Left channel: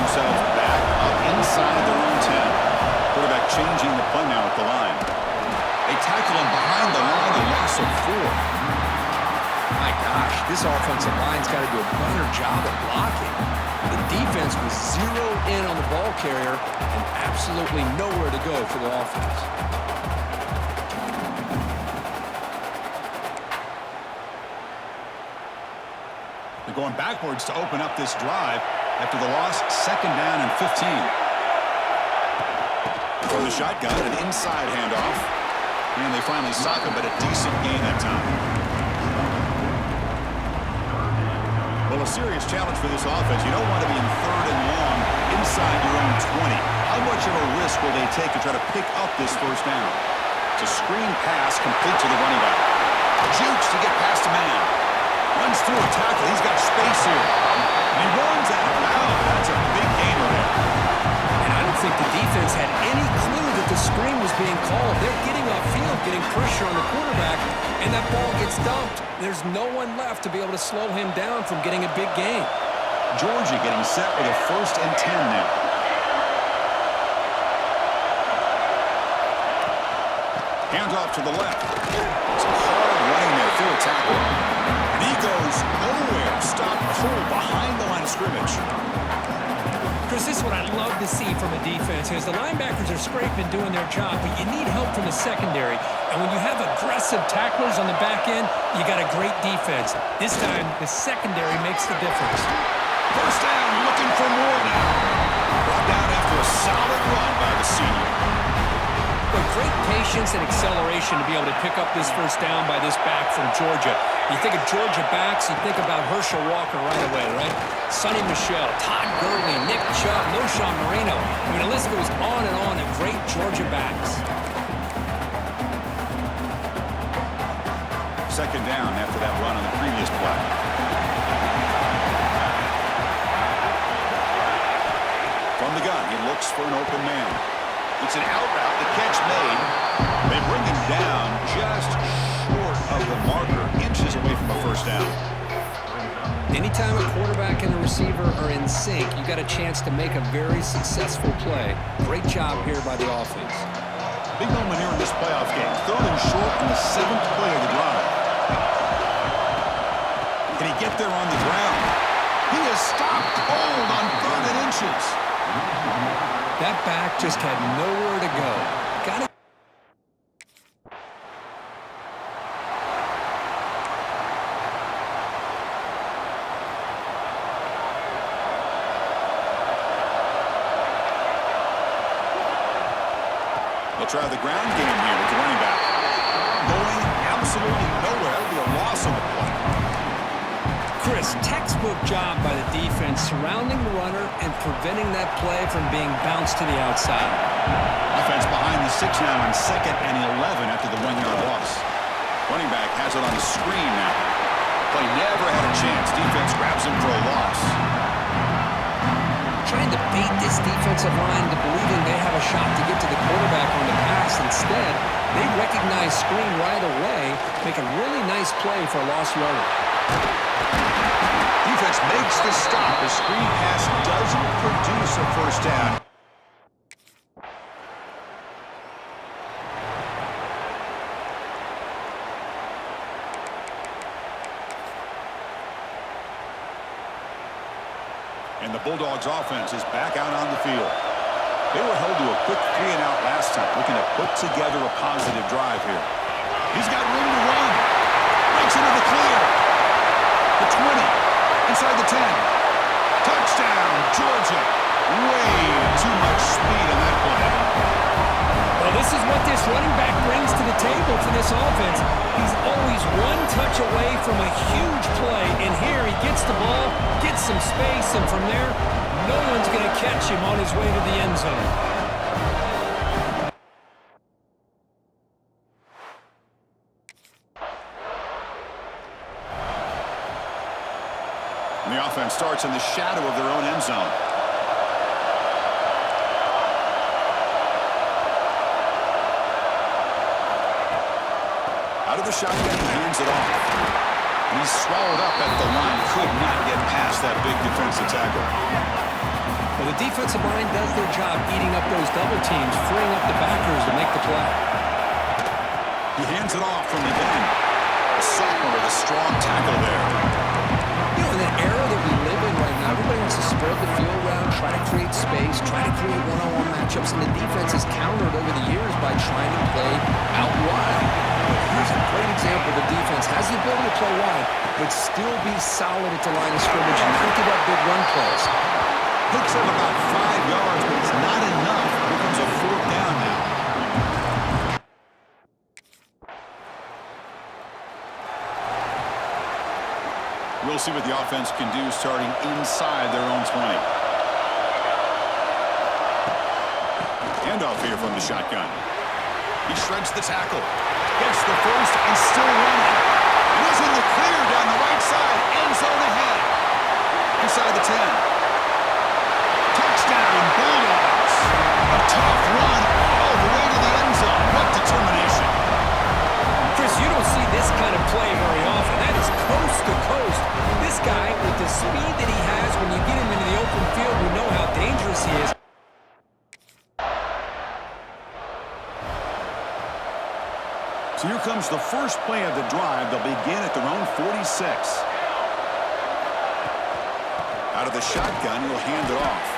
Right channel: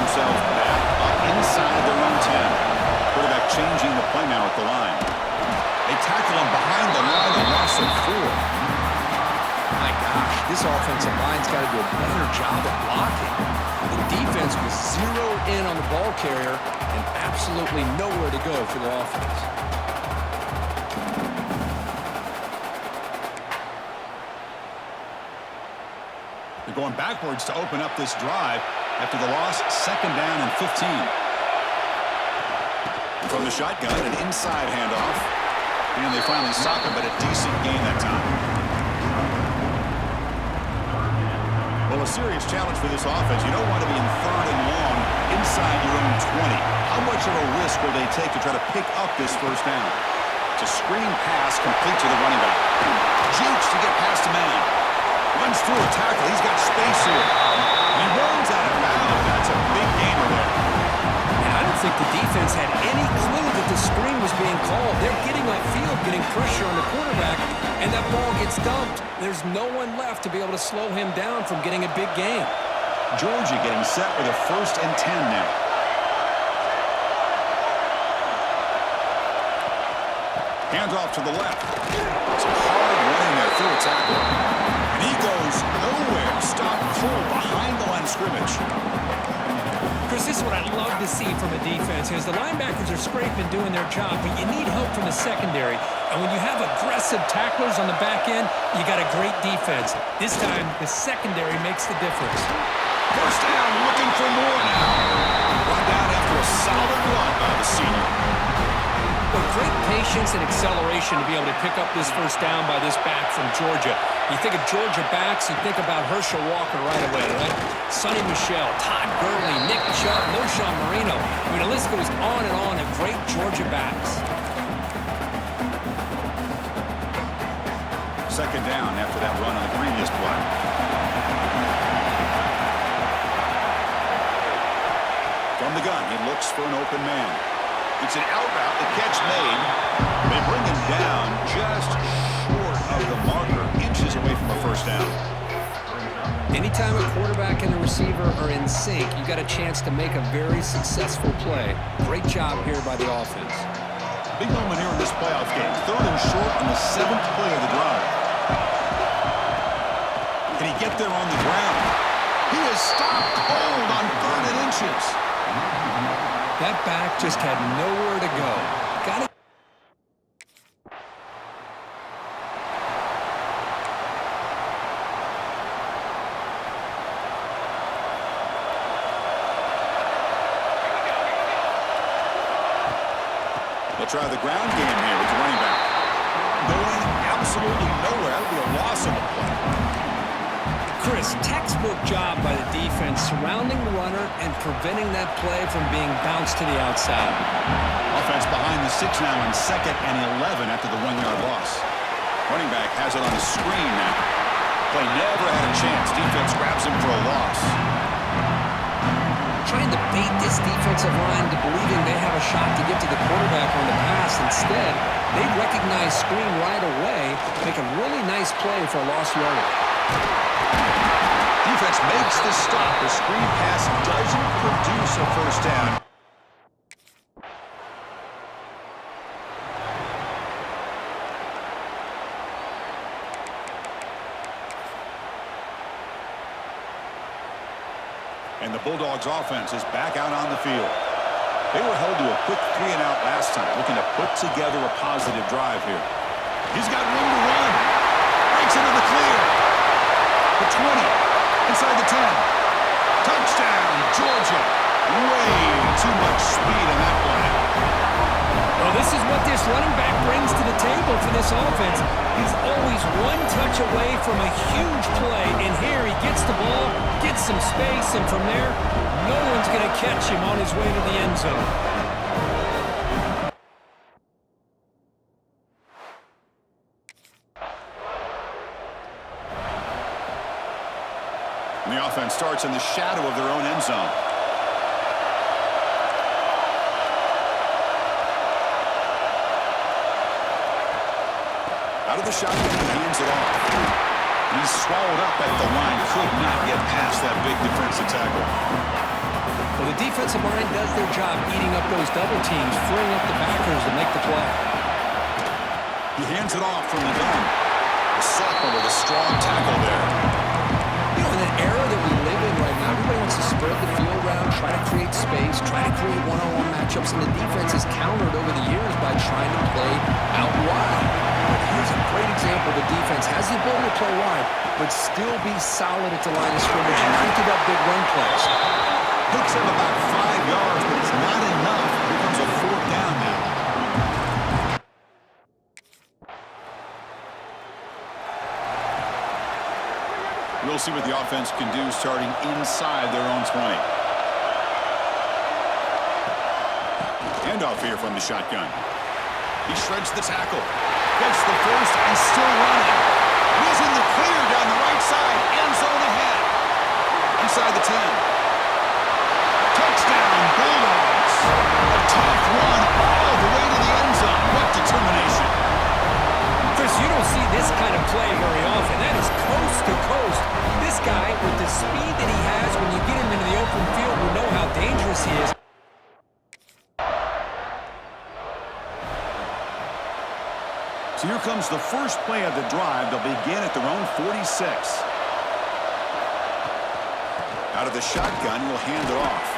themselves back up inside their own 10. Quarterback changing the play now at the line. They tackle him behind the line, a loss of 4. My gosh, this offensive line's got to do a better job of blocking. The defense was zeroed in on the ball carrier and absolutely nowhere to go for the offense. They're going backwards to open up this drive after the loss, 2nd down and 15. From the shotgun, an inside handoff. And they finally stop him, but a decent gain that time. Well, a serious challenge for this offense. You don't want to be in 3rd and long inside your own 20. How much of a risk will they take to try to pick up this 1st down? It's a screen pass complete to the running back. Jukes to get past a man. Runs through a tackle. He's got space here. And he runs out of bounds. That's a big gainer there. And I don't think the defense had any clue that the screen was being called. They're getting upfield, getting pressure on the quarterback, and that ball gets dumped. There's no one left to be able to slow him down from getting a big gain. Georgia getting set with a 1st and 10 now. Hands off to the left. Some hard running there through a tackle. And he goes nowhere. Stopped cold behind the line of scrimmage. Chris, this is what I love to see from a defense is the linebackers are scraping, doing their job, but you need help from the secondary. And when you have aggressive tacklers on the back end, you got a great defense. This time, the secondary makes the difference. 1st down, looking for more now. Brought down after a solid run by the senior. But great patience and acceleration to be able to pick up this 1st down by this back from Georgia. You think of Georgia backs, you think about Herschel Walker right away, right? Sonny Michel, Todd Gurley, Nick Chubb, Noshawn Marino. I mean, the list goes on and on of great Georgia backs. 2nd down after that run on the previous play. From the gun, he looks for an open man. It's an out route, the catch made. They bring him down just short of the marker, inches away from a 1st down. Anytime a quarterback and a receiver are in sync, you got a chance to make a very successful play. Great job here by the offense. Big moment here in this playoff game. 3rd and short on the 7th play of the drive. Can he get there on the ground? He is stopped cold on 3rd and inches. That back just had nowhere to go. Got it. They'll try the ground game here with the running back. Going absolutely nowhere. That'll be a loss on the play. Chris, textbook job by the defense surrounding the runner and preventing that play from being bounced to the outside. Offense behind the 6 now on 2nd and 11 after the 1-yard loss. Running back has it on the screen now. Play never had a chance. Defense grabs him for a loss. Trying to bait this defensive line to believing they have a shot to get to the quarterback on the pass. Instead, they recognize screen right away, make a really nice play for a lost yardage. Defense makes the stop. The screen pass doesn't produce a 1st down. And the Bulldogs offense is back out on the field. They were held to a quick 3-and-out last time, looking to put together a positive drive here. He's got room to run. Breaks into the clear. The 20. Inside the 10. Touchdown, Georgia. Way too much speed on that play. Well, this is what this running back brings to the table for this offense. He's always one touch away from a huge play. And here he gets the ball, gets some space, and from there, no one's going to catch him on his way to the end zone. And the offense starts in the shadow of their own end zone. Out of the shotgun, he hands it off. And he's swallowed up at the line. Could not get past that big defensive tackle. Well, the defensive line does their job eating up those double teams, freeing up the backers to make the play. He hands it off from the gun. The sophomore with a strong tackle there. You know, in that era that we live in right now, everybody wants to spread the field around, try to create space, try to create one-on-one matchups, and the defense has countered over the years by trying to play out wide. But here's a great example. The defense has the ability to play wide, but still be solid at the line of scrimmage and not give up big run plays. Picks up about 5 yards, but it's not enough. Here comes a 4th down now. We'll see what the offense can do starting inside their own 20. Handoff here from the shotgun. He shreds the tackle. Gets the first and still running. And he's in the clear down the right side. End zone ahead. Inside the 10. Touchdown, Bulldogs. A tough run all the way to the end zone. What determination. Chris, you don't see this kind of play very often. That is coast to coast. This guy, with the speed that he has, when you get him into the open field, we know how dangerous he is. So here comes the first play of the drive. They'll begin at their own 46. Out of the shotgun, he'll hand it off.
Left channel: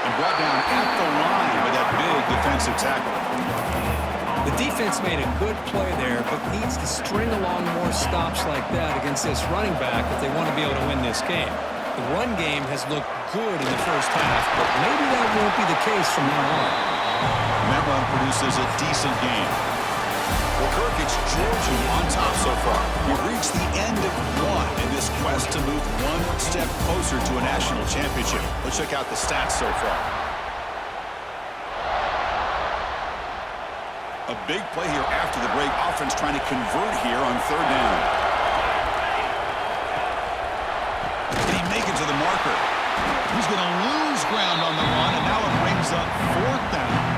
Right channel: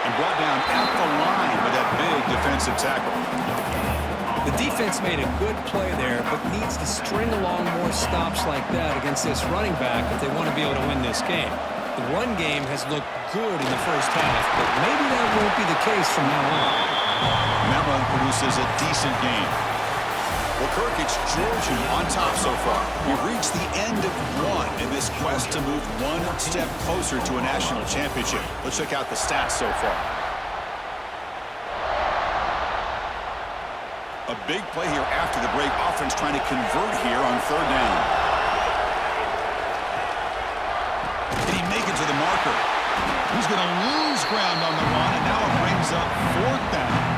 And brought down at the line with that big defensive tackle. The defense made a good play there, but needs to string along more stops like that against this running back if they want to be able to win this game. The run game has looked good in the first half, but maybe that won't be the case from now on. And that run produces a decent game. Well, Kirk, it's Georgia on top so far. We've reached the end of one in this quest to move one step closer to a national championship. Let's check out the stats so far. A big play here after the break. Offense trying to convert here on 3rd down. Did he make it to the marker? He's going to lose ground on the run, and now it brings up 4th down.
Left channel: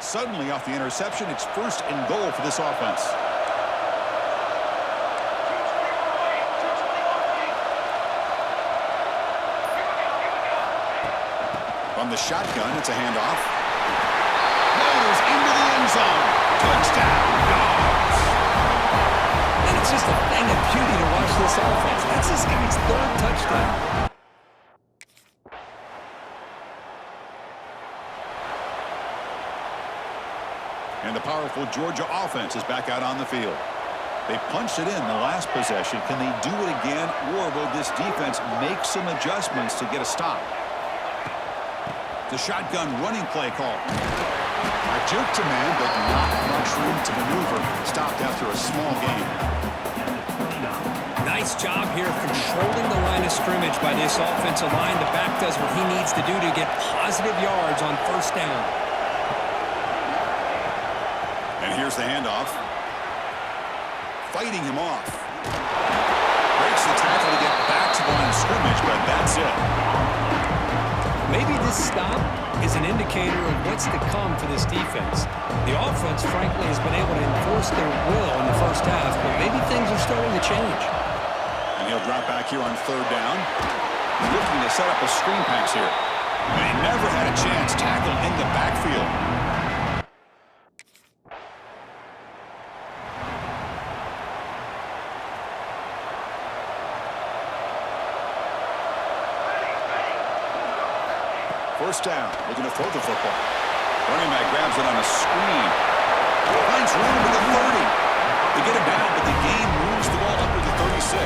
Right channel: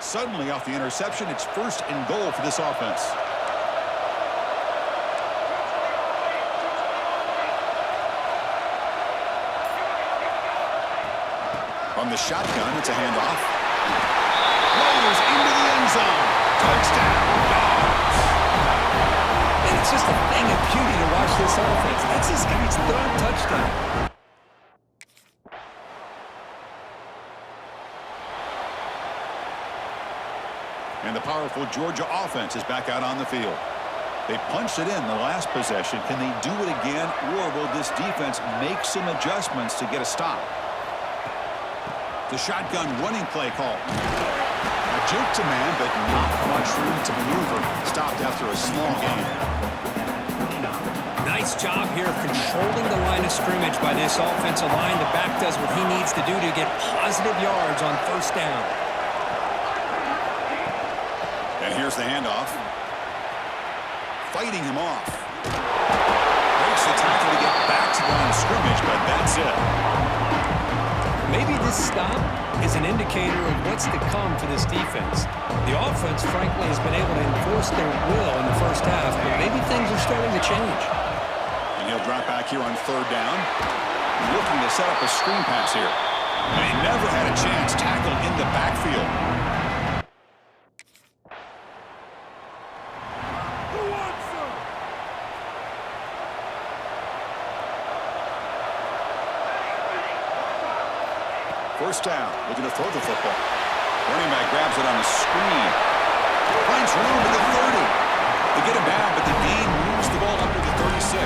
Suddenly off the interception, it's 1st and goal for this offense. From the shotgun, it's a handoff. Floaters into the end zone. Touchdown, Dogs. And it's just a thing of beauty to watch this offense. That's this guy's 3rd touchdown. And the powerful Georgia offense is back out on the field. They punched it in the last possession. Can they do it again, or will this defense make some adjustments to get a stop? The shotgun running play call. A juke to man, but not much room to maneuver. Stopped after a small gain. Nice job here of controlling the line of scrimmage by this offensive line. The back does what he needs to do to get positive yards on 1st down. And here's the handoff. Fighting him off. Breaks the tackle to get back to the line of scrimmage, but that's it. Maybe this stop is an indicator of what's to come for this defense. The offense, frankly, has been able to enforce their will in the first half, but maybe things are starting to change. And he'll drop back here on 3rd down. Looking to set up a screen pass here. And he never had a chance. Tackled in the backfield. First down, looking to throw the football. Running back grabs it on a screen. Finds room at the 30. They get him down, but the gain moves the ball up to the 36.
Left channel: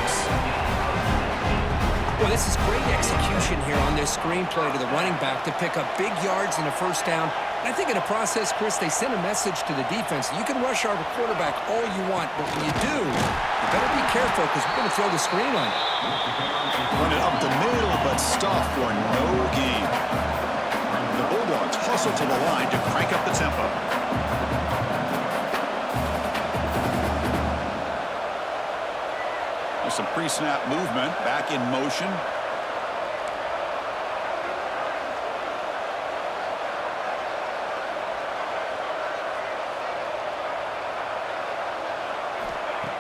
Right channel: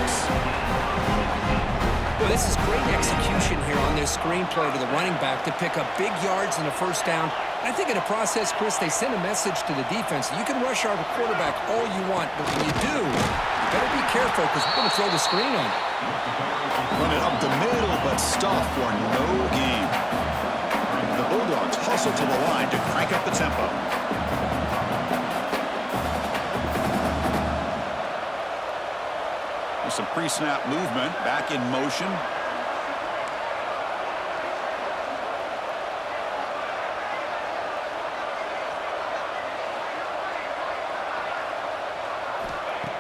Well, this is great execution here on this screenplay to the running back to pick up big yards in a 1st down. I think in the process, Chris, they send a message to the defense. You can rush our quarterback all you want, but when you do, you better be careful because we're going to throw the screen on you. Run it up the middle, but stuff for no gain. The Bulldogs hustle to the line to crank up the tempo. There's some pre-snap movement, back in motion.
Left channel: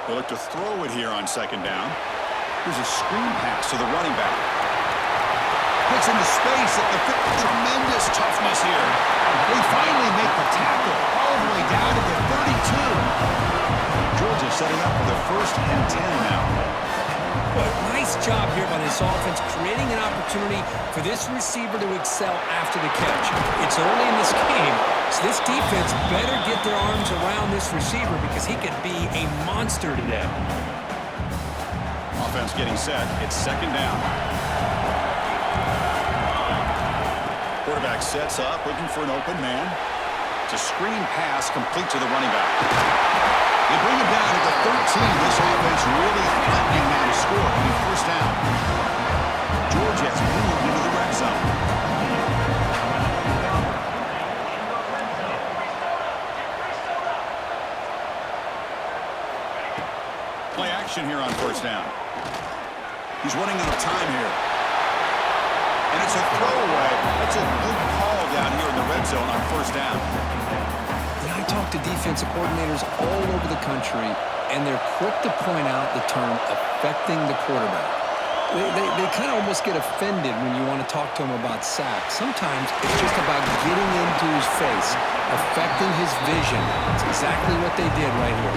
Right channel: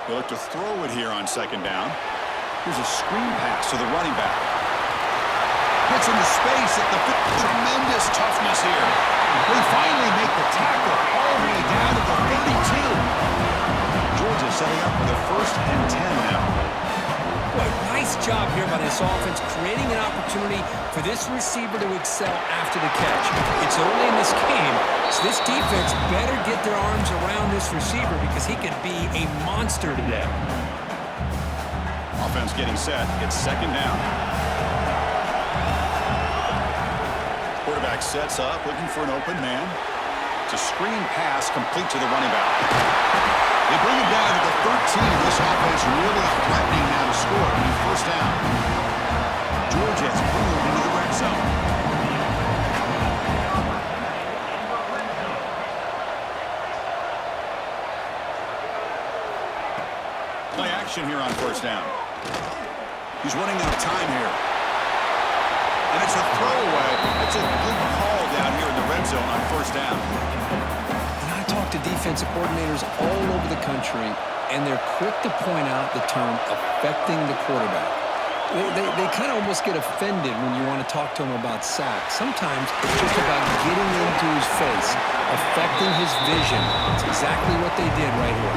They look to throw it here on second down. Here's a screen pass to the running back. Gets into space at the tremendous toughness here. They finally make the tackle all the way down to the 32. Georgia setting up for the 1st and 10 now. Boy, nice job here by this offense, creating an opportunity for this receiver to excel after the catch. It's early in this game, so this defense better get their arms around this receiver because he could be a monster today. Offense getting set. It's second down. Quarterback sets up, looking for an open man. It's a screen pass complete to the running back. They bring him down at the 13. This offense really threatening now to score on the 1st down. Georgia has moved into the red zone. Play action here on 1st down. He's running out of time here. And it's a throwaway. That's a good call down here in the red zone on 1st down. I talk to defensive coordinators all over the country, and they're quick to point out the term affecting the quarterback. They kind of almost get offended when you want to talk to them about sacks. Sometimes it's just about getting into his face, affecting his vision. That's exactly what they did right here.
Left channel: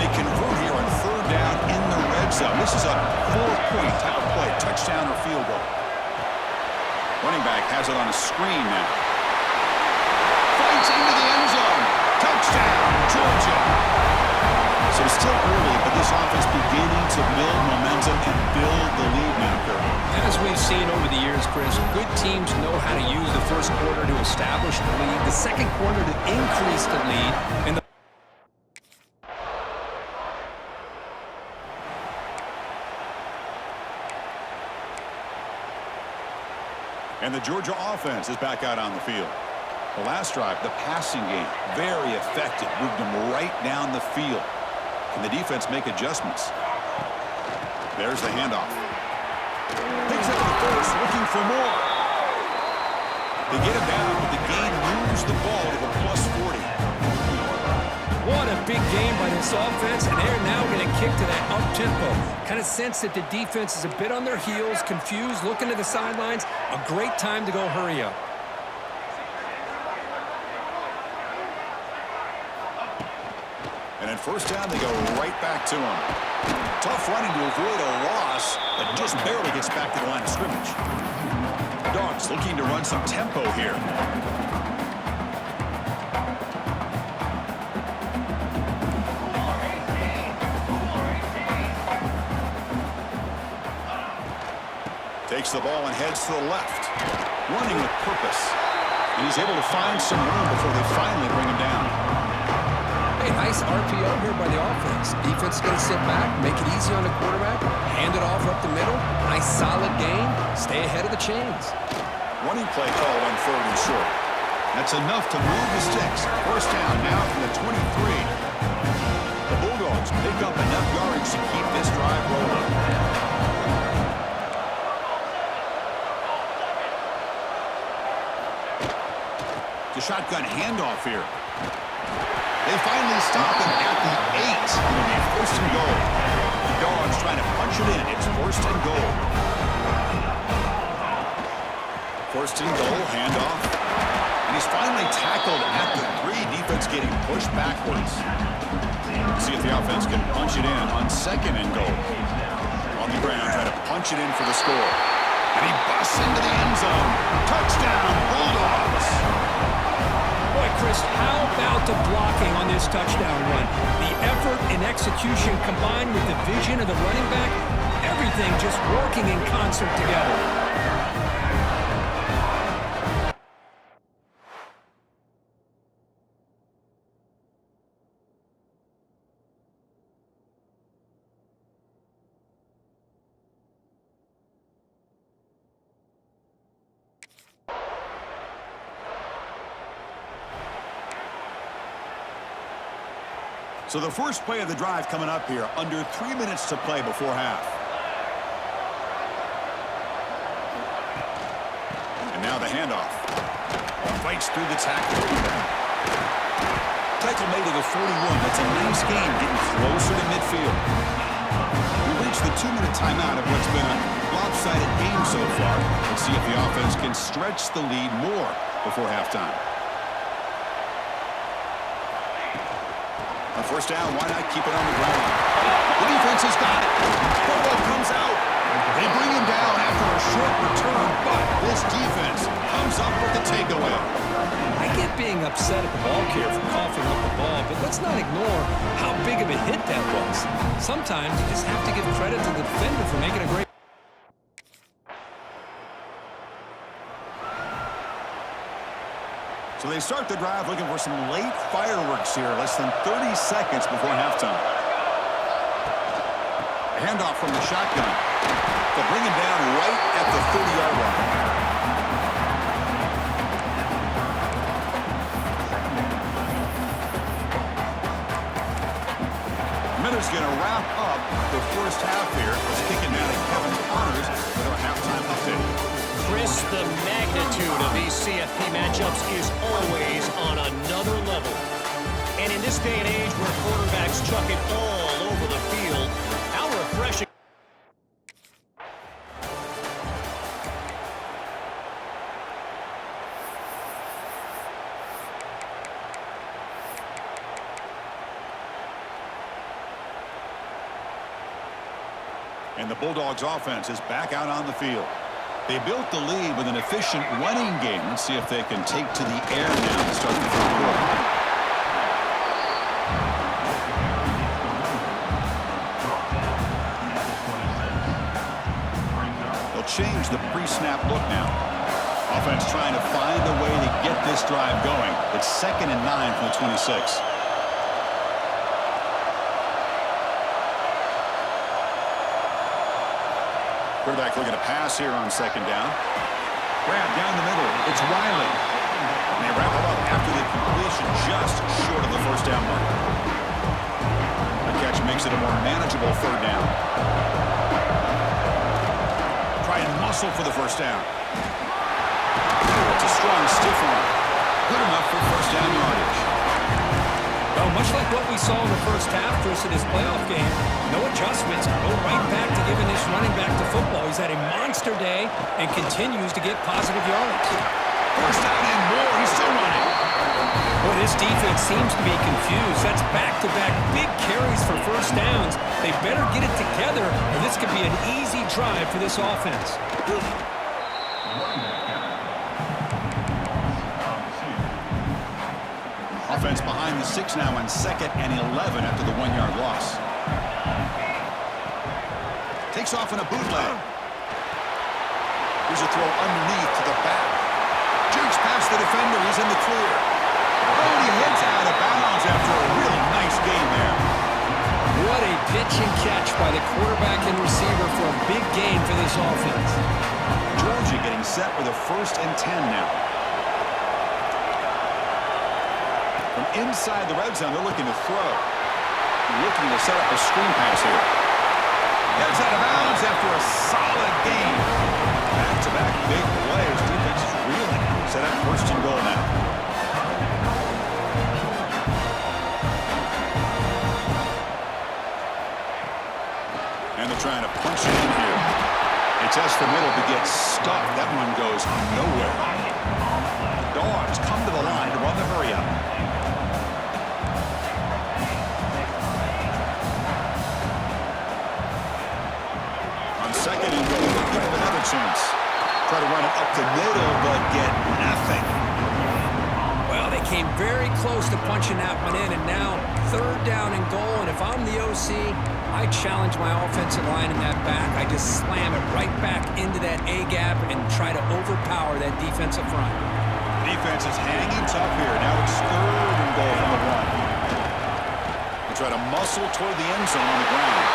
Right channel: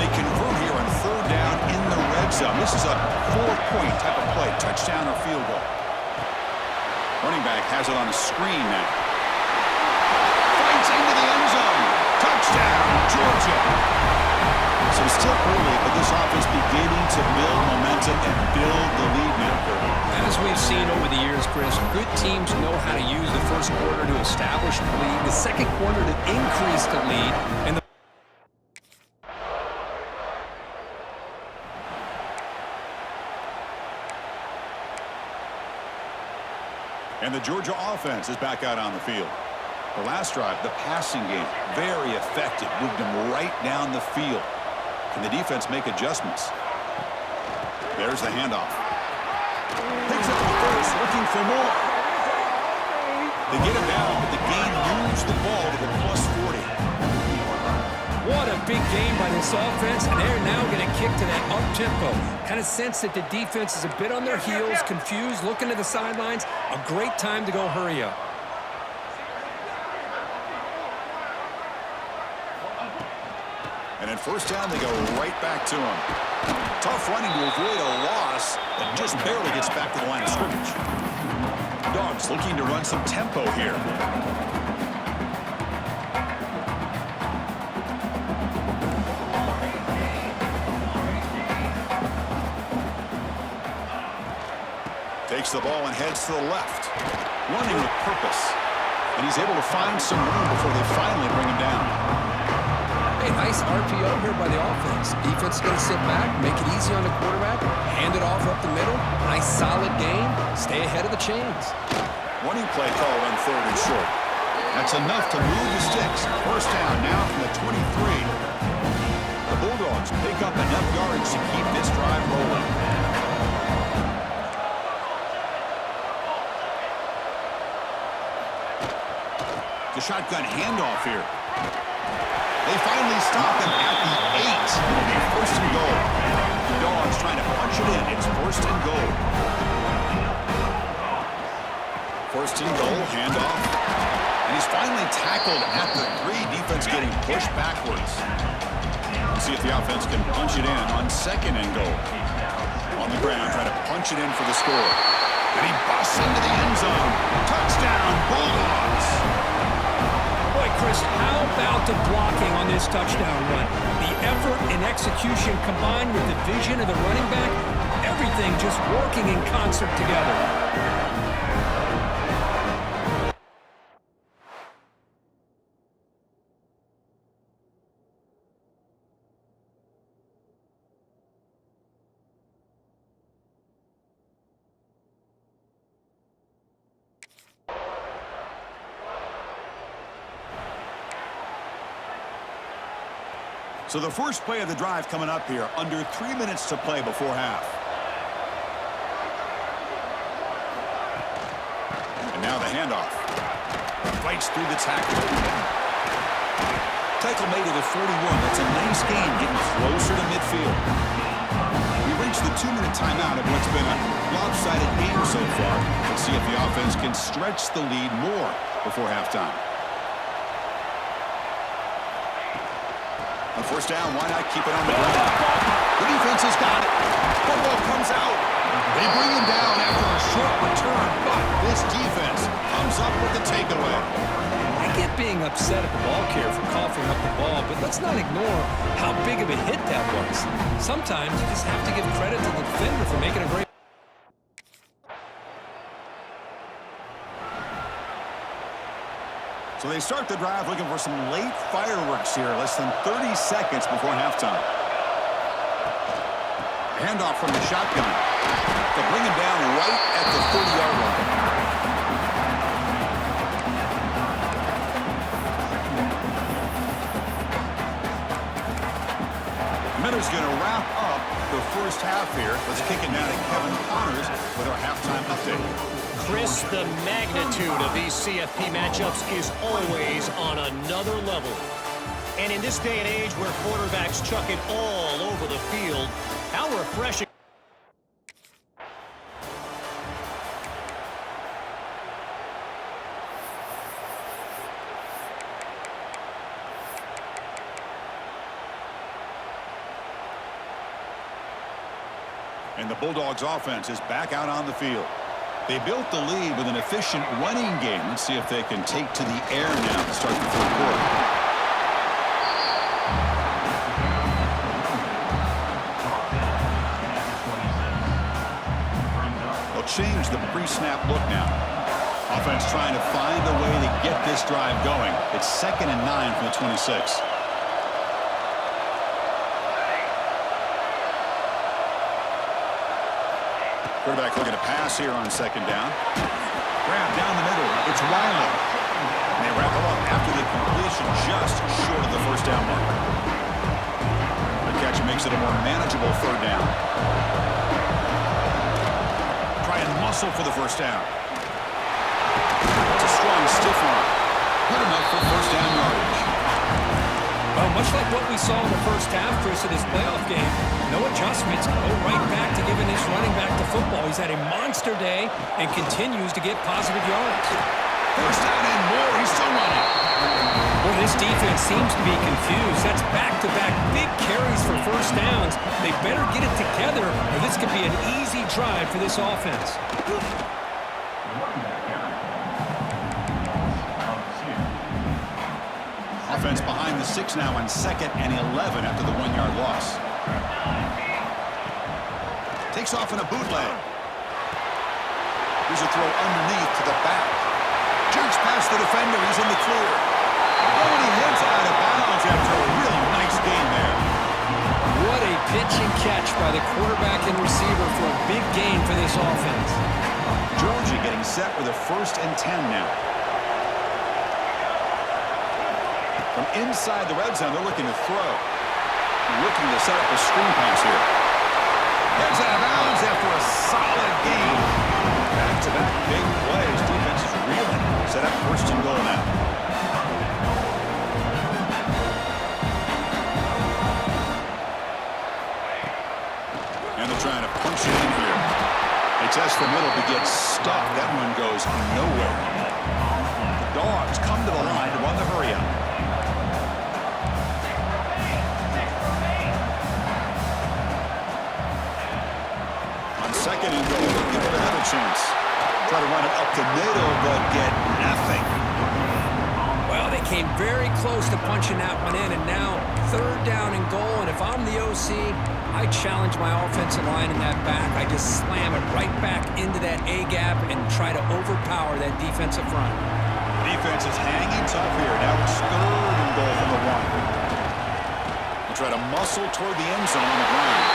They convert here on 3rd down in the red zone. This is a 4-point type of play, touchdown or field goal. Running back has it on a screen now. Fights into the end zone. Touchdown, Georgia. So it's still early, but this offense beginning to build momentum and build the lead now, Kirk. As we've seen over the years, Chris, good teams know how to use the 1st quarter to establish the lead, the 2nd quarter to increase the lead, and the And the Georgia offense is back out on the field. The last drive, the passing game, very effective. Moved them right down the field. Can the defense make adjustments? There's the handoff. Picks up the first, looking for more. They get him down, but the game moves the ball to the +40. What a big game by this offense, and they're now going to kick to that up-tempo. Kind of sense that the defense is a bit on their heels, confused, looking to the sidelines. A great time to go hurry up. And at 1st down, they go right back to him. Tough running to avoid a loss, but just barely gets back to the line of scrimmage. Dogs looking to run some tempo here. Takes the ball and heads to the left. Running with purpose. And he's able to find some room before they finally bring him down. Hey, nice RPO here by the offense. Defense is going to sit back, make it easy on the quarterback, hand it off up the middle. Nice solid game. Stay ahead of the chains. Running play called on 3rd and short. That's enough to move the sticks. 1st down now from the 23. The Bulldogs pick up enough yards to keep this drive rolling. The shotgun handoff here. They finally stop him at the 8. It'll be 1st and goal. The Dogs trying to punch it in. It's 1st and goal. 1st and goal, handoff. And he's finally tackled at the 3. Defense getting pushed backwards. See if the offense can punch it in on 2nd and goal. On the ground, trying to punch it in for the score. And he busts into the end zone. Touchdown, Bulldogs. Boy, Chris, how about the blocking on this touchdown run? The effort and execution combined with the vision of the running back, everything just working in concert together. So the first play of the drive coming up here, under 3 minutes to play before half. And now the handoff. Fights through the tackle. Tackle made to the 41. That's a nice gain, getting closer to midfield. We reached the 2-minute timeout of what's been a lopsided game so far. Let's see if the offense can stretch the lead more before halftime. On first down, why not keep it on the ground? The defense has got it. Football comes out. They bring him down after a short return, but this defense comes up with the takeaway. I get being upset at the ball carrier for coughing up the ball, but let's not ignore how big of a hit that was. Sometimes you just have to give credit to the defender for making a great. So they start the drive looking for some late fireworks here, less than 30 seconds before halftime. Handoff from the shotgun. They'll bring him down right at the 30-yard line. Miller's going to wrap up the first half here. Let's kick it now to Kevin Connors with our halftime update. Chris, the magnitude of these CFP matchups is always on another level. And in this day and age where quarterbacks chuck it all over the field, how refreshing. And the Bulldogs offense is back out on the field. They built the lead with an efficient running game. Let's see if they can take to the air now to start the third quarter. They'll change the pre-snap look now. Offense trying to find a way to get this drive going. It's 2nd and 9 from the 26. Quarterback looking to pass here on 2nd down. Grab down the middle. It's Riley. And they wrap him up after the completion just short of the first down mark. The catch makes it a more manageable 3rd down. Try and muscle for the first down. It's a strong stiff arm. Good enough for first down yardage. Well, much like what we saw in the first half, Chris, in his playoff game, no adjustments. Go right back to giving this running back to football. He's had a monster day and continues to get positive yards. First down and more. He's still running. Well, this defense seems to be confused. That's back-to-back big carries for first downs. They better get it together, or this could be an easy drive for this offense. Offense behind the 6 now on 2nd and 11 after the 1-yard loss. Takes off in a bootleg. Here's a throw underneath to the back. Jukes past the defender. He's in the clear. Oh, and he heads out of bounds after a really nice gain there. What a pitch and catch by the quarterback and receiver for a big gain for this offense. Georgia getting set with a 1st and 10 now. From inside the red zone, they're looking to throw. Looking to set up a screen pass here. Gets out of bounds after a solid gain. Back-to-back big plays. Defense is reeling. Set up 1st and goal now. And they're trying to punch it in here. They test the middle but get stuck. That one goes nowhere. The Dogs come to the line to run the hurry up. On 2nd and goal, give him another chance. Try to run it up the middle, but get nothing. Well, they came very close to punching that one in, and now 3rd down and goal. And if I'm the OC, I challenge my offensive line in that back. I just slam it right back into that A-gap and try to overpower that defensive front. Defense is hanging tough here. Now it's 3rd and goal from the 1. They'll try to muscle toward the end zone on the ground.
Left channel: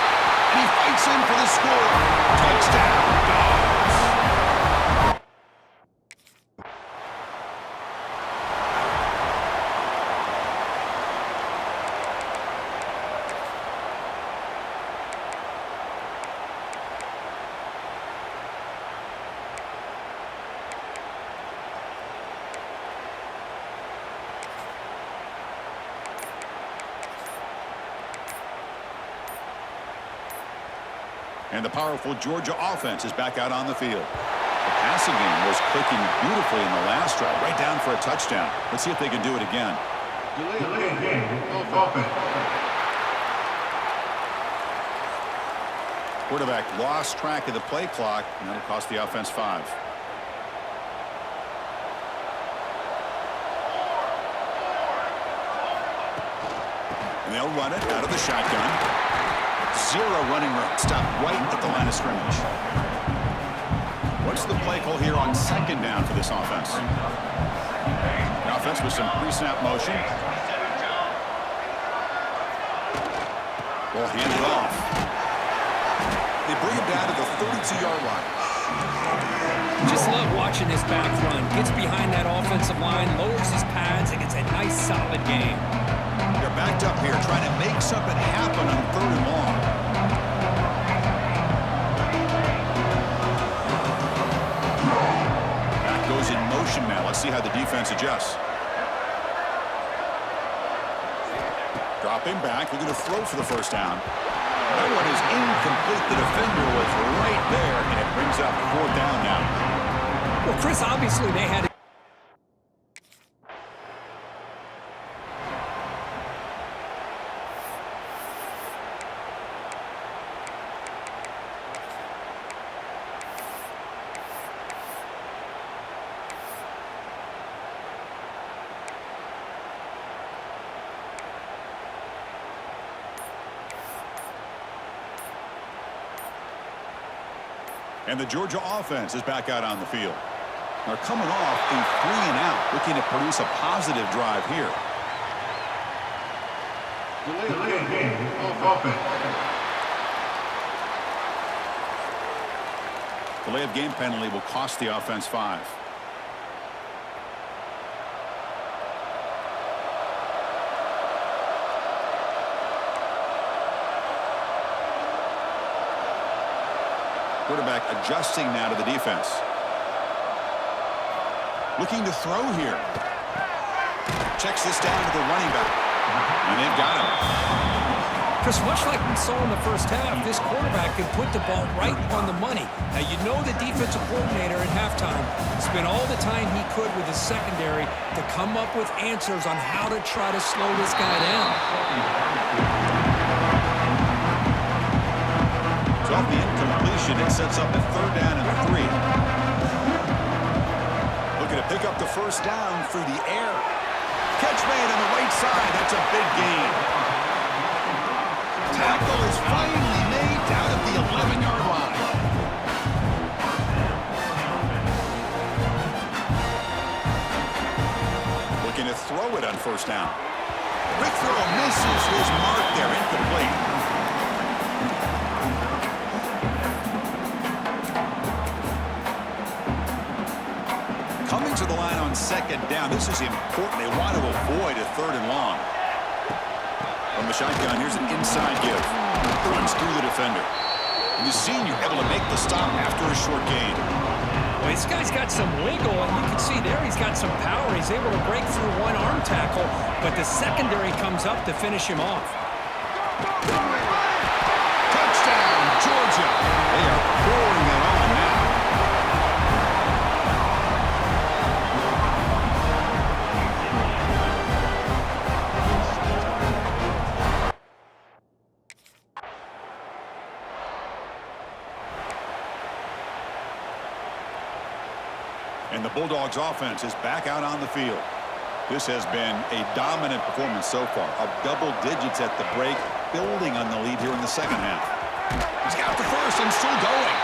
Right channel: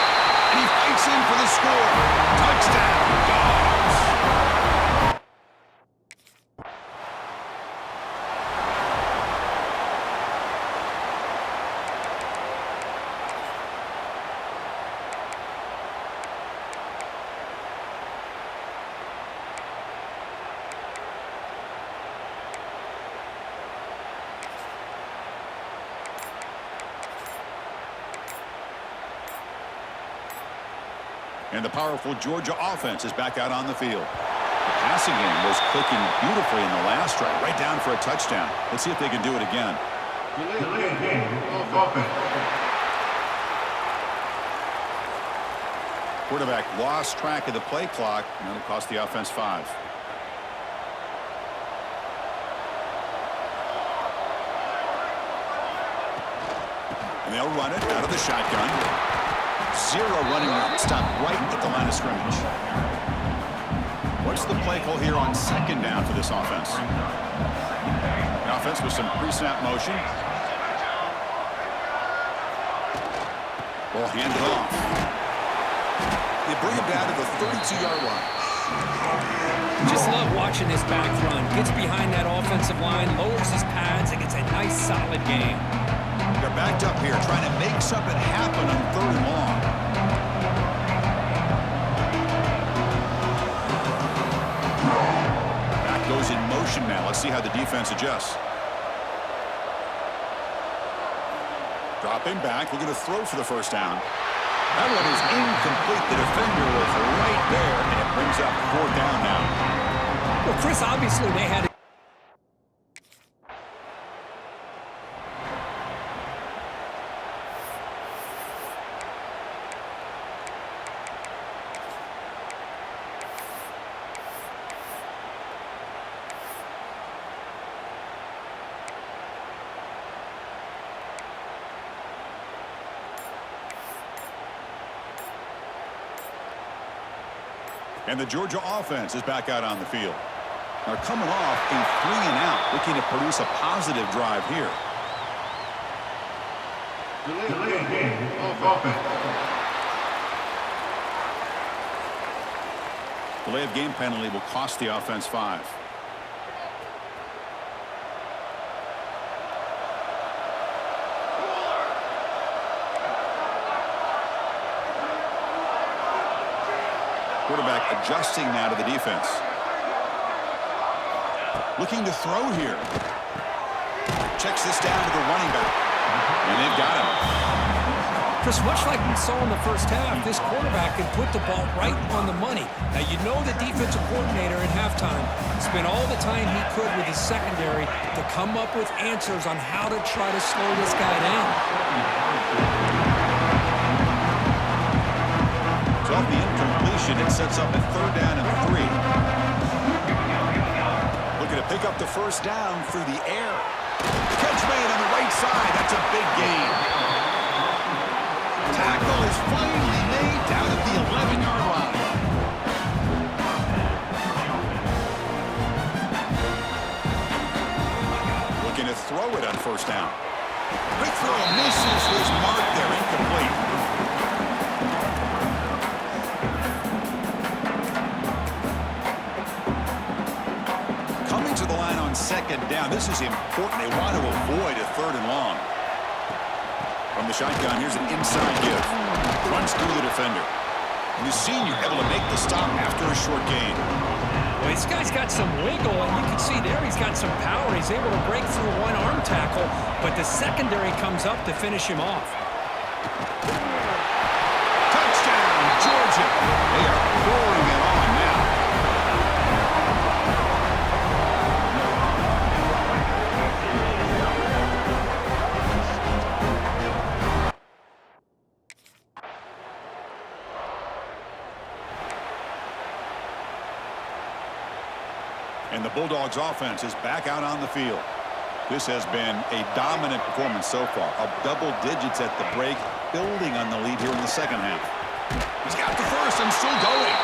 And he fights in for the score. Touchdown, Dogs. And the powerful Georgia offense is back out on the field. The passing game was clicking beautifully in the last drive, right down for a touchdown. Let's see if they can do it again. Delayed game. Offense. Quarterback lost track of the play clock, and that'll cost the offense 5. And they'll run it out of the shotgun. 0 running room. Stop right at the line of scrimmage. What's the play call here on 2nd down for this offense? The offense with some pre-snap motion. Ball handed off. They bring him down to the 32-yard line. Just love watching this back run. Gets behind that offensive line, lowers his pads, and gets a nice solid gain. They're backed up here trying to make something happen on 3rd and long. Back goes in motion now. Let's see how the defense adjusts. Dropping back, looking to throw for the 1st down. That one is incomplete. The defender was right there, and it brings up 4th down now. Well, Chris, obviously they had... And the Georgia offense is back out on the field. They're coming off a 3-and-out, looking to produce a positive drive here. Delayed game. Offense. Delay of game penalty will cost the offense 5. Quarterback adjusting now to the defense. Looking to throw here. Checks this down to the running back. And they've got him. Chris, much like we saw in the first half, this quarterback can put the ball right on the money. Now, you know the defensive coordinator at halftime spent all the time he could with his secondary to come up with answers on how to try to slow this guy down. So off the incompletion, it sets up a 3rd down and 3. Looking to pick up the 1st down through the air. Catch made on the right side. That's a big gain. Tackle is finally made down at the 11-yard line. Looking to throw it on 1st down. Quick throw misses his mark there. Incomplete. Coming to the line on 2nd down. This is important. They want to avoid a 3rd and long. From the shotgun, here's an inside give. Runs through the defender. And the senior able to make the stop after a short gain. Well, this guy's got some wiggle, and you can see there he's got some power. He's able to break through one arm tackle, but the secondary comes up to finish him off. Touchdown, Georgia. They are pouring it on now. And the Bulldogs offense is back out on the field. This has been a dominant performance so far. Up double digits at the break, building on the lead here in the 2nd half. He's got the 1st and still going.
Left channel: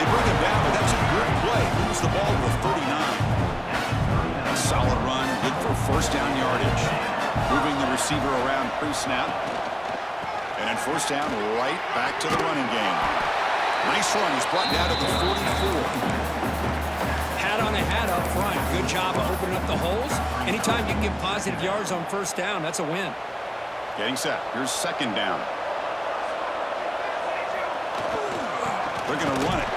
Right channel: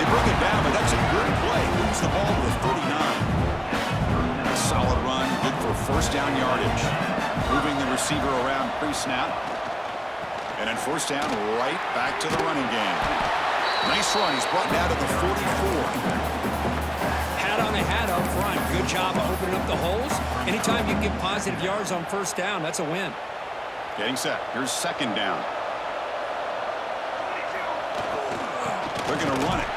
They bring him down, but that's a good play. Moves the ball to the 39. A solid run, good for 1st down yardage. Moving the receiver around pre-snap. And then 1st down, right back to the running game. Nice run. He's brought down to the 44. Hat on a hat up front. Good job of opening up the holes. Anytime you can get positive yards on 1st down, that's a win. Getting set. Here's 2nd down. They're going to run it.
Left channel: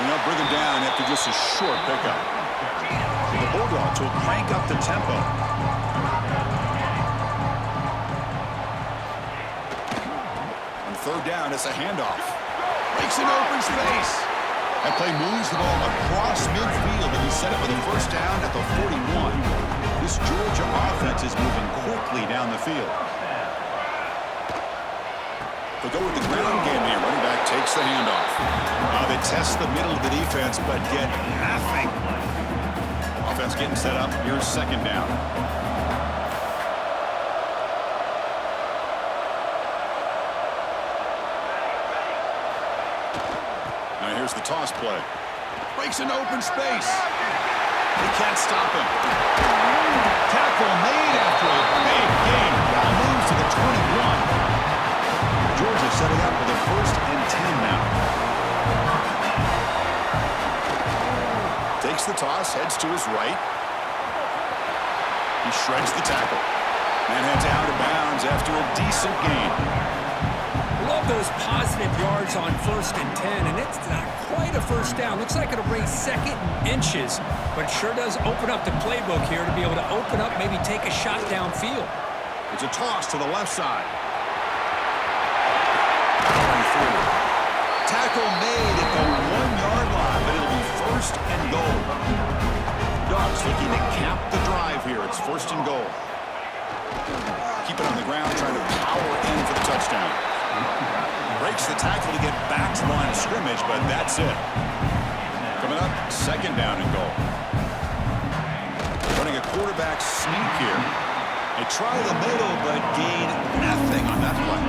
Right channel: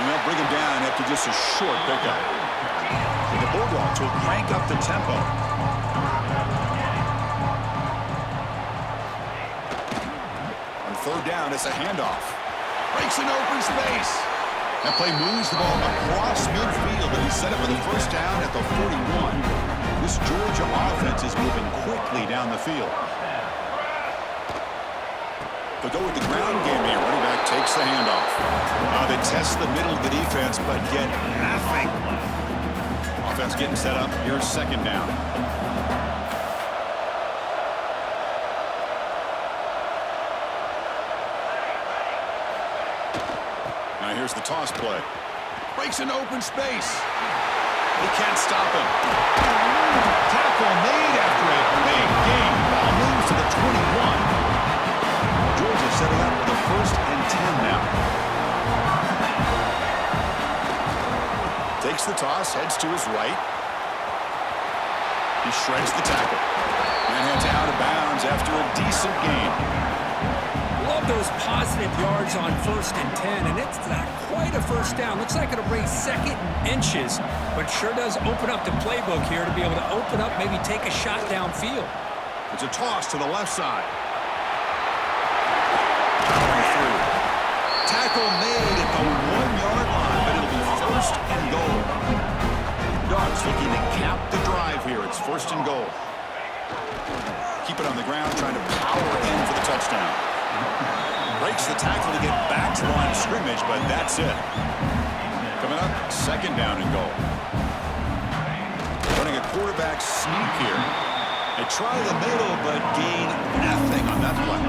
And they'll bring him down after just a short pickup. And the Bulldogs will crank up the tempo. On 3rd down, it's a handoff. Breaks an open space. That play moves the ball across midfield, and he set it with a first down at the 41. This Georgia offense is moving quickly down the field. They'll go with the ground game here. Running back takes the handoff. They test the middle of the defense, but get nothing. Offense getting set up. Here's second down. Now here's the toss play. Breaks an open space. They can't stop him. Tackle made after a big gain. Ball moves to the 21. Georgia setting up with a 1st and 10 now. Takes the toss, heads to his right. He shreds the tackle. And heads out of bounds after a decent gain. Love those positive yards on 1st and 10, and it's not quite a first down. Looks like it'll bring 2nd and inches, but sure does open up the playbook here to be able to open up, maybe take a shot downfield. It's a toss to the left side. Powering through. Tackle made at the 1-yard line, but it'll be 1st and goal. Dogs looking to cap the drive here. It's 1st and goal. Keep it on the ground, trying to power in for the touchdown. Breaks the tackle to get back to the line of scrimmage, but that's it. Coming up, 2nd down and goal. Running a quarterback sneak here. They try the middle, but gain nothing on that play.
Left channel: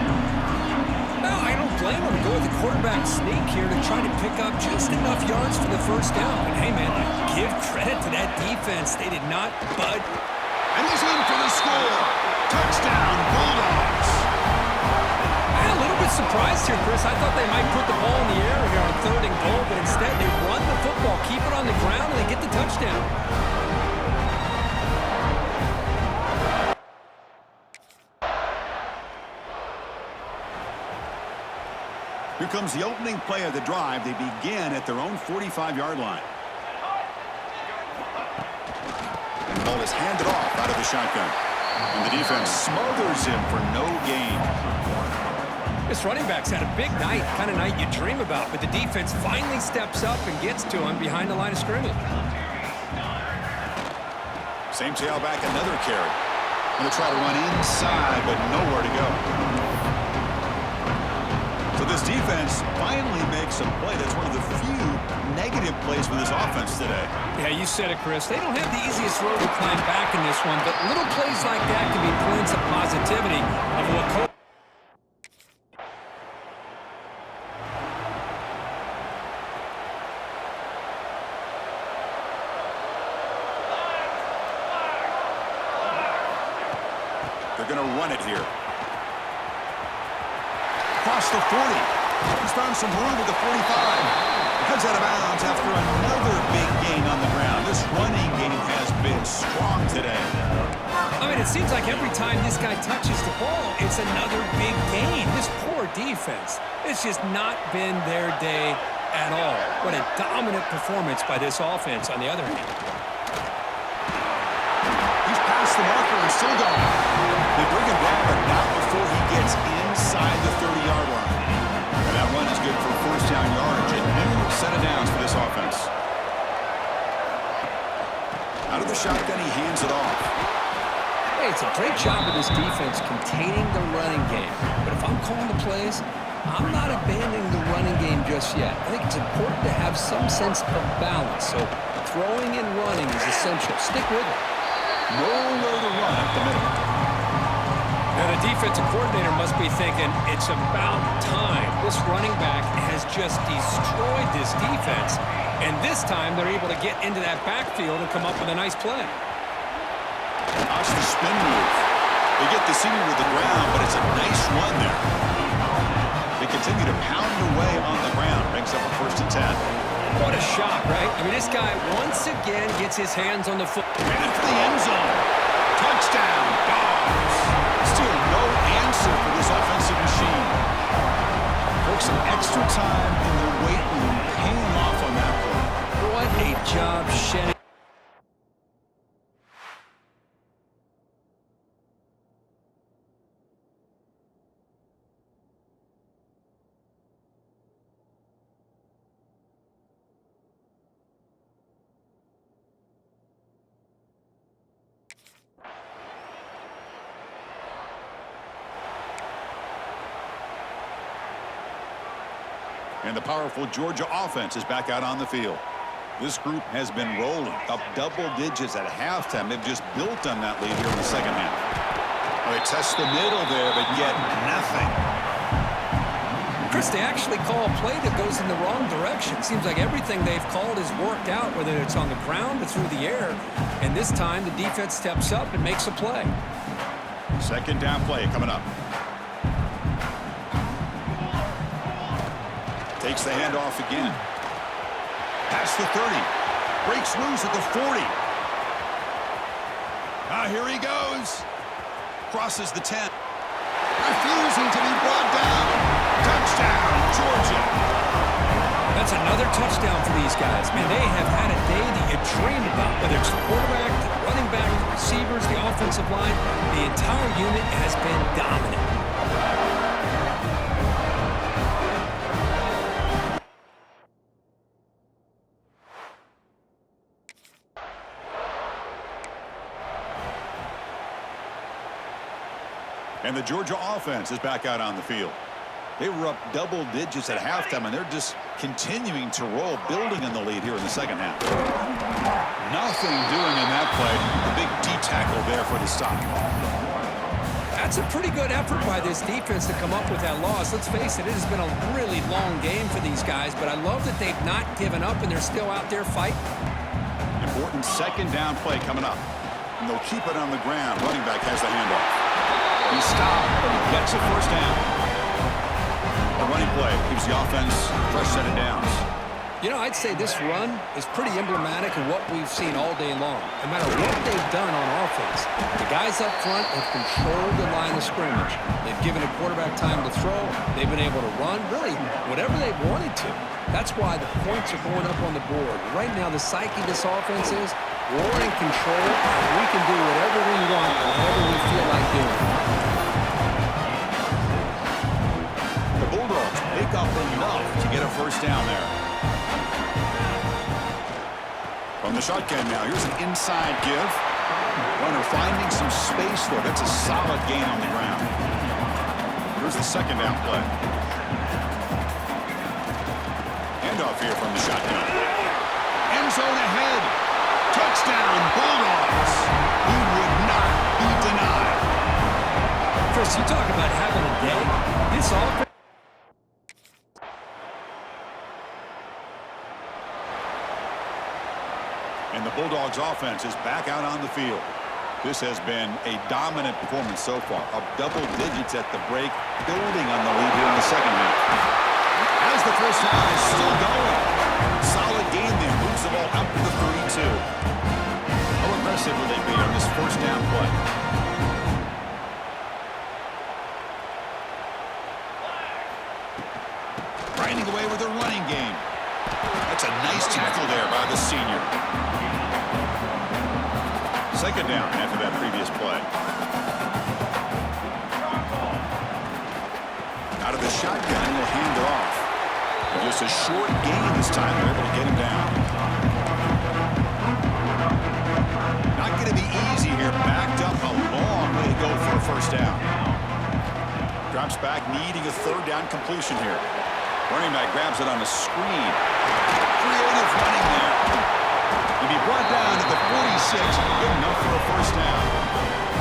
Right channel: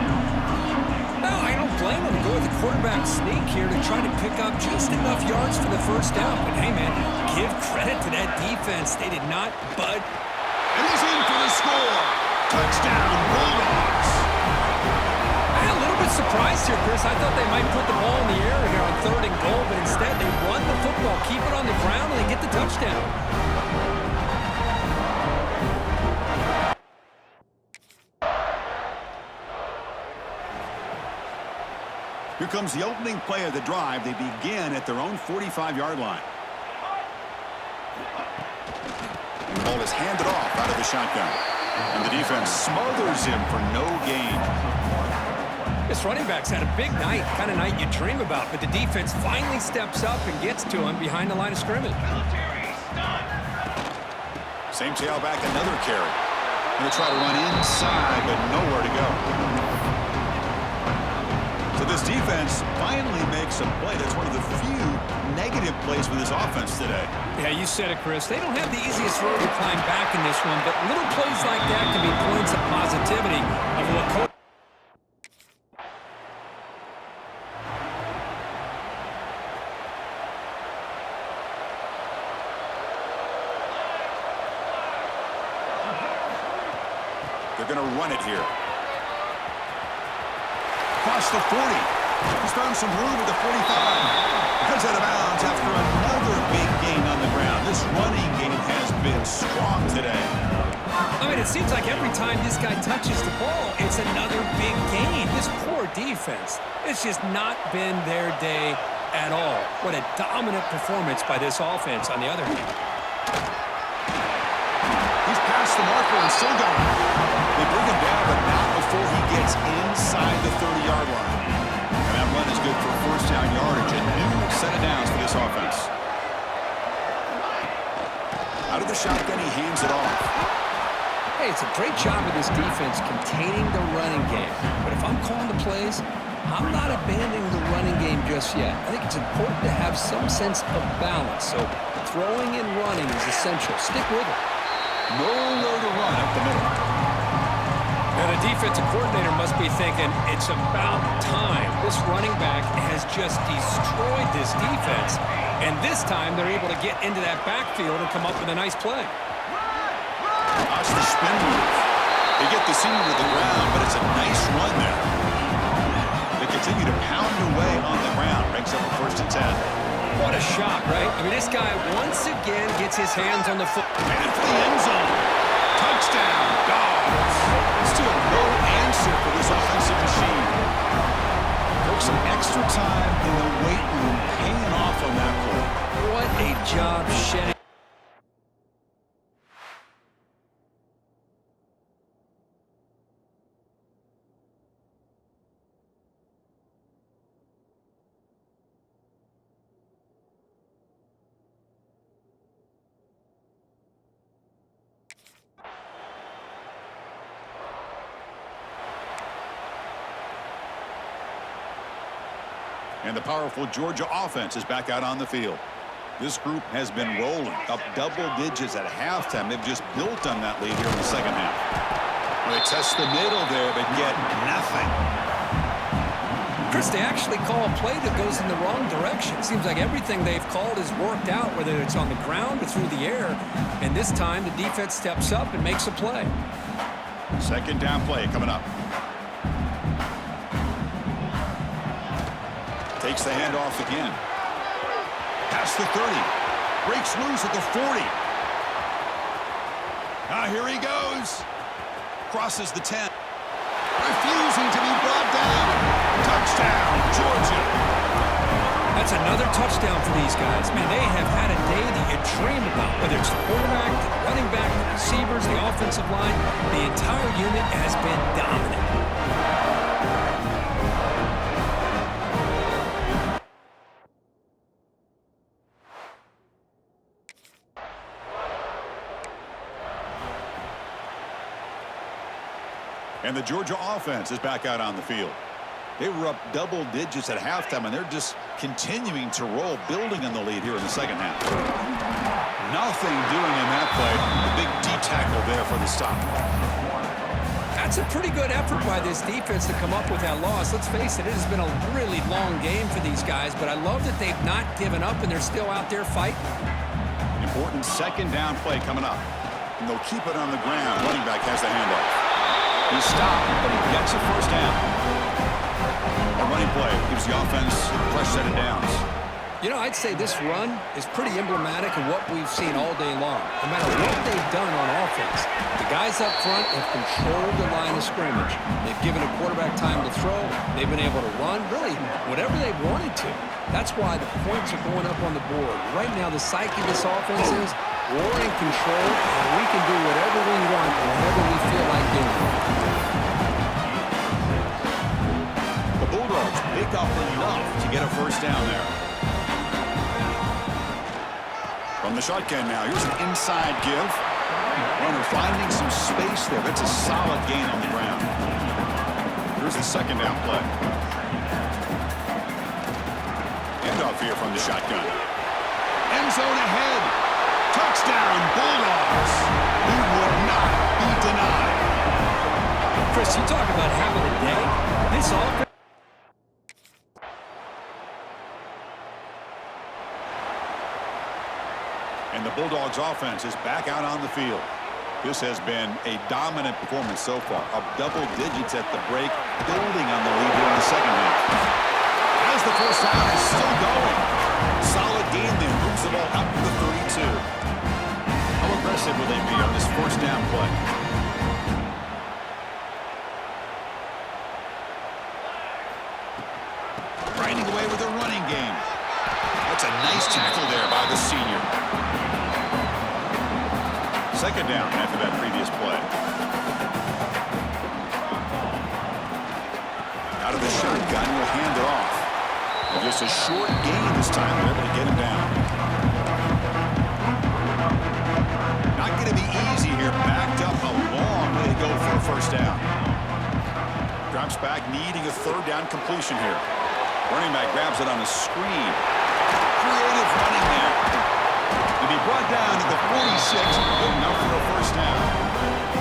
No, I don't blame him to go with the quarterback sneak here to try to pick up just enough yards for the first down. But hey, man, give credit to that defense. They did not bud. And he's in for the score. Touchdown, Bulldogs. I'm a little bit surprised here, Chris. I thought they might put the ball in the air here on 3rd and goal, but instead they run the football, keep it on the ground, and they get the touchdown. Here comes the opening play of the drive. They begin at their own 45-yard line. And the ball is handed off out of the shotgun. And the defense smothers him for no gain. This running back's had a big night, kind of night you dream about, but the defense finally steps up and gets to him behind the line of scrimmage. Same tailback, another carry. Going to try to run inside, but nowhere to go. So this defense finally makes a play. That's one of the few negative plays for this offense today. Yeah, you said it, Chris. They don't have the easiest road to climb back in this one, but little plays like that can be points of positivity of what coach. They're going to run it here. Across the 40. He's found some room at the 45. Heads out of bounds after another big gain on the ground. This running game has been strong today. I mean, it seems like every time this guy touches the ball, it's another big gain. This poor defense, it's just not been their day at all. What a dominant performance by this offense on the other hand. He's past the marker and still going. They bring him down, but not before he gets inside the 30-yard line. And that run is good for 1st down yardage. A new set of downs for this offense. Out of the shotgun, he hands it off. Hey, it's a great job of this defense containing the running game. But if I'm calling the plays, I'm not abandoning the running game just yet. I think it's important to have some sense of balance. So throwing and running is essential. Stick with it. Nowhere to run up the middle. Now, the defensive coordinator must be thinking, it's about time. This running back has just destroyed this defense. And this time, they're able to get into that backfield and come up with a nice play. Watch the spin move. They get the senior to the ground, but it's a nice run there. They continue to pound away on the ground. Ranks up a 1st and 10. What a shock, right? I mean, this guy once again gets his hands on the foot. Made it for the end zone. Touchdown, Dogs. Still no answer for this offensive machine. Took some extra time in the weight room, paying off on that play. What a job shedding. And the powerful Georgia offense is back out on the field. This group has been rolling up double digits at halftime. They've just built on that lead here in the second half. Well, they test the middle there, but get nothing. Chris, they actually call a play that goes in the wrong direction. Seems like everything they've called has worked out, whether it's on the ground or through the air. And this time, the defense steps up and makes a play. Second down play coming up. Takes the handoff again. Past the 30. Breaks loose at the 40. Here he goes. Crosses the 10. Refusing to be brought down. Touchdown, Georgia. That's another touchdown for these guys. Man, they have had a day that you dream about. Whether it's the quarterback, the running back, the receivers, the offensive line, the entire unit has been dominant. And the Georgia offense is back out on the field. They were up double digits at halftime, and they're just continuing to roll, building on the lead here in the second half. Nothing doing in that play. The big D tackle there for the stop. That's a pretty good effort by this defense to come up with that loss. Let's face it, it has been a really long game for these guys, but I love that they've not given up and they're still out there fighting. Important second down play coming up. And they'll keep it on the ground. Running back has the handoff. He stopped, but he gets a first down. A running play gives the offense a fresh set of downs. You know, I'd say this run is pretty emblematic of what we've seen all day long. No matter what they've done on offense, the guys up front have controlled the line of scrimmage. They've given a quarterback time to throw. They've been able to run, really, whatever they wanted to. That's why the points are going up on the board. Right now, the psyche of this offense is we're in control, and we can do whatever we want, whatever we feel like doing. The Bulldogs pick up enough to get a first down there. From the shotgun now, here's an inside give. Runner finding some space there. That's a solid gain on the ground. Here's the second down play. Handoff here from the shotgun. End zone ahead. Touchdown, Bulldogs. He would not be denied. Chris, you talk about having a day. This offense. And the Bulldogs offense is back out on the field. This has been a dominant performance so far. Up double digits at the break, building on the lead here in the second half. As the first down is still going. Solid gain there. Moves the ball up to the 32. How aggressive will they be on this first down play? Grinding away with a running game. That's a nice tackle there by the senior. Second down after that previous play. Out of the shotgun, he'll hand it off. And just a short gain this time. They're able to get him down. Not going to be easy here. Backed up a long way to go for a first down. Drops back, needing a third down completion here. Running back grabs it on a screen. Creative running there. To be brought down to the 46, good enough for a first down.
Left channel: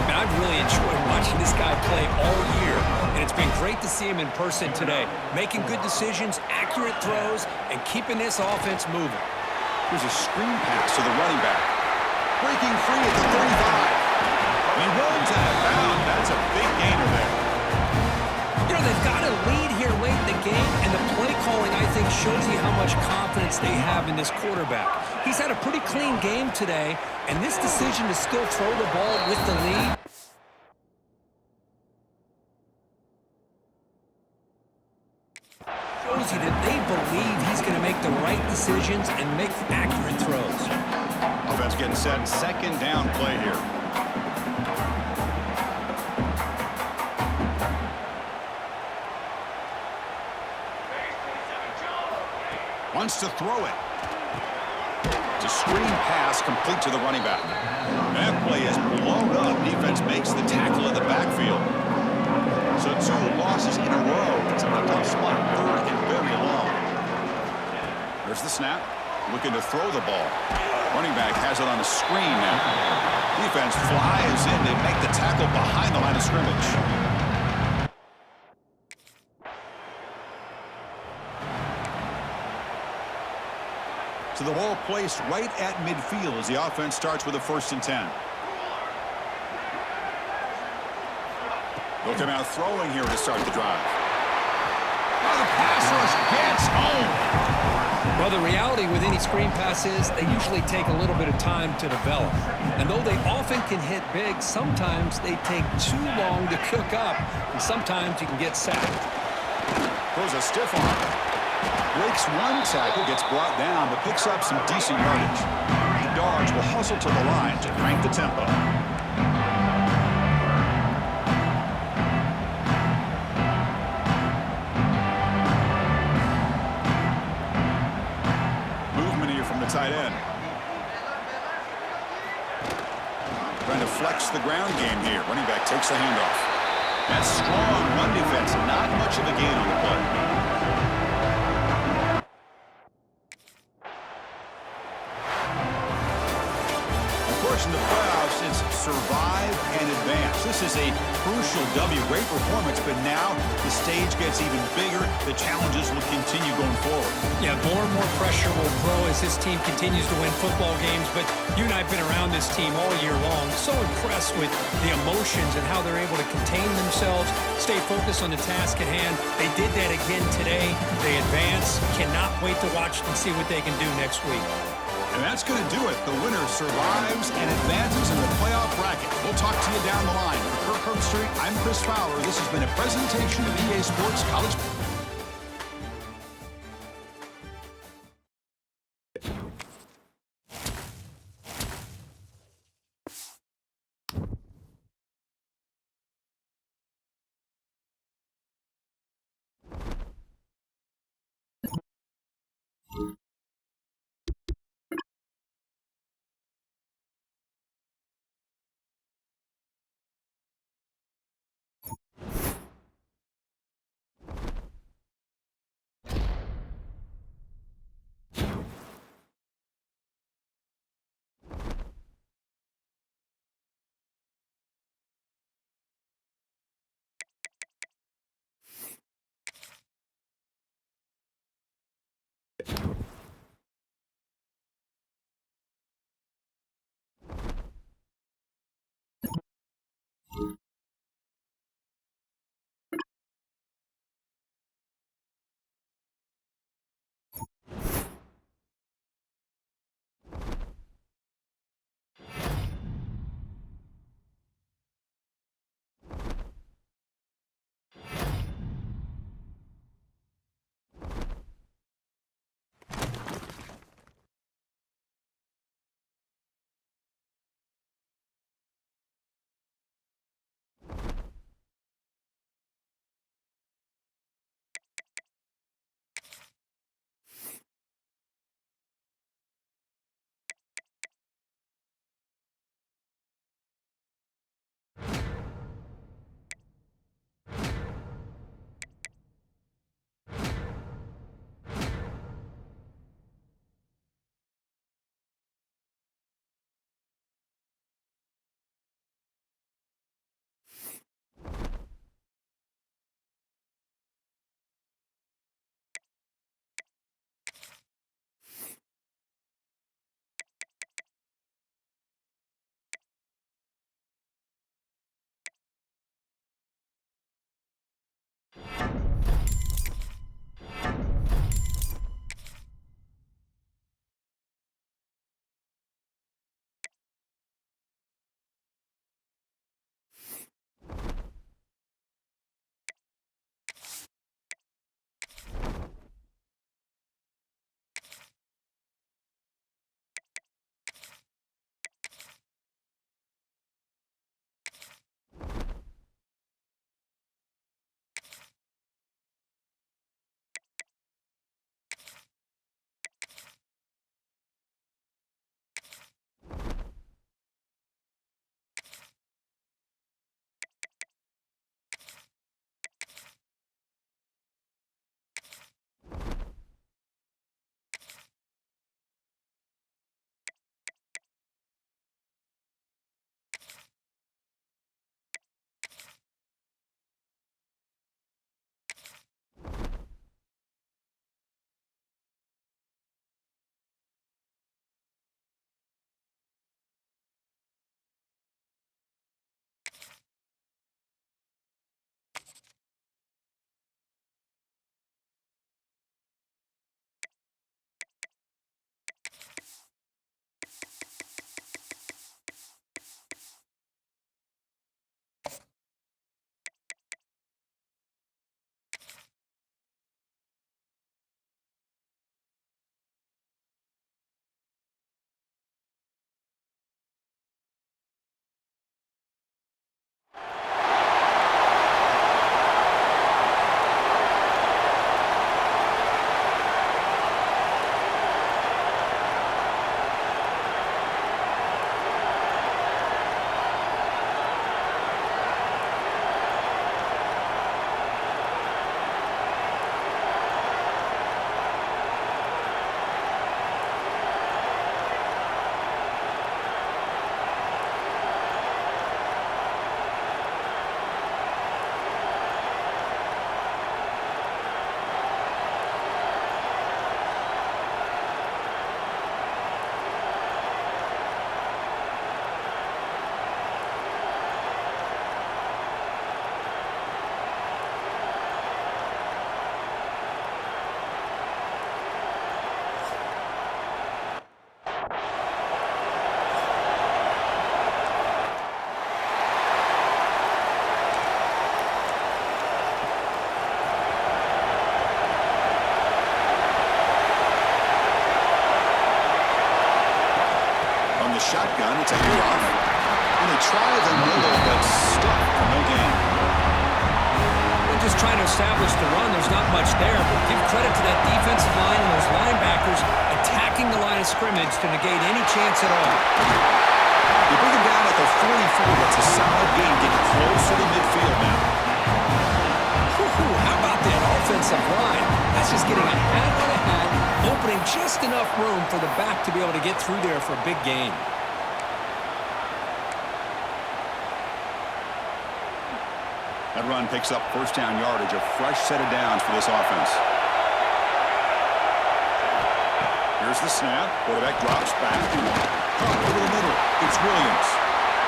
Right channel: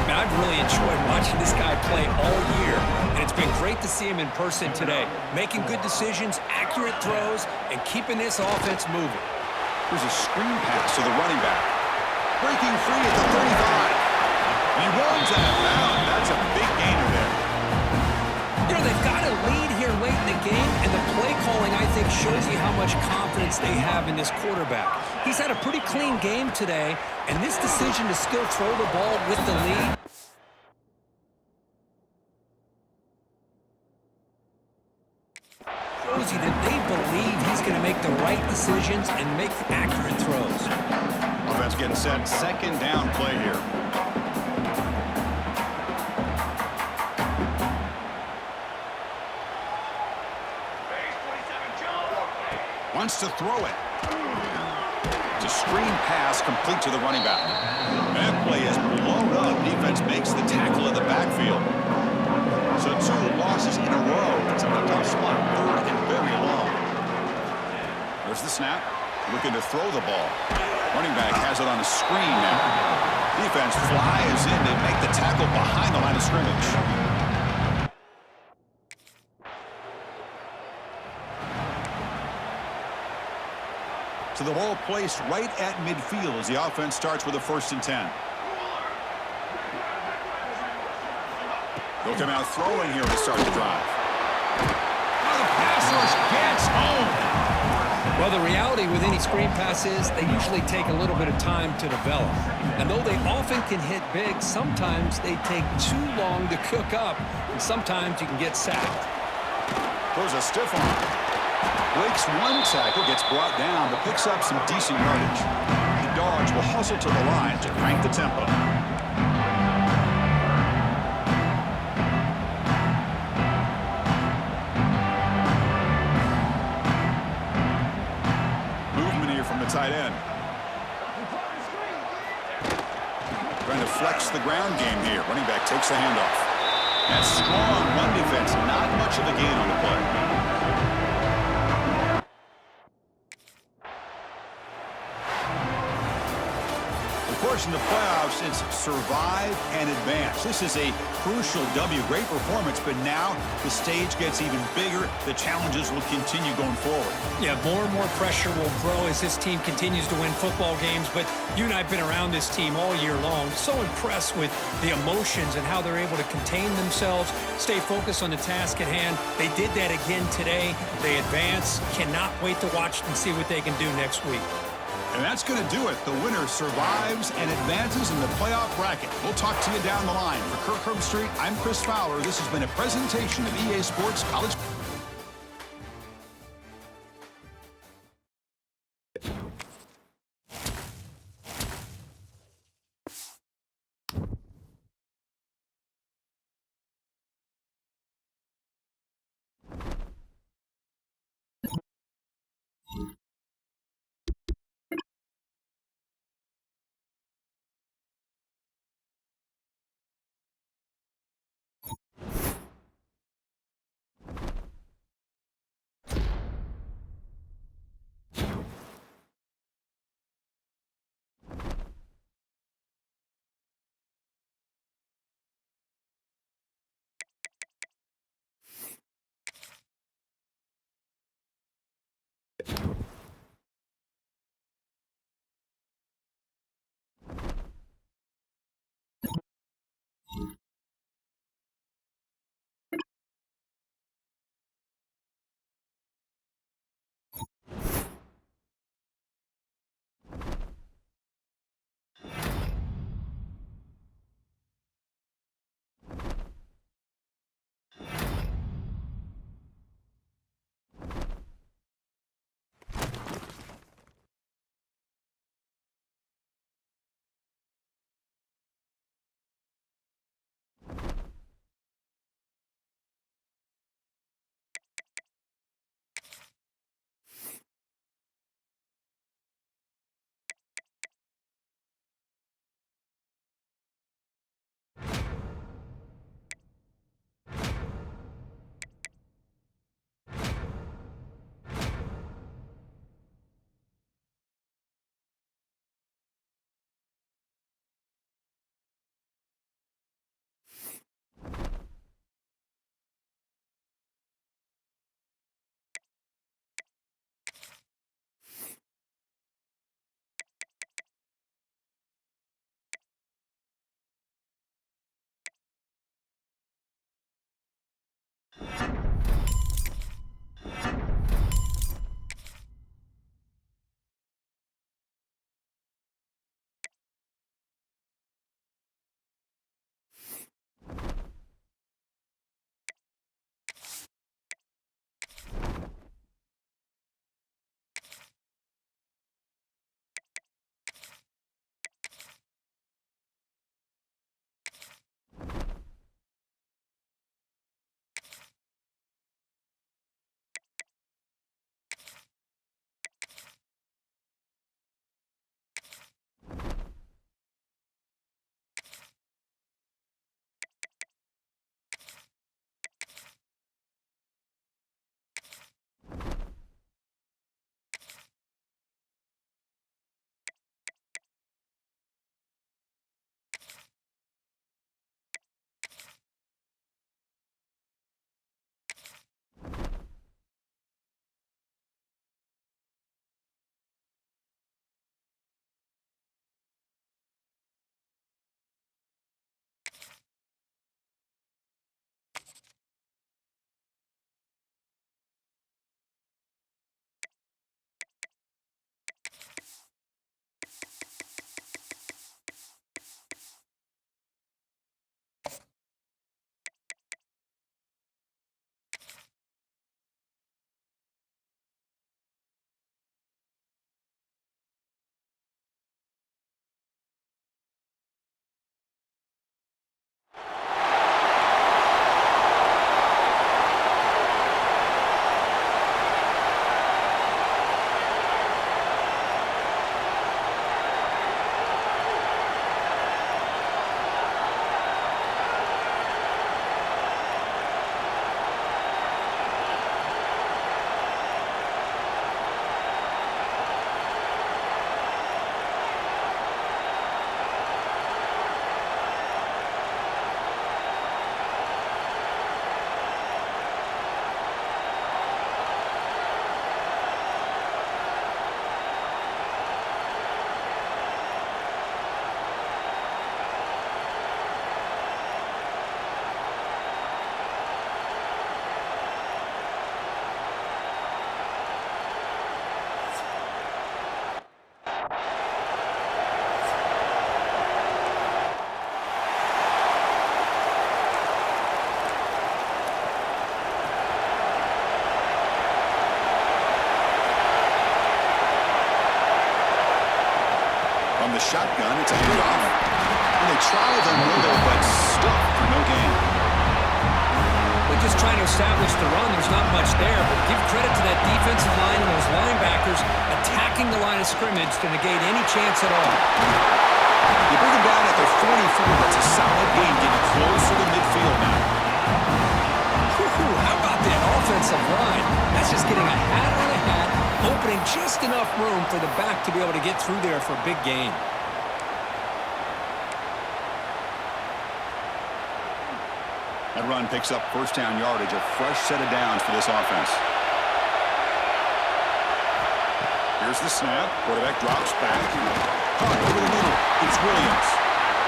Man, I've really enjoyed watching this guy play all year, and it's been great to see him in person today. Making good decisions, accurate throws, and keeping this offense moving. Here's a screen pass to the running back. Breaking free at the 35. He runs out of bounds. That's a big gainer there. You know, they've got a lead here late in the game, and the play calling, I think, shows you how much confidence they have in this quarterback. He's had a pretty clean game today, and this decision to still throw the ball with the lead shows you that they believe he's going to make the right decisions and make accurate throws. Offense getting set. Second down play here. Wants to throw it. It's a screen pass complete to the running back. That play is blown up. Defense makes the tackle in the backfield. So 2 losses in a row. It's a tough spot. Third and very long. There's the snap. Looking to throw the ball. Running back has it on a screen now. Defense flies in to make the tackle behind the line of scrimmage. So the ball placed right at midfield as the offense starts with a 1st and 10. They'll come out throwing here to start the drive. Oh, the pass rush gets home. Well, the reality with any screen pass is they usually take a little bit of time to develop. And though they often can hit big, sometimes they take too long to cook up, and sometimes you can get sacked. Throws a stiff arm. Breaks one tackle, gets brought down, but picks up some decent yardage. The Dogs will hustle to the line to crank the tempo. Movement here from the tight end. Trying to flex the ground game here. Running back takes the handoff. That strong run defense, not much of a gain on the play. In the playoffs, it's survive and advance. This is a crucial W. Great performance, but now the stage gets even bigger. The challenges will continue going forward. Yeah, more and more pressure will grow as this team continues to win football games, but you and I have been around this team all year long. So impressed with the emotions and how they're able to contain themselves, stay focused on the task at hand. They did that again today. They advance. Cannot wait to watch and see what they can do next week. And that's going to do it. The winner survives and advances in the playoff bracket. We'll talk to you down the line. For Kirk Herbstreit, I'm Chris Fowler. This has been a presentation of EA Sports College. From the shotgun, it's a handoff. And they try the middle, but stuck for no gain. They're just trying to establish the run. There's not much there, but give credit to that defensive line and those linebackers attacking the line of scrimmage to negate any chance at all. You bring them down at the 44. That's a solid gain, getting closer to midfield now. How about that offensive line? That's just getting a hat on a hat, opening just enough room for the back to be able to get through there for a big gain. That run picks up first down yardage, a fresh set of downs for this offense. Here's the snap. Quarterback drops back. Caught over the middle. It's Williams.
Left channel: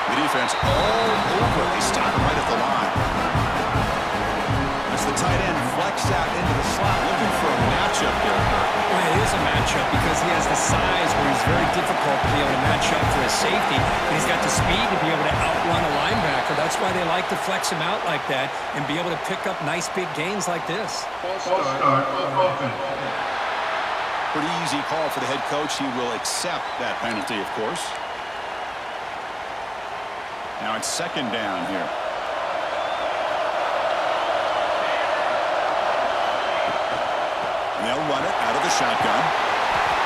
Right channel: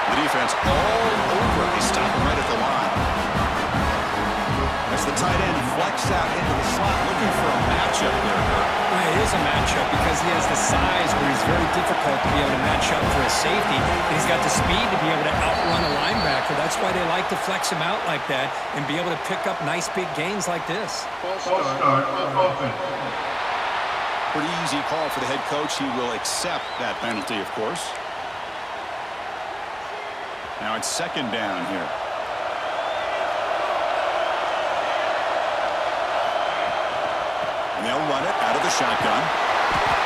The defense all over it. They stop him right at the line. As the tight end flexed out into the slot, looking for a matchup there, Kirk. Well, it is a matchup because he has the size where he's very difficult to be able to match up for his safety, and he's got the speed to be able to outrun a linebacker. That's why they like to flex him out like that and be able to pick up nice big gains like this. False start offense. Pretty easy call for the head coach. He will accept that penalty, of course. Now it's second down here. And they'll run it out of the shotgun.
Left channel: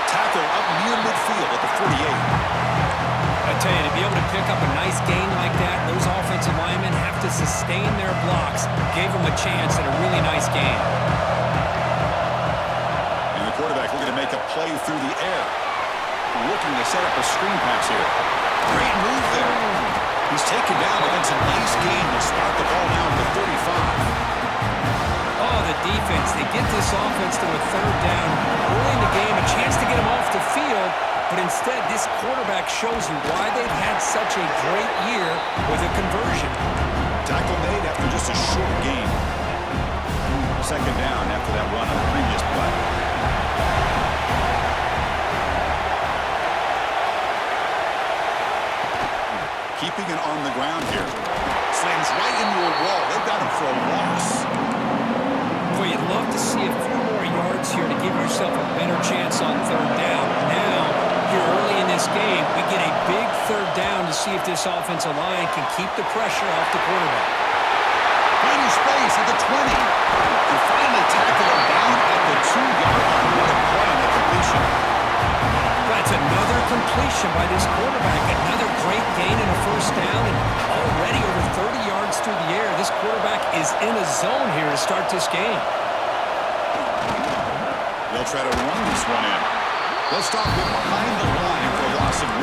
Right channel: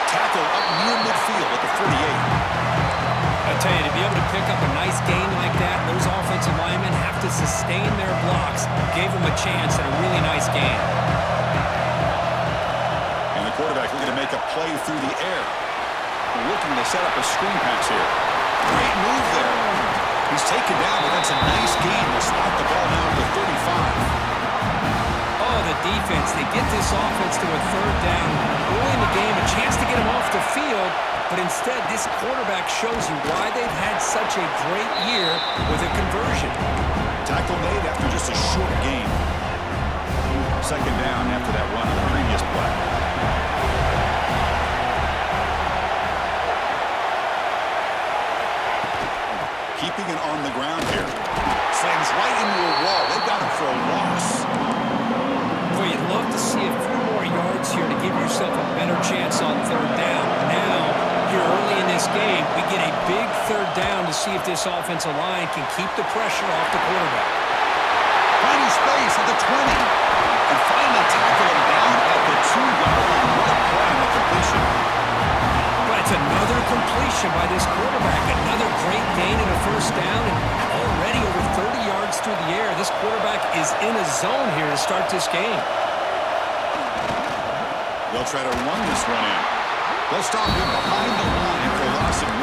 Tackle up near midfield at the 48. I tell you, to be able to pick up a nice gain like that, those offensive linemen have to sustain their blocks. Gave them a chance at a really nice gain. And the quarterback looking to make a play through the air. Looking to set up a screen pass here. Great move there. He's taken down, but that's a nice gain. They'll spot the ball now at the 35. Oh, the defense. They get this offense to a third down early in the game, a chance to get him off the field, but instead this quarterback shows you why they've had such a great year with a conversion. Tackle made after just a short gain. Second down after that run on the previous play. Keeping it on the ground here. Slams right into a wall. They've got him for a loss. Boy, you'd love to see a few more yards here to give yourself a better chance on third down. Now, here early in this game, we get a big third down to see if this offensive line can keep the pressure off the quarterback. Finding space at the 20. And finally tackle him down at the 2-yard line. What a play on the completion. But it's another completion by this quarterback. Another great gain in a first down, and already over 30 yards through the air. This quarterback is in a zone here to start this game. They'll try to run this one in. They'll stop him behind the line for a loss of 1.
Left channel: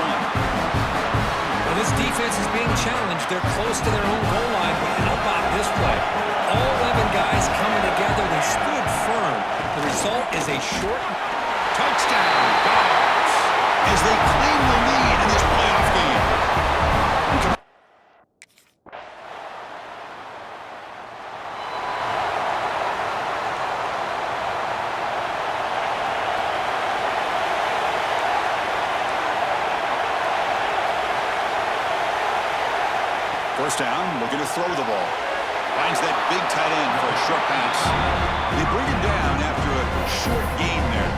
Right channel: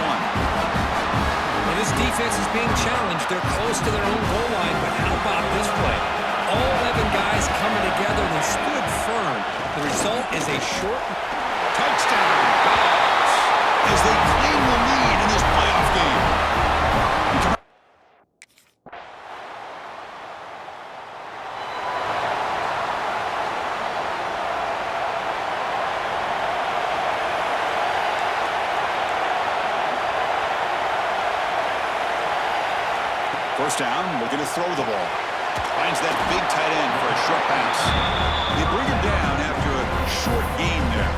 Well, this defense is being challenged. They're close to their own goal line, but how about this play? All 11 guys coming together. They stood firm. The result is a short Touchdown, Dogs, as they claim the lead in this playoff game. First down, looking to throw the ball. Finds that big tight end for a short pass. They bring him down after a short gain there.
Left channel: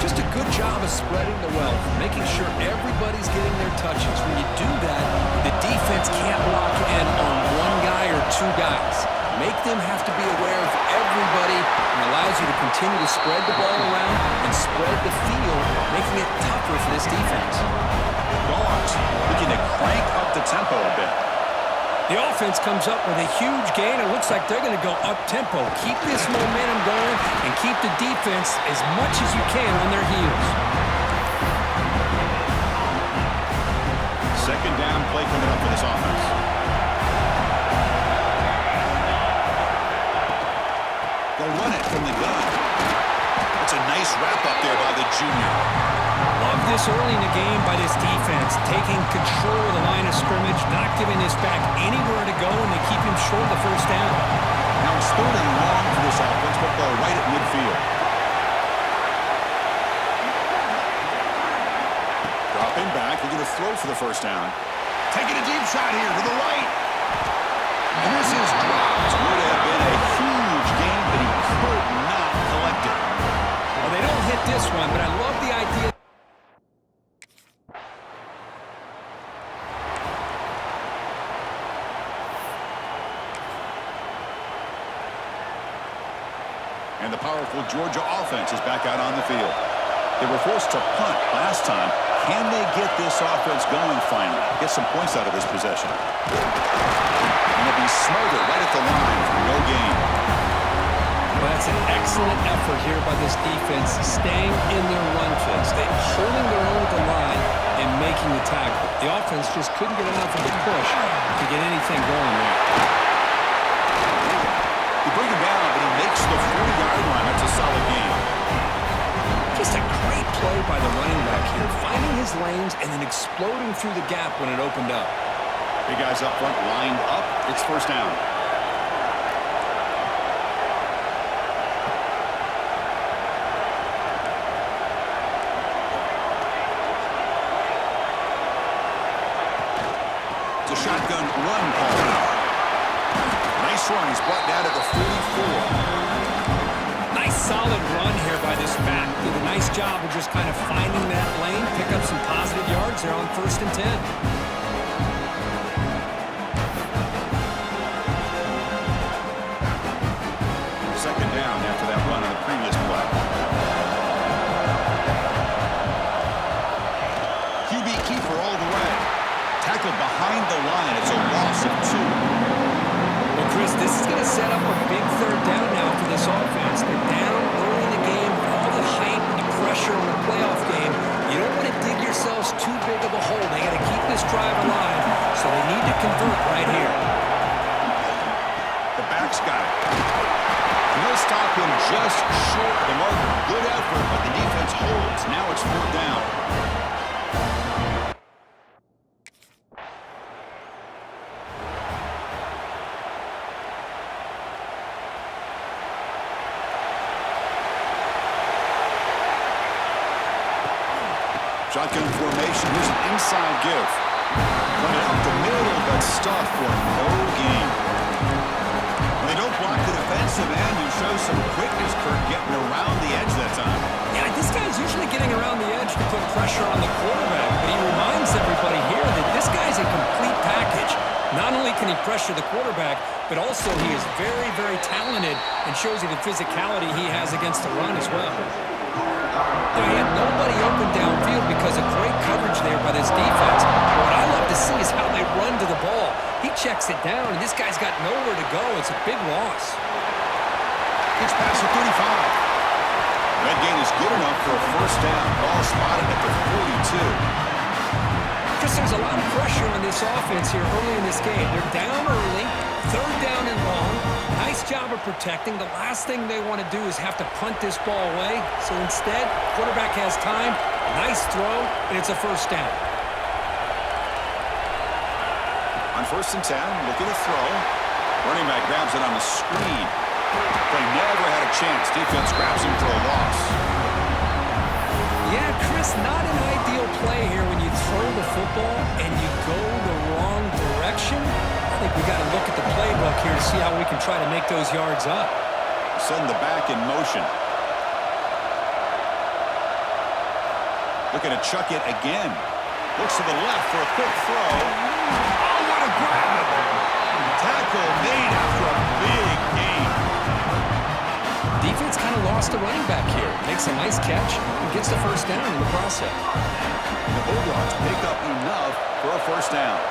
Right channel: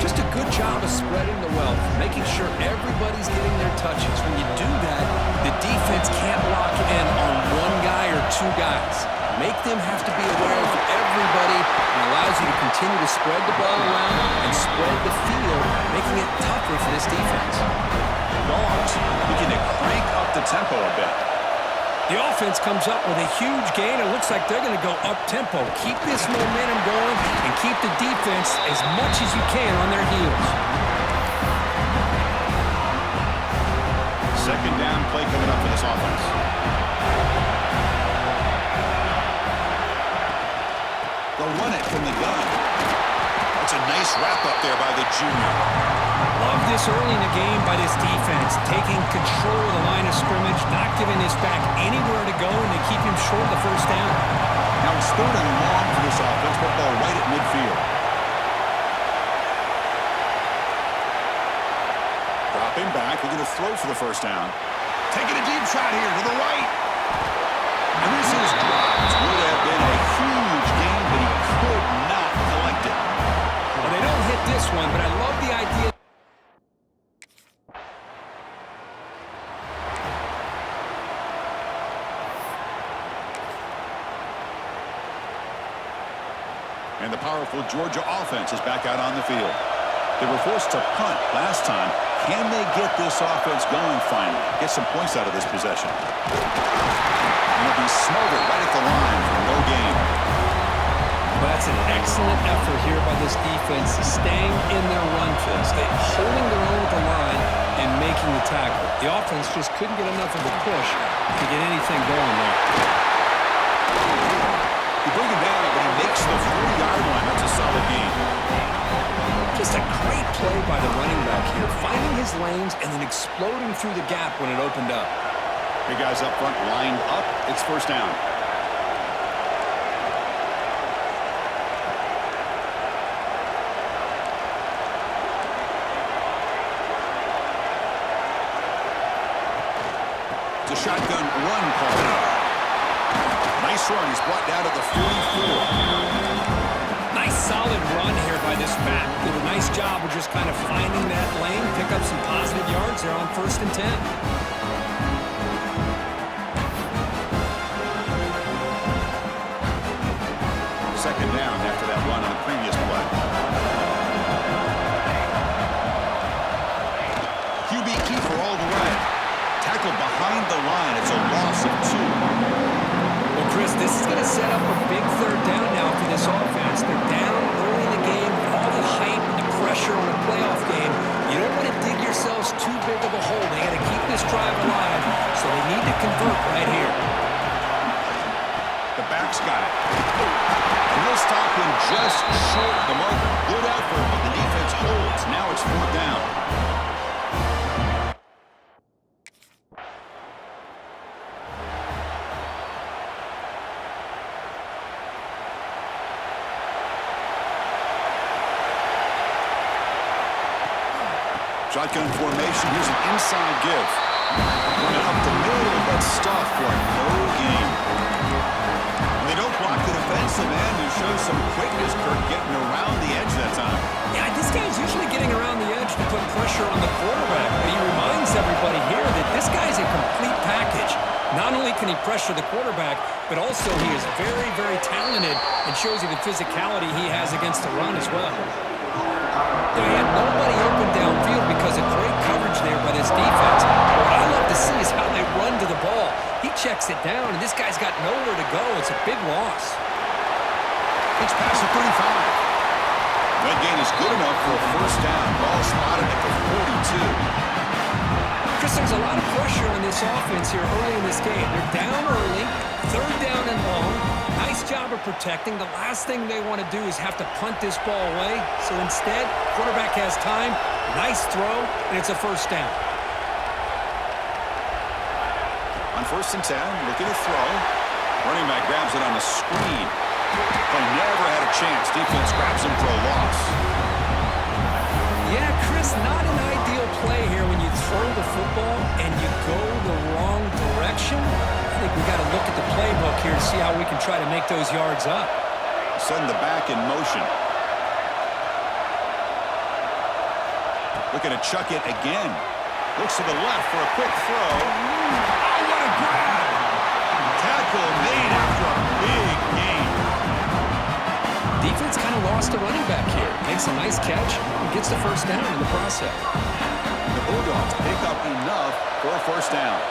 Just a good job of spreading the wealth, making sure everybody's getting their touches. When you do that, the defense can't lock in on one guy or two guys. Make them have to be aware of everybody and allows you to continue to spread the ball around and spread the field, making it tougher for this defense. Dogs looking to crank up the tempo a bit. The offense comes up with a huge gain. It looks like they're going to go up-tempo. Keep this momentum going and keep the defense as much as you can on their heels. Second down play coming up for this offense. They'll run it from the gun. That's a nice wrap-up there by the junior. Love this early in the game by this defense, taking control of the line of scrimmage, not giving this back anywhere to go, and they keep him short of the first down. Now it's third and long for this offense. Football right at midfield. Dropping back, looking to throw for the first down. Taking a deep shot here to the right. And this is dropped. Would have been a huge gain, but he could not collect it. Well, they don't hit this one, but I love the idea. And the powerful Georgia offense is back out on the field. They were forced to punt last time. Can they get this offense going finally? Get some points out of this possession. And it'll be smothered right at the line for no gain. Well, that's an excellent effort here by this defense, staying in their run fist. They're holding their own with the line and making the tackle. The offense just couldn't get enough of a push to get anything going there. You bring him down, but he makes the 40-yard line. That's a solid gain. Just a great play by the running back here, finding his lanes and then exploding through the gap when it opened up. Big guys up front lined up. It's first down. It's a shotgun run call. Nice run. He's brought down to the 44. Nice solid run here by this back. Did a nice job of just kind of finding that lane, pick up some positive yards there on 1st and 10. Second down after that run on the previous play. QB keeper all the way. Tackled behind the line. It's a loss of 2. Well, Chris, this is going to set up a big 3rd down now for this offense. They're down early in the game with all the hype and the pressure on a playoff game. You don't want to dig yourselves too big of a hole. They got to keep this drive alive, so they need to convert right here. The back's got it. And he'll stop him just short of the marker. Good effort, but the defense holds. Now it's 4th down. Shotgun formation. Here's an inside give. Run it up the middle, but stuff for no gain. When they don't block the defensive end, you show some quickness, Kirk, getting around the edge that time. Yeah, this guy's usually getting around the edge to put pressure on the quarterback, but he reminds everybody here that this guy's a complete package. Not only can he pressure the quarterback, but also he is very, very talented and shows you the physicality he has against the run as well. He had nobody open downfield because of great coverage there by this defense. What I love to see is how they run to the ball. He checks it down, and this guy's got nowhere to go. It's a big loss. It's past the 35. That gain is good enough for a 1st down. Ball spotted at the 42. Chris, there's a lot of pressure on this offense here early in this game. They're down early, 3rd down and long. Nice job of protecting. The last thing they want to do is have to punt this ball away. So instead, quarterback has time, nice throw, and it's a 1st down. On 1st and 10, looking to throw. Running back grabs it on the screen. Play never had a chance. Defense grabs him for a loss. Yeah, Chris, not an ideal play here when you throw the football and you go the wrong direction. I think we got to look at the playbook here to see how we can try to make those yards up. Send the back in motion. Looking to chuck it again. Looks to the left for a quick throw. Oh, what a grab! Tackle made after a big gain. Defense kind of lost the running back here. Makes a nice catch and gets the 1st down in the process. The Bulldogs pick up enough for a 1st down.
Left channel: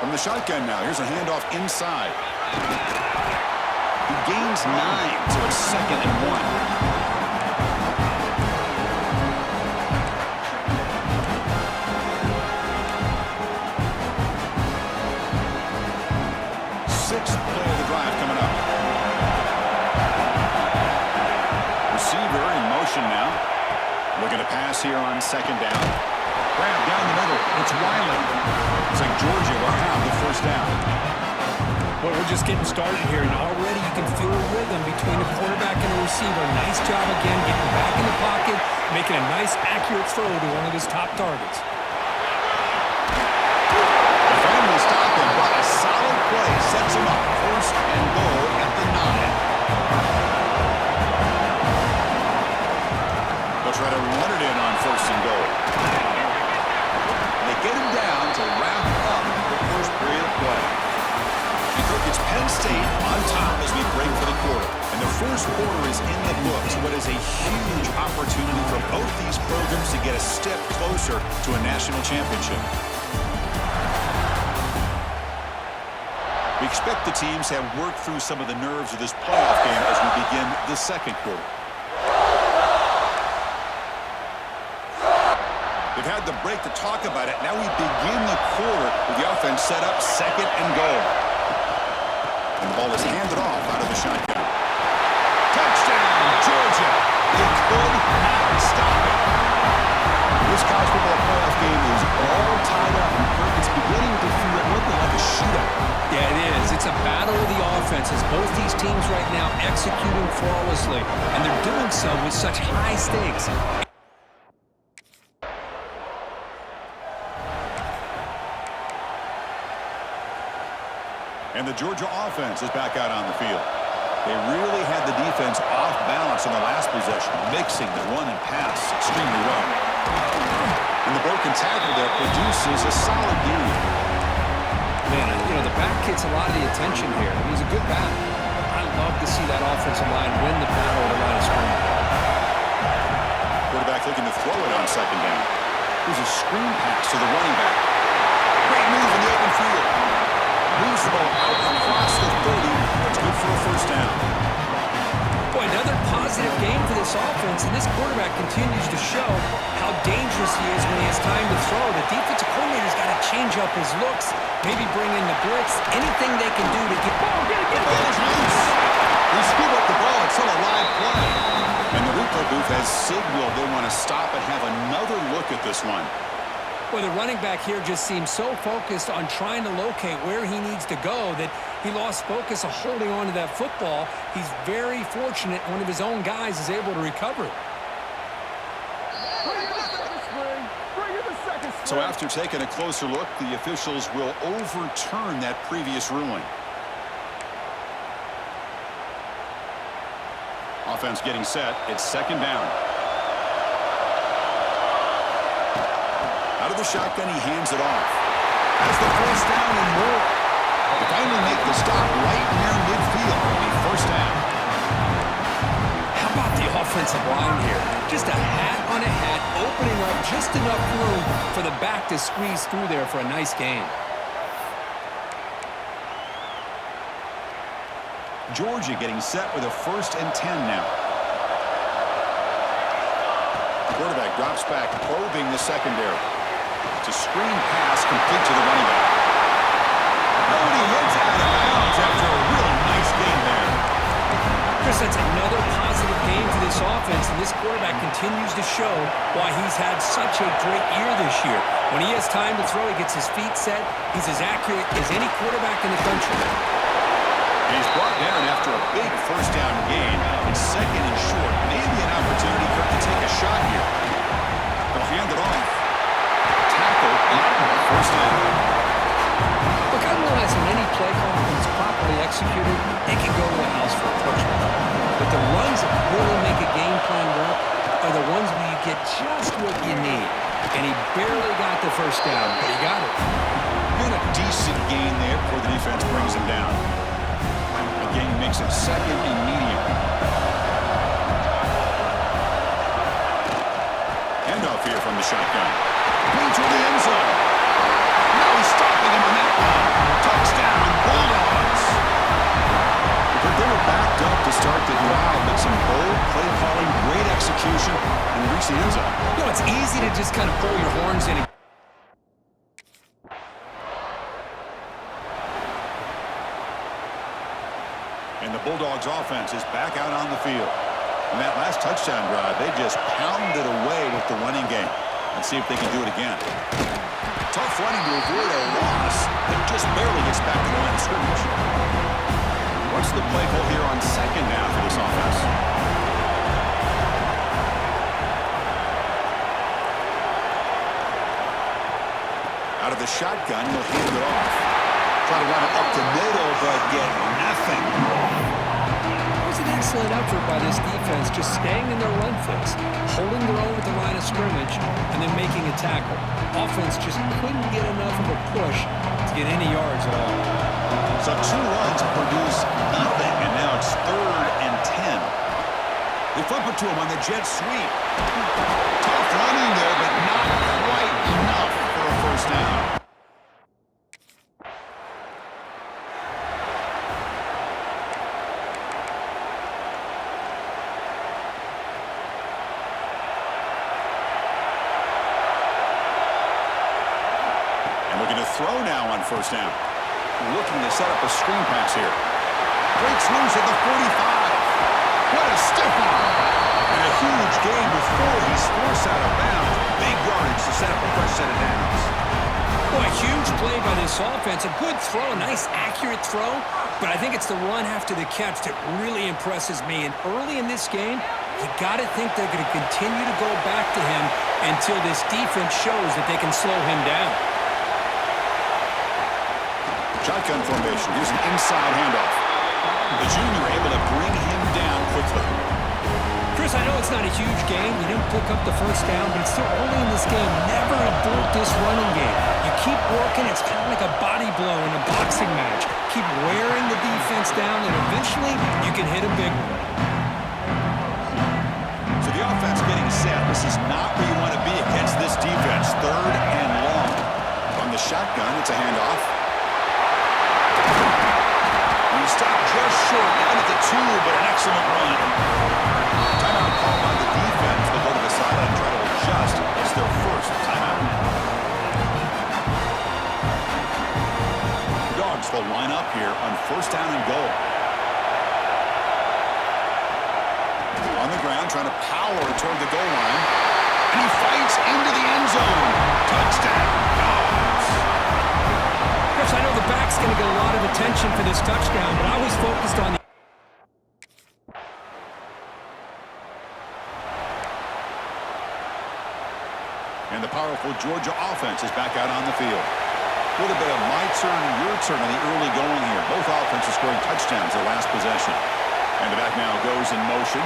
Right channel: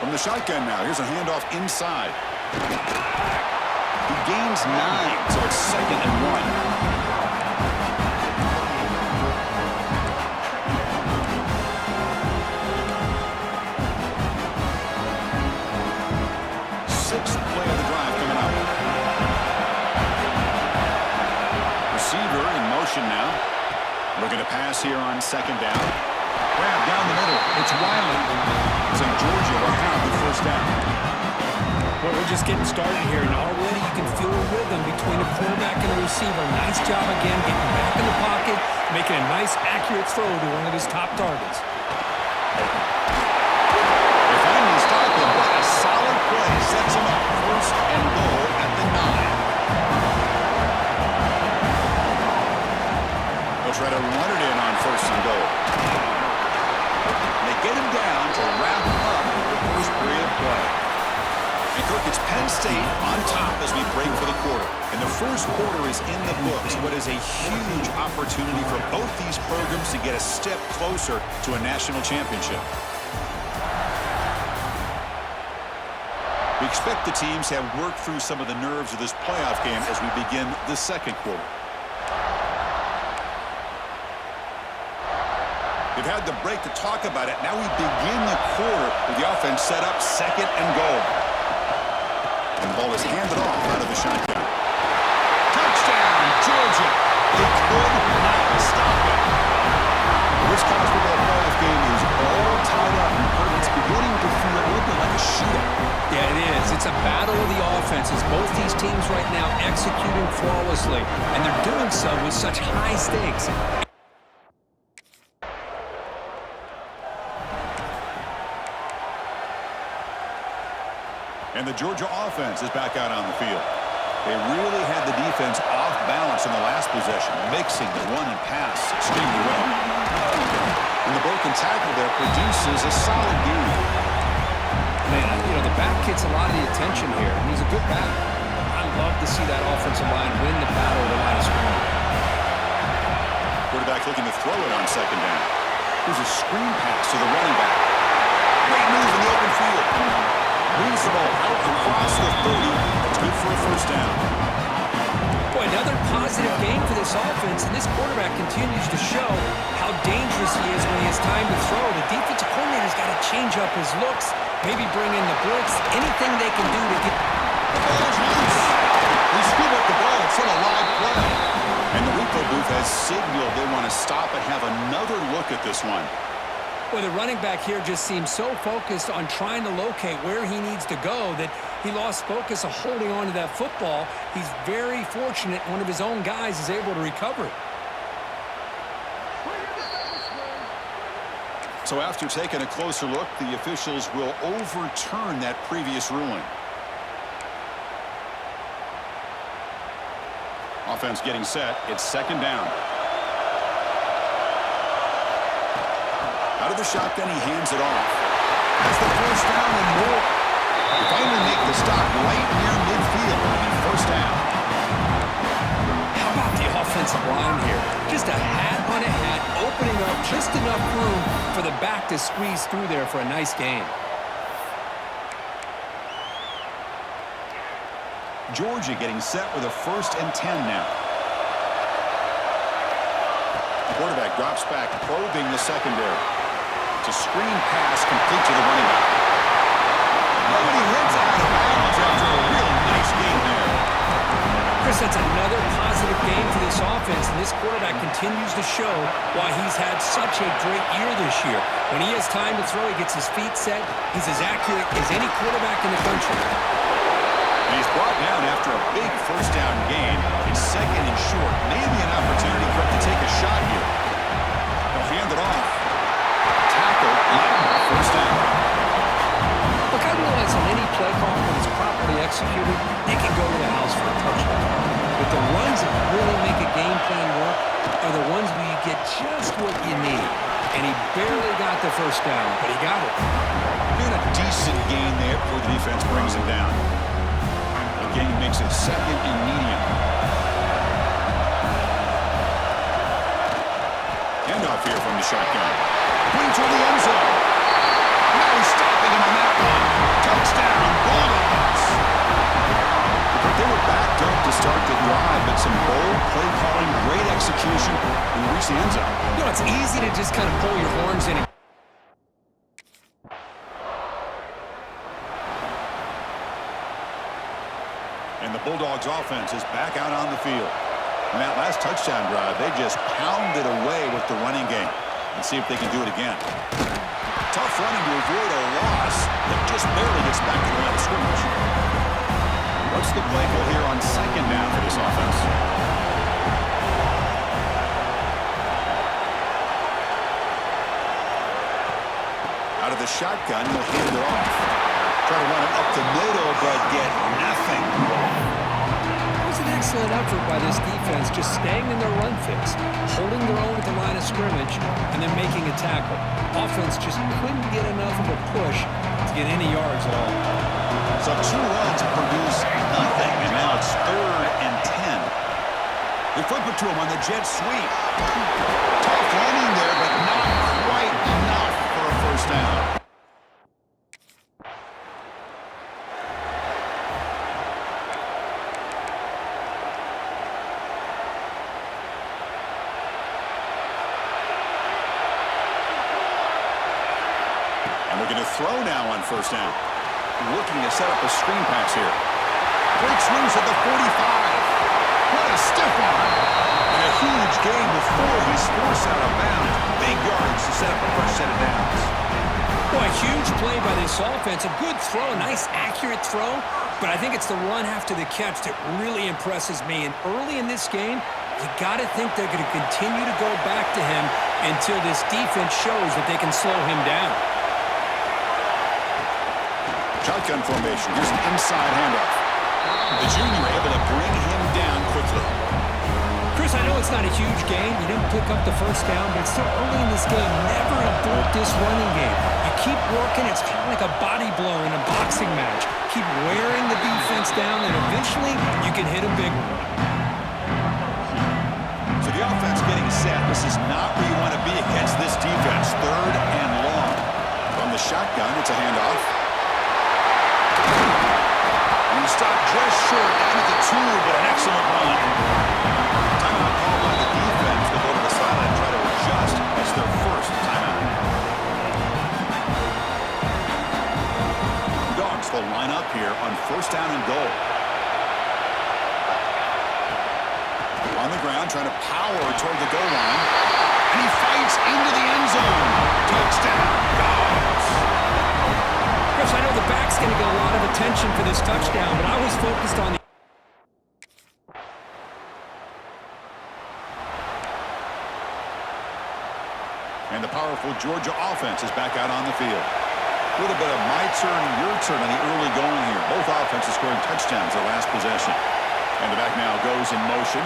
From the shotgun now, here's a handoff inside. He gains 9, so it's 2nd and 1. Sixth play of the drive coming up. Receiver in motion now. Looking to pass here on 2nd down. Grab down the middle. It's Wiley. Looks like Georgia will have the 1st down. Well, we're just getting started here, and already you can feel a rhythm between a quarterback and a receiver. Nice job again, getting back in the pocket, making a nice, accurate throw to one of his top targets. They finally stop him, but a solid play sets him up. 1st and goal at the 9. They'll try to run it in on 1st and goal. They get him down to wrap up the first period of play. And Kirk, it's Penn State on top as we break for the quarter. And the first quarter is in the books. What is a huge opportunity for both these programs to get a step closer to a national championship. We expect the teams to have worked through some of the nerves of this playoff game as we begin the second quarter. They've had the break to talk about it. Now we begin the quarter with the offense set up, second and goal. And the ball is handed off out of the shotgun. Touchdown, Georgia. They could not stop it. This college football playoff game is all tied up. It's beginning to feel a little bit like a shootout. Yeah, it is. It's a battle of the offenses. Both these teams right now executing flawlessly, and they're doing so with such high stakes. And the Georgia offense is back out on the field. They really had the defense off balance in the last possession, mixing the run and pass extremely well. And the broken tackle there produces a solid game. Man, you know, the back gets a lot of the attention here, and he's a good back. I love to see that offensive line win the battle of the line of scrimmage. Quarterback looking to throw it on second down. Here's a screen pass to the running back. Great move in the open field. Moves the ball out across the 30. That's good for a first down. Boy, another positive game for this offense, and this quarterback continues to show how dangerous he is when he has time to throw. The defensive coordinator's got to change up his looks, maybe bring in the blitz, anything they can do to get... The ball is loose. They scoop up the ball. It's still a live play. And the replay booth has signaled they want to stop and have another look at this one. Well, the running back here just seems so focused on trying to locate where he needs to go that he lost focus of holding on to that football. He's very fortunate one of his own guys is able to recover it. So after taking a closer look, the officials will overturn that previous ruling. Offense getting set. It's second down. Out of the shotgun, he hands it off. Has the first down and more. They finally make the stop right near midfield. It'll be first down. How about the offensive line here? Just a hat on a hat, opening up just enough room for the back to squeeze through there for a nice gain. Georgia getting set with a 1st and 10 now. Quarterback drops back, probing the secondary. It's a screen pass complete to the running back. Oh, and he heads out of bounds after a really nice gain there. Chris, that's another positive game for this offense, and this quarterback continues to show why he's had such a great year this year. When he has time to throw, he gets his feet set. He's as accurate as any quarterback in the country. And he's brought down after a big first down gain. It's second and short. Maybe an opportunity for him to take a shot here. They'll hand it off. Tackle, first down. Look, I realize on any play call, when it's properly executed, it can go to the house for a touchdown. But the runs that really make a game plan work are the ones where you get just what you need. And he barely got the first down, but he got it. Doing a decent gain there before the defense brings him down. Again, he makes it second and medium. Handoff here from the shotgun. Clean toward the end zone. Now he's stopping him on that one. Touchdown, Bulldogs. They were backed up to start the drive, but some bold play calling, great execution, and they reach the end zone. You know, it's easy to just kind of pull your horns in. And the Bulldogs offense is back out on the field. And that last touchdown drive, they just pounded away with the running game. Let's see if they can do it again. Tough running to avoid a loss that just barely gets back to the line of scrimmage. What's the play call here on second down for this offense? Out of the shotgun, he'll hand it off. Try to run it up the middle, but get nothing. That was an excellent excellent effort by this defense, just staying in their run fits, holding their own at the line of scrimmage, and then making a tackle. Offense just couldn't get enough of a push to get any yards at all. So 2 runs produce nothing, and now it's 3rd and 10. They flip it to him on the jet sweep. Tough running there, but not quite enough for a first down. And looking to throw now on first down. Looking to set up a screen pass here. Breaks loose at the 45. What a stiff arm. And a huge gain before he's forced out of bounds. Big yardage to set up a fresh set of downs. Boy, huge play by this offense. A good throw, a nice accurate throw. But I think it's the run after the catch that really impresses me. And early in this game, you got to think they're going to continue to go back to him until this defense shows that they can slow him down. Shotgun formation. Here's an inside handoff. The junior able to bring him down quickly. Chris, I know it's not a huge game. You didn't pick up the first down, but it's still early in this game. Never abort this running game. You keep working. It's kind of like a body blow in a boxing match. Keep wearing the defense down, and eventually you can hit a big one. So the offense getting set. This is not where you want to be against this defense. 3rd and long. From the shotgun, it's a handoff. And he stopped just short, down at the 2, but an excellent run. Timeout called by the defense. They'll go to the sideline and try to adjust. It's their first timeout. Dogs will line up here on first down and goal. On the ground, trying to power toward the goal line. And he fights into the end zone. Touchdown, Dogs. Chris, I know the back's going to get a lot of attention for this touchdown, but I was focused on the... And the powerful Georgia offense is back out on the field. A little bit of my turn, your turn on the early going here. Both offenses scoring touchdowns their last possession. And the back now goes in motion.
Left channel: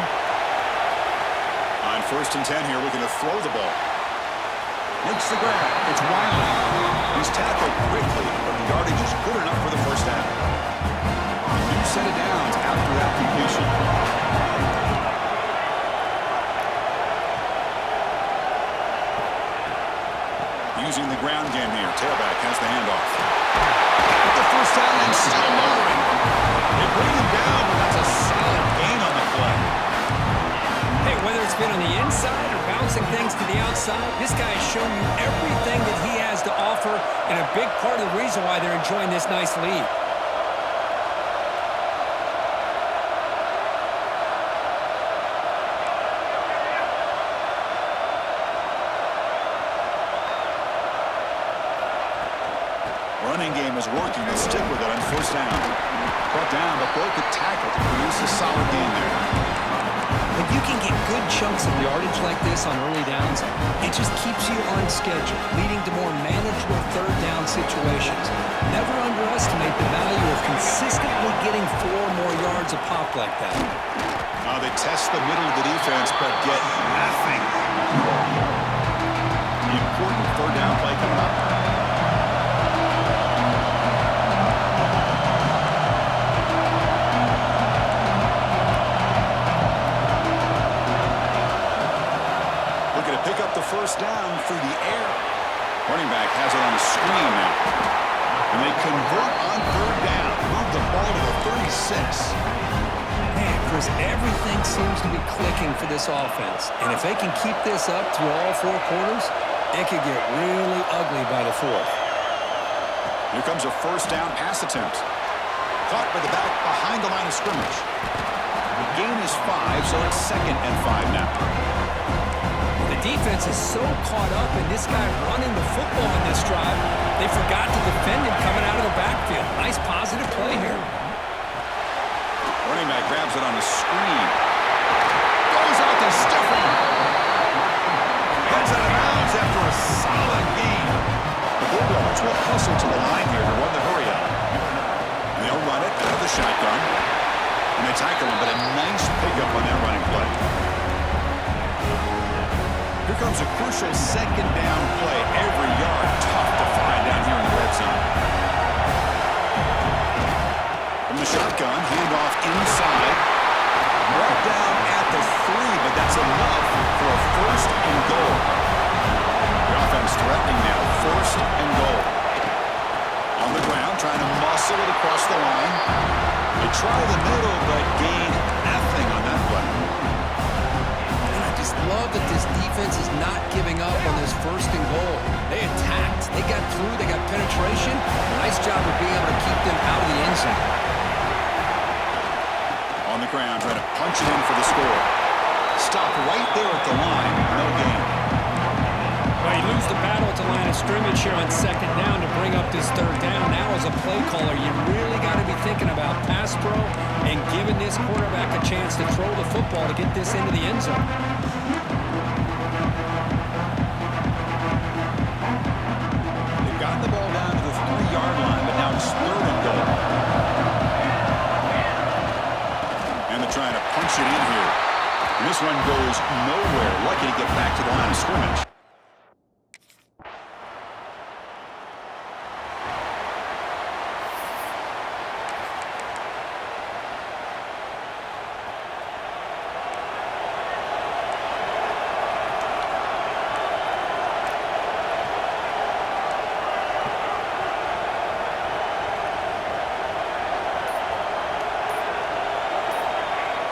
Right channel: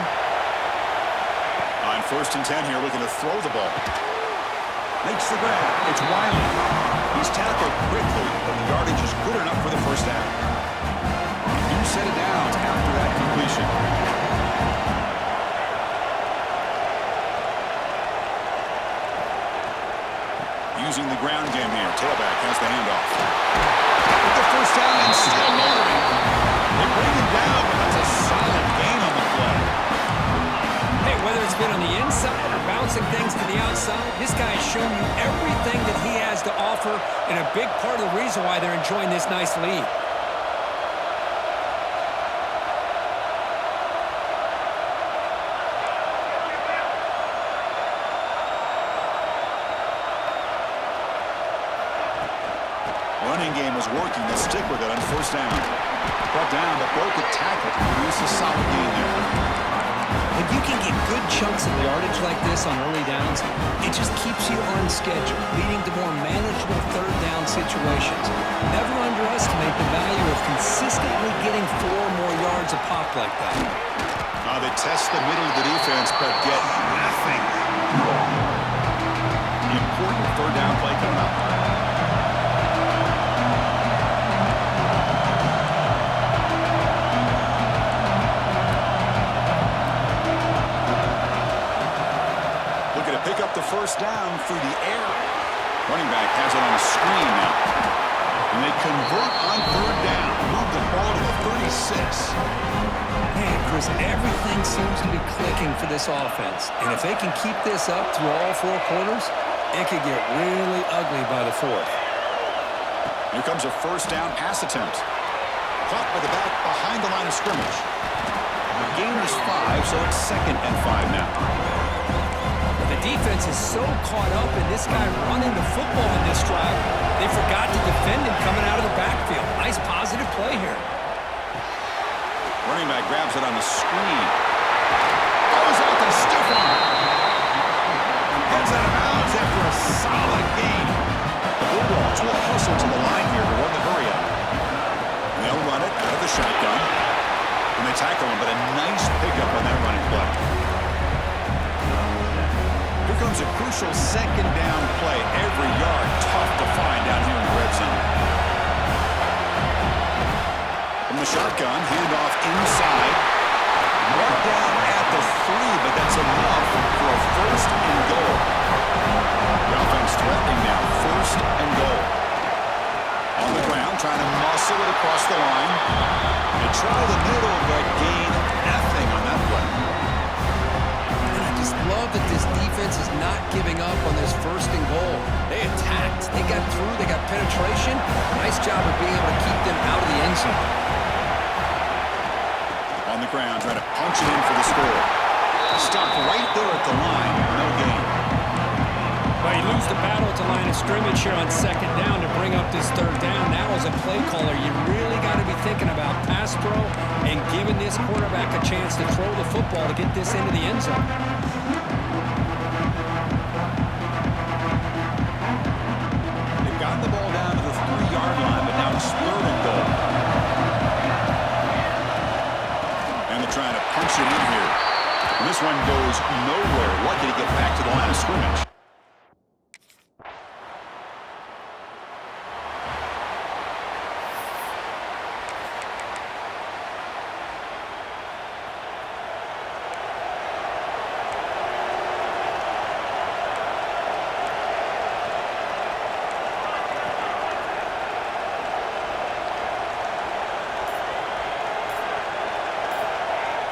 On 1st and 10 here, looking to throw the ball. Makes the grab. It's Wiley. He's tackled quickly, but the yardage is good enough for the first down. A new set of downs after that completion. Using the ground game here. Tailback has the handoff. With the first down and still motoring. They bring him down, but that's a solid gain on the play. Hey, whether it's been on the inside or bouncing things to the outside, this guy has shown you everything that he has to offer, and a big part of the reason why they're enjoying this nice lead. Running game is working. They'll stick with it on first down. Brought down, but broke the tackle to produce a solid gain there. When you can get good chunks of yardage like this on early downs, it just keeps you on schedule, leading to more manageable 3rd down situations. Never underestimate the value of consistently getting 4 more yards a pop like that. They test the middle of the defense, but get nothing. The important 3rd down play coming up. Pick up the first down through the air. Running back has it on a screen now. And they convert on 3rd down. Move the ball to the 36. Man, Chris, everything seems to be clicking for this offense. And if they can keep this up through all 4 quarters, it could get really ugly by the 4th. Here comes a first down pass attempt. Caught by the back behind the line of scrimmage. The gain is 5, so it's 2nd and 5 now. The defense is so caught up in this guy running the football in this drive, they forgot to defend him coming out of the backfield. Nice positive play here. Running back grabs it on a screen. Throws out the stiff arm. Heads out of bounds after a solid gain. The Bulldogs will hustle to the line here to run the hurry up. And they'll run it out of the shotgun. And And they tackle him, but a nice pickup on that running play. Here comes a crucial second down play. Every yard tough to find down here in the red zone. From the shotgun, handoff inside. Brought down at the 3, but that's enough for a first and goal. The offense threatening now, first and goal. On the ground, trying to muscle it across the line. They try the middle, but gain nothing on that play. And I just love that this defense is not giving up on this first and goal. They attacked. They got through. They got penetration. Nice job of being able to keep them out of the end zone. On the ground, trying to punch it in for the score. Stopped right there at the line. No gain. Well, you lose the battle at the line of scrimmage here on second down to bring up this third down. Now as a play caller, you really got to be thinking about pass pro and giving this quarterback a chance to throw the football to get this into the end zone. They've gotten the ball down to the 3-yard line, but now it's third and goal. And they're trying to punch it in here. And this one goes nowhere. Lucky to get back to the line of scrimmage.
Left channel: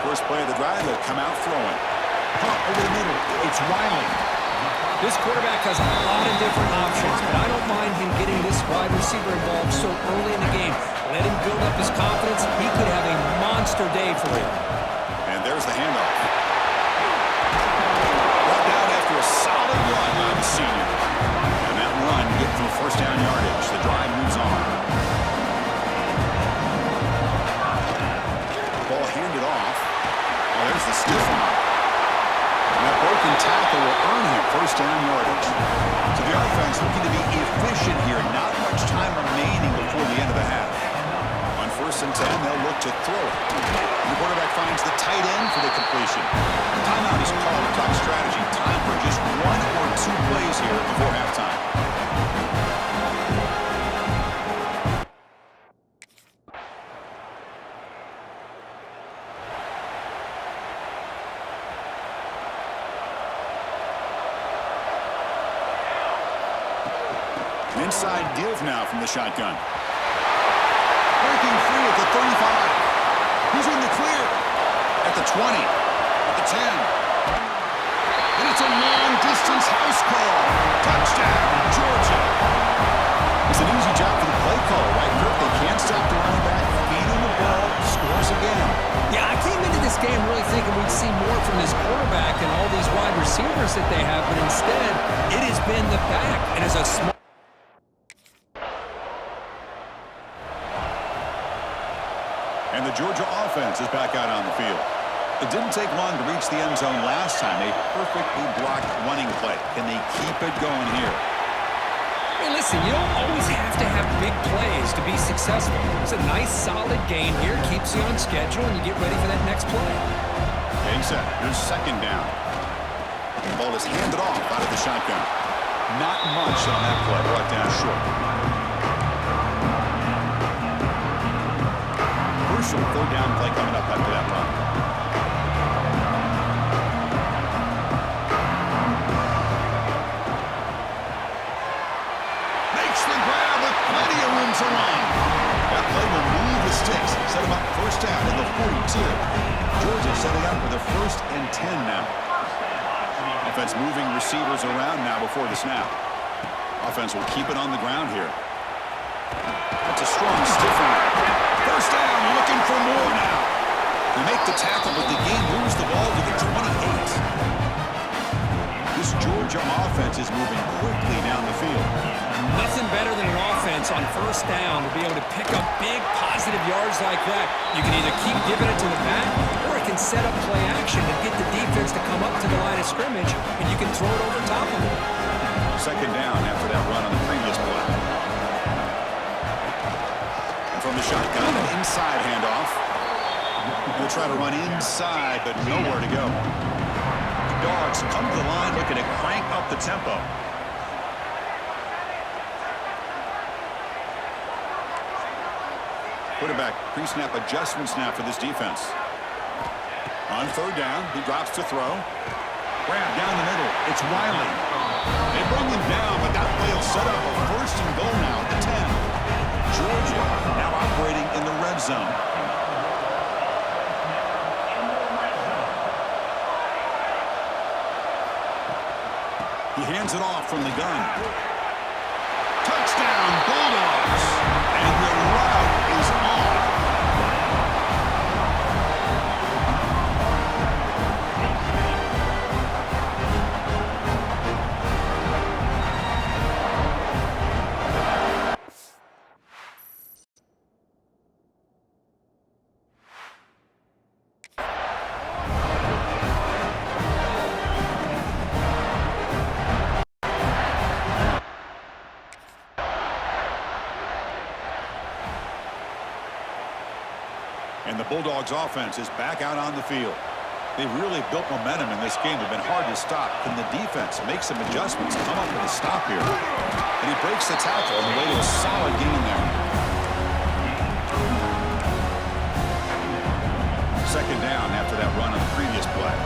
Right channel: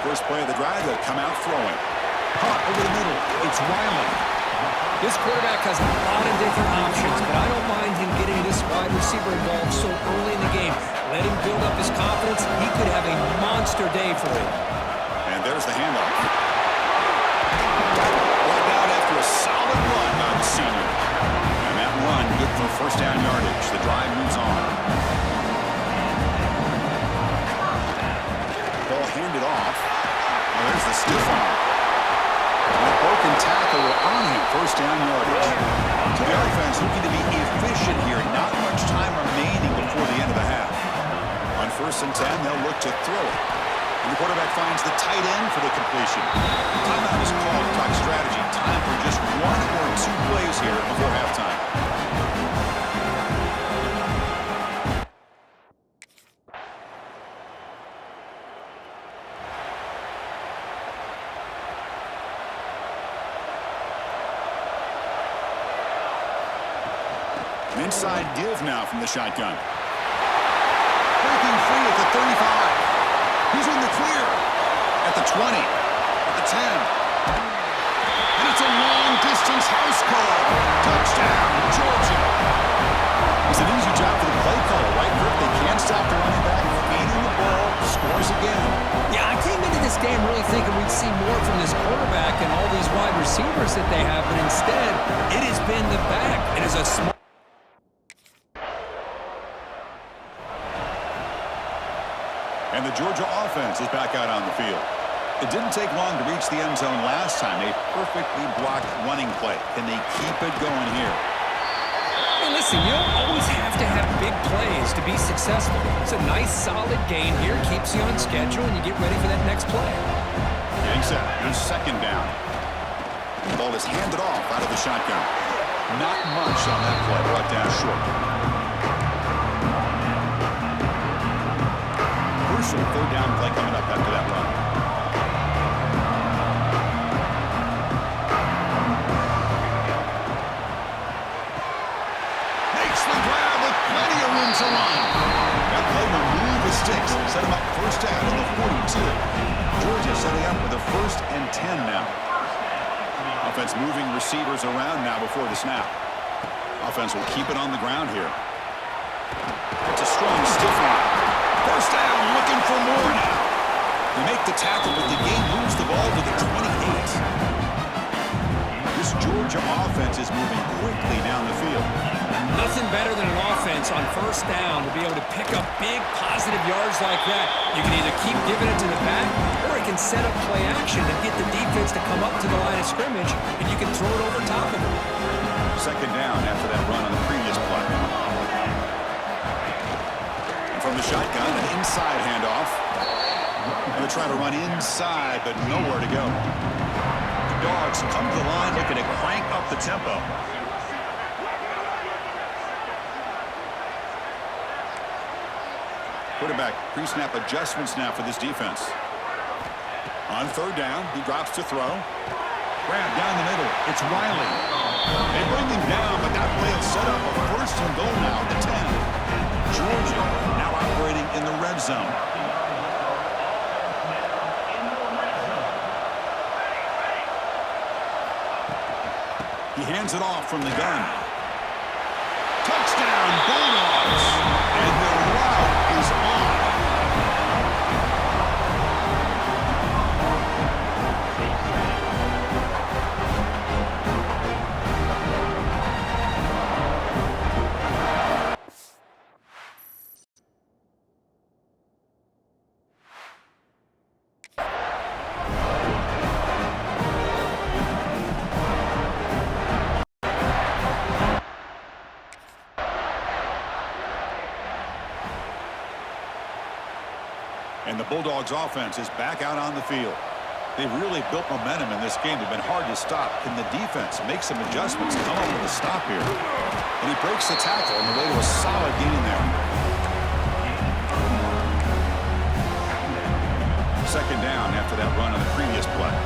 First play of the drive, they'll come out throwing. Punt over the middle. It's Wiley. This quarterback has a lot of different options, but I don't mind him getting this wide receiver involved so early in the game. Let him build up his confidence. He could have a monster day for you. And there's the handoff. Brought down after a solid run by the senior. And that run good for first down yardage. The drive moves on. Ball handed off. Oh, there's the stiff arm. And that broken tackle will earn him first down yardage. So the offense looking to be efficient here. Not much time remaining before the end of the half. On first and 10, they'll look to throw it. And the quarterback finds the tight end for the completion. Timeout is called to talk strategy. Time for just 1 or 2 plays here before halftime. Inside give now from the shotgun. Breaking free at the 35. He's in the clear. At the 20. At the 10. And it's a long-distance house call. Touchdown, Georgia. It's an easy job for the play caller, right, Kirk? They can't stop the running back. Feed him the ball. Scores again. Yeah, I came into this game really thinking we'd see more from this quarterback and all these wide receivers that they have, but instead, it has been the back. And as a smart And the Georgia offense is back out on the field. It didn't take long to reach the end zone last time. A perfectly blocked running play. Can they keep it going here? Hey, listen, you don't always have to have big plays to be successful. It's a nice, solid gain here. Keeps you on schedule, and you get ready for that next play. Getting set. Here's second down. The ball is handed off out of the shotgun. Not much on that play. Brought down short. Crucial third down play coming up after that run. Makes the grab with plenty of room to run. That play will move the sticks. Set him up first down in the 42. Georgia setting up with a first and 10 now. Offense moving receivers around now before the snap. Offense will keep it on the ground here. That's a strong stiff arm. First down, looking for more now. They make the tackle, but the game moves the ball to the 28. This Georgia offense is moving quickly down the field. Nothing better than an offense on first down to be able to pick up big positive yards like that. You can either keep giving it to the back, or it can set up play action and get the defense to come up to the line of scrimmage, and you can throw it over top of them. Second down after that run on the previous play. And from the shotgun, an inside handoff. They'll try to run inside, but nowhere to go. The Dogs come to the line looking to crank up the tempo. Quarterback pre-snap adjustments now for this defense. On third down, he drops to throw. Grab down the middle. It's Wiley. They bring him down, but that play will set up a first and goal now at the 10. Georgia now operating in the red zone. He hands it off from the gun. Touchdown, Bulldogs. And the route is on. And the Bulldogs offense is back out on the field. They've really built momentum in this game. They've been hard to stop. Can the defense make some adjustments, come up with a stop here? And he breaks the tackle on the way to a solid gain there. Second down after that run on the previous play.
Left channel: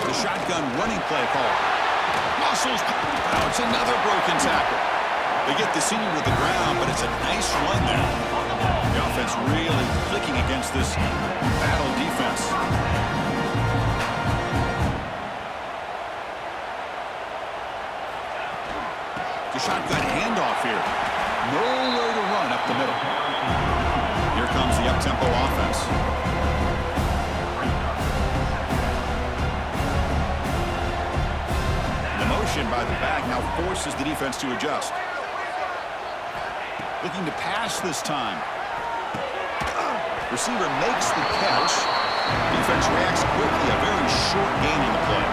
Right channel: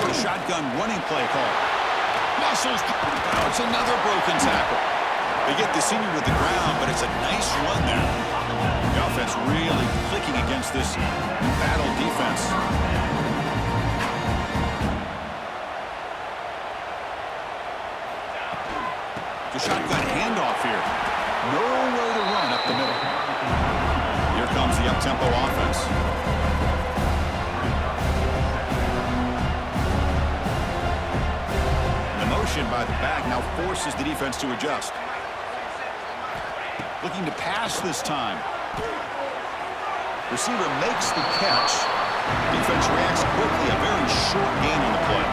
The shotgun running play call. Muscles. Now it's another broken tackle. They get the senior to the ground, but it's a nice run there. The offense really clicking against this battle defense. The shotgun handoff here. Nowhere to run up the middle. Here comes the up-tempo offense. The motion by the back now forces the defense to adjust. Looking to pass this time. Receiver makes the catch. Defense reacts quickly. A very short gain on the play.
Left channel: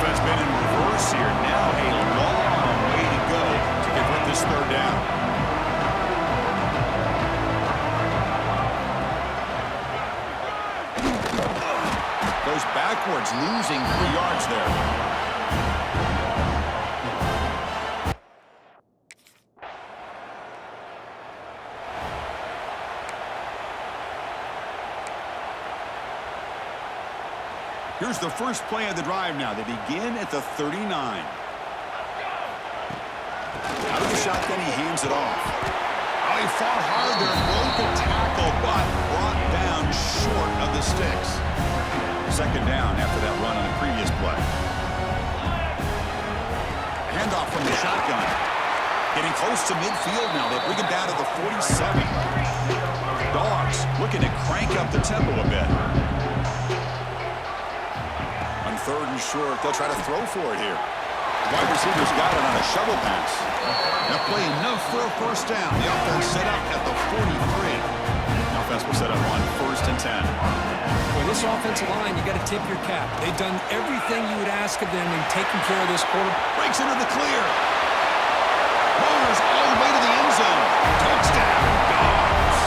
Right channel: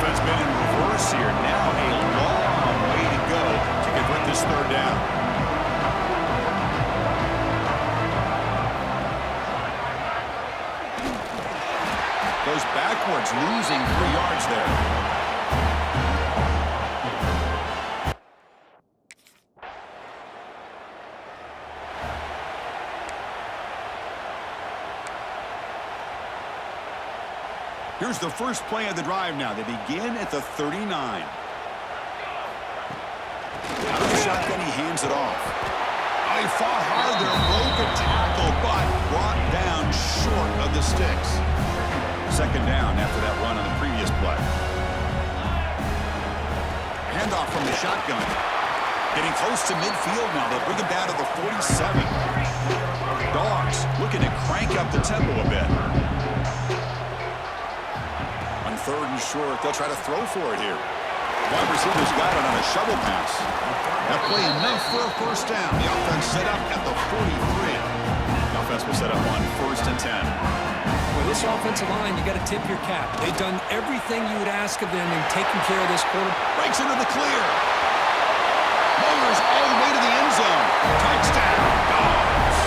Offense been in reverse here. Now a long way to go to convert this third down. Goes backwards, losing 3 yards there. Here's the first play of the drive now. They begin at the 39. Out of the shotgun, he hands it off. Oh, he fought hard there, broke a tackle, but brought down short of the sticks. Second down after that run on the previous play. Handoff from the shotgun. Getting close to midfield now. They bring him down to the 47. Dogs looking to crank up the tempo a bit. On third and short, they'll try to throw for it here. Wide receivers got it on a shovel pass. That play enough for a first down. The offense set up at the 43. The offense will set up on 1st and 10. With this offensive line, you got to tip your cap. They've done everything you would ask of them in taking care of this quarter. Breaks into the clear. Motors all the way to the end zone. Touchdown, Dogs.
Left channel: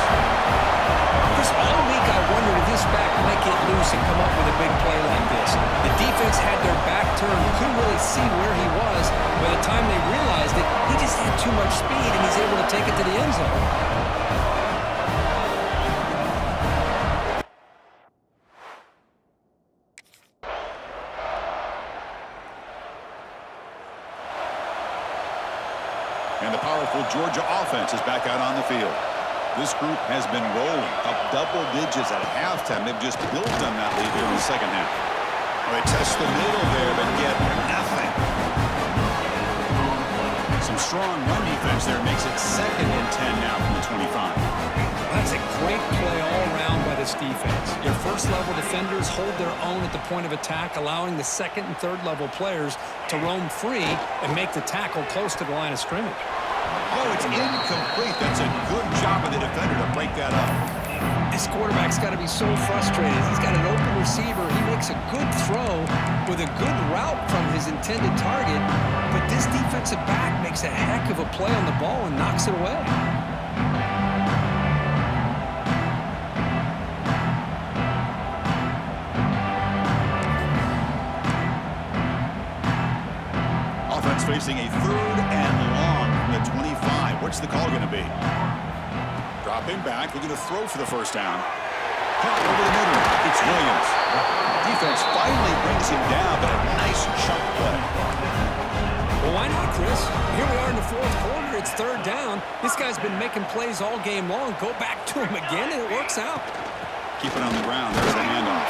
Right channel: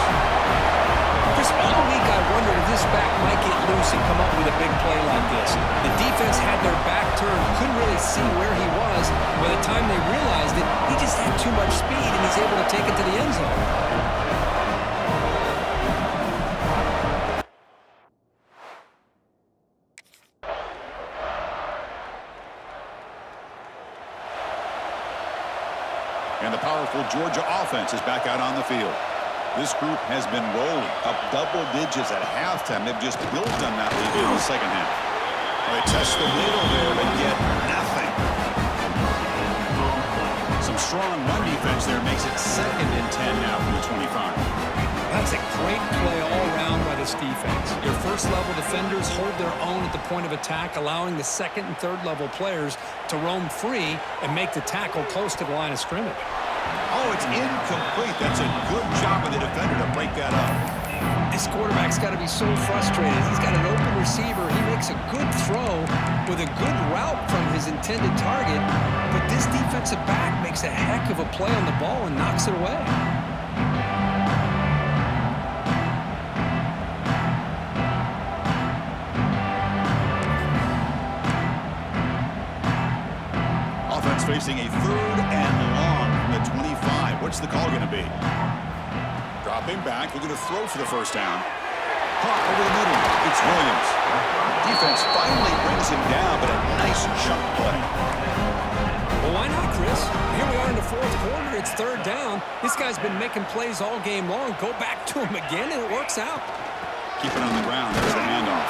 Chris, all week I wondered if this back might get loose and come up with a big play like this. The defense had their back turned, couldn't really see where he was. By the time they realized it, he just had too much speed, and he's able to take it to the end zone. And the powerful Georgia offense is back out on the field. This group has been rolling up double digits at halftime. They've just built on that lead here in the second half. Well, they test the middle there, but get nothing. Some strong run defense there makes it 2nd and 10 now from the 25. That's a great play all around by this defense. Your first-level defenders hold their own at the point of attack, allowing the second and third-level players to roam free and make the tackle close to the line of scrimmage. Oh, it's incomplete. That's a good job of the defender to break that up. This quarterback's got to be so frustrated. He's got an open receiver. He makes a good throw with a good route from his intended target, but this defensive back makes a heck of a play on the ball and knocks it away. facing a 3rd and long from the 25. What's the call going to be? Dropping back, looking to throw for the first down. Caught over the middle. It's Williams. Defense finally brings him down, but a nice chunk play. Well, why not, Chris? Here we are in the 4th quarter. It's 3rd down. This guy's been making plays all game long. Go back to him again, and it works out. Keep it on the ground. There's the handoff.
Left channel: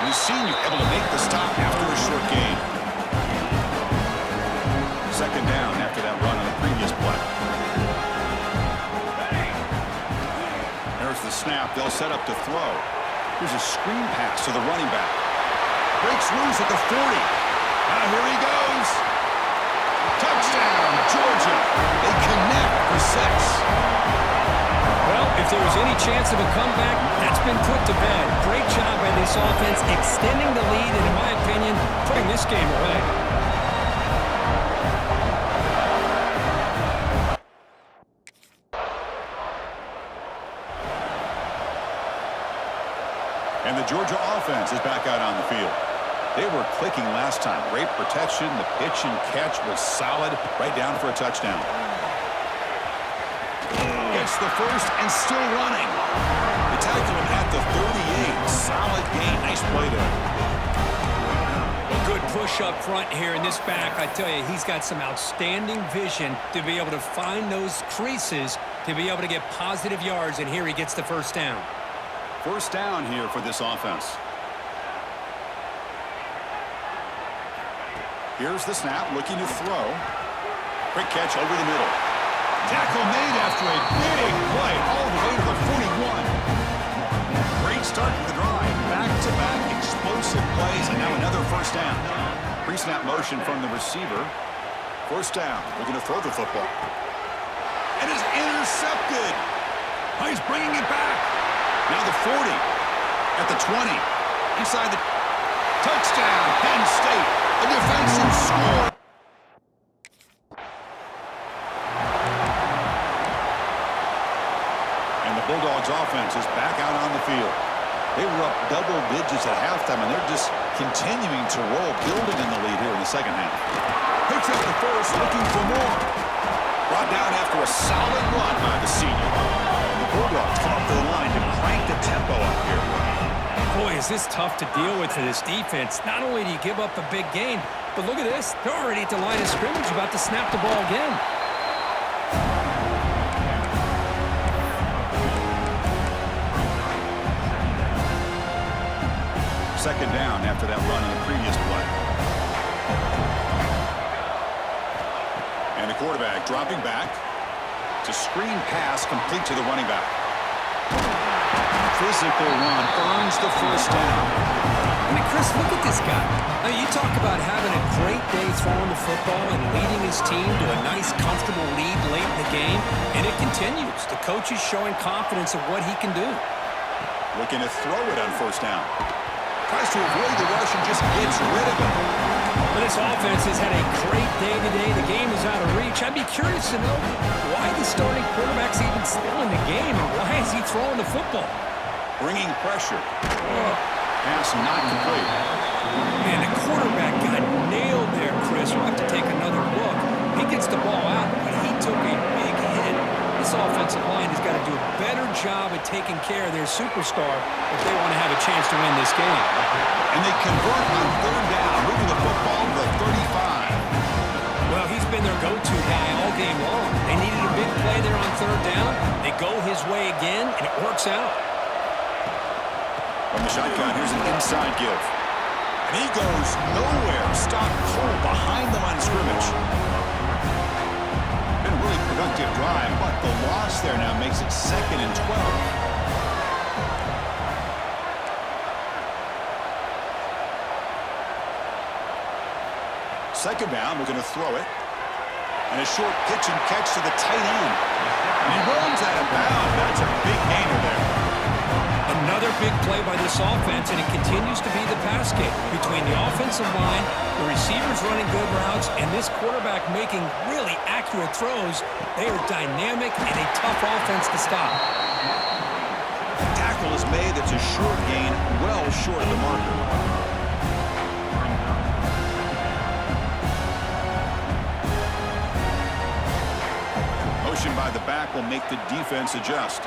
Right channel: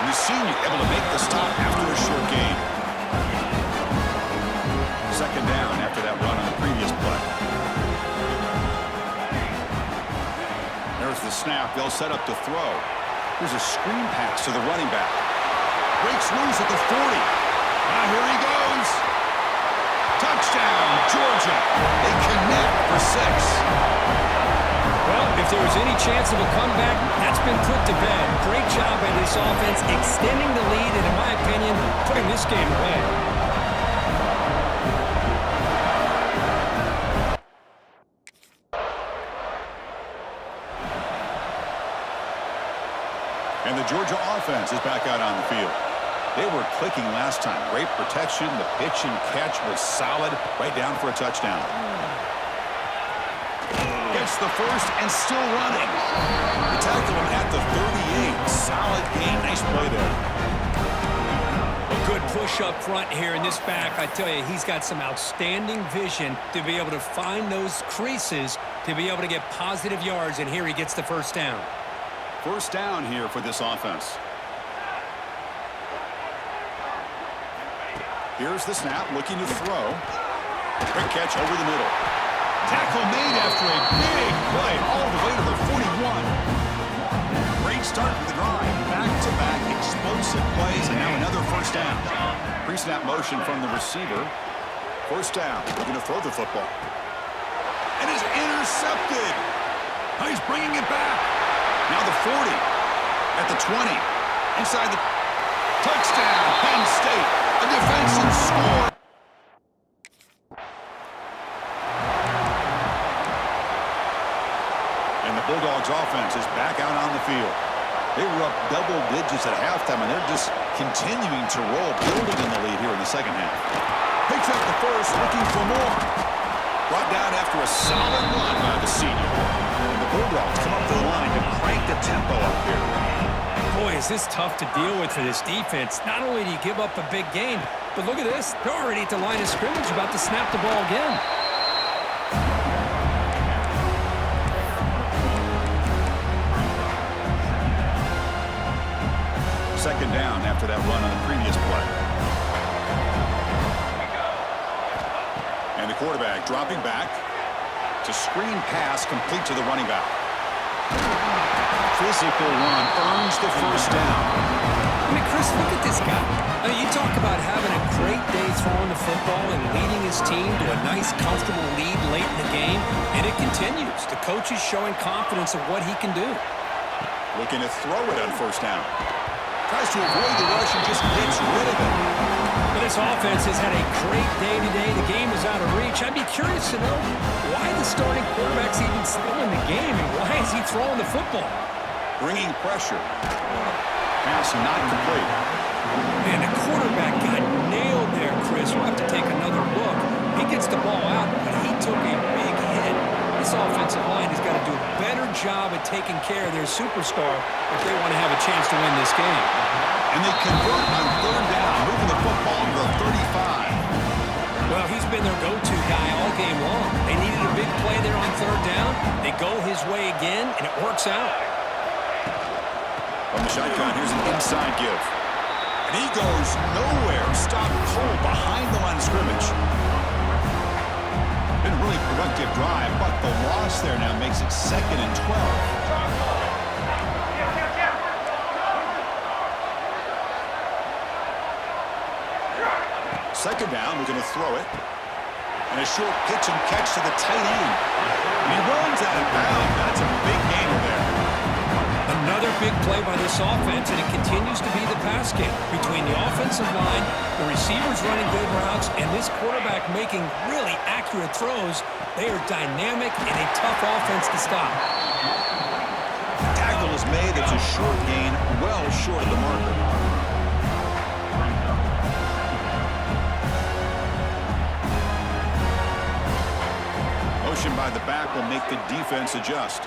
And the senior able to make the stop after a short gain. 2nd down after that run on the previous play. There's the snap. They'll set up to throw. Here's a screen pass to the running back. Breaks loose at the 40. Now here he goes. Touchdown, Georgia. They connect for 6. Well, if there was any chance of a comeback, that's been put to bed. Great job by this offense extending the lead and, in my opinion, putting this game away. And the Georgia offense is back out on the field. They were clicking last time. Great protection. The pitch and catch was solid. Right down for a touchdown. Gets the first and still running. They tackle him at the 38. Solid gain. Nice play there. A good push up front here in this back. I tell you, he's got some outstanding vision to be able to find those creases to be able to get positive yards, and here he gets the first down. First down here for this offense. Here's the snap, looking to throw. Quick catch over the middle. Tackle made after a big play all the way to the 41. Great start to the drive. Back-to-back explosive plays, and now another first down. Pre-snap motion from the receiver. First down, looking to throw the football. And is intercepted. Oh, he's bringing it back. Now the 40, at the 20, inside the touchdown, Penn State, a defensive score. And the Bulldogs offense is back out on the field. They were up double digits at halftime, and they're just continuing to roll, building in the lead here in the second half. Picks up the first, looking for more. Brought down after a solid run by the senior. Bulldogs come up to the line to crank the tempo up here. Boy, is this tough to deal with for this defense. Not only do you give up a big gain, but look at this. They're already at the line of scrimmage about to snap the ball again. Second down after that run on the previous play. And the quarterback dropping back. A screen pass complete to the running back. Physical run earns the first down. I mean, Chris, look at this guy. I mean, you talk about having a great day throwing the football and leading his team to a nice, comfortable lead late in the game, and it continues. The coach is showing confidence of what he can do. Looking to throw it on first down. Tries to avoid the rush and just gets rid of it. But this offense has had a great day today. The game is out of reach. I'd be curious to know why the starting quarterback's even still in the game, and why is he throwing the football? Bringing pressure. Pass not complete. Man, the quarterback got nailed there, Chris. We'll have to take another look. He gets the ball out, but he took a big hit. This offensive line has got to do a better job at taking care of their superstar if they want to have a chance to win this game. And they convert on third down, moving the football to the 35. Well, he's been their go-to guy all game long. They needed a big play there on third down. They go his way again, and it works out. From the shotgun, here's an inside give. And he goes nowhere. Stopped cold behind the line of scrimmage. Been a really productive drive, but the loss there now makes it 2nd and 12. Second down, we're going to throw it. And a short pitch and catch to the tight end. And he runs out of bounds. That's a big gainer there. Another big play by this offense, and it continues to be the pass game between the offensive line, the receivers running good routes, and this quarterback making really accurate throws. They are dynamic and a tough offense to stop. Tackle is made. It's a short gain, well short of the marker. motion by the back will make the defense adjust.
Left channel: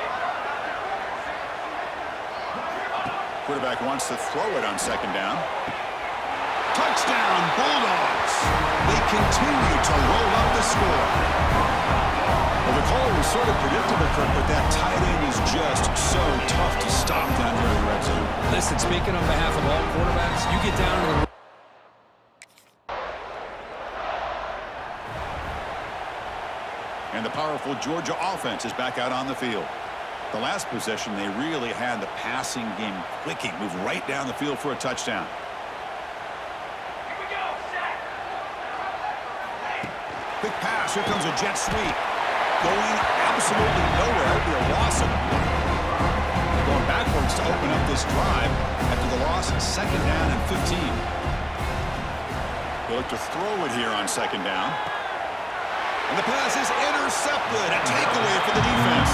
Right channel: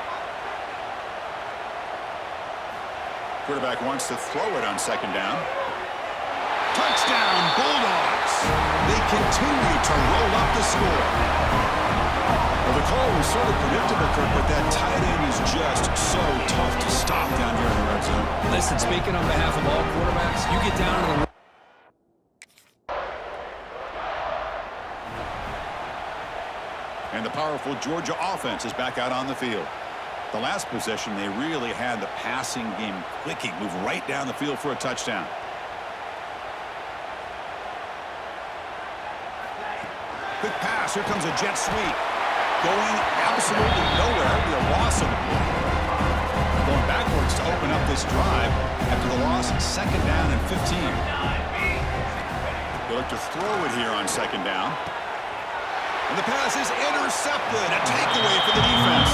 Quarterback wants to throw it on second down. Touchdown, Bulldogs. They continue to roll up the score. Well, the call was sort of predictable, Kirk, but that tight end is just so tough to stop down here in the red zone. Listen, speaking on behalf of all quarterbacks, you get down to the... And the powerful Georgia offense is back out on the field. The last possession, they really had the passing game clicking, move right down the field for a touchdown. Quick pass, here comes a jet sweep. Going absolutely nowhere. It'll be a loss on the play. Going backwards to open up this drive after the loss, second down and 15. They look to throw it here on second down. And the pass is intercepted. A takeaway for the defense.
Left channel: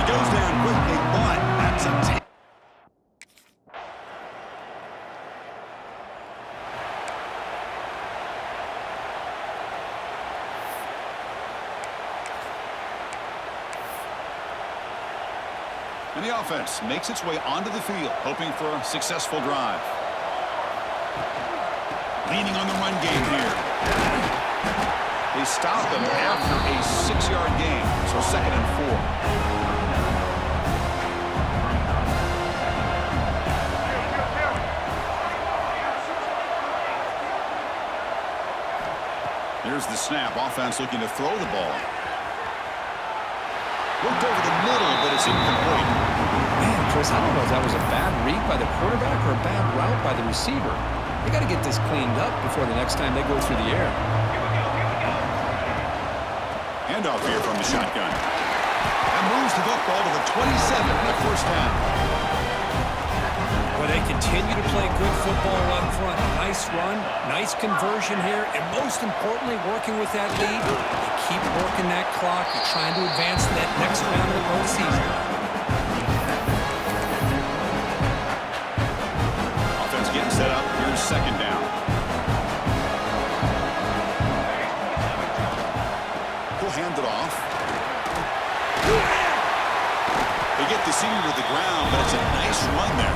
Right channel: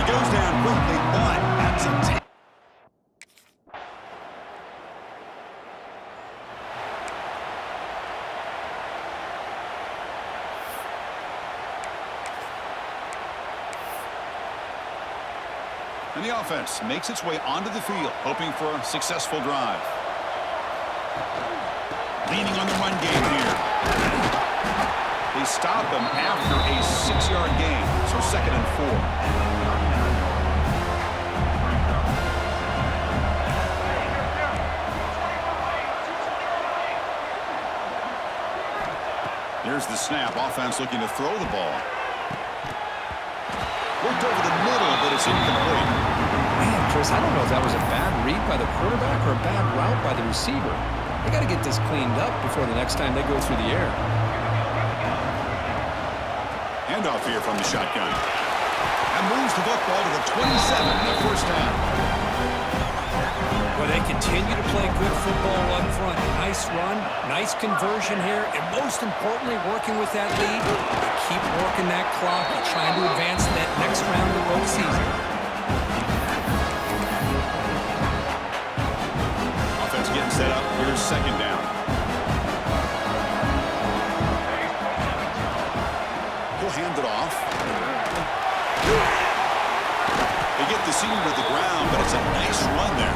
It goes down quickly, but that's a take. And the offense makes its way onto the field, hoping for a successful drive. Leaning on the run game here. They stop him after a 6-yard gain, so 2nd and 4. Here's the snap. Offense looking to throw the ball. Worked over the middle, but it's incomplete. Man, Chris, I don't know if that was a bad read by the quarterback or a bad route by the receiver. They got to get this cleaned up before the next time they go through the air. Handoff here from the shotgun. That moves the football to the 27 and a first down. Well, they continue to play good football up front. Nice run, nice conversion here, and most importantly, working with that lead, they keep working that clock and trying to advance to that next round of the postseason. Offense getting set up. Here's second down. He'll hand it off. They get the senior to the ground, but it's a nice run there.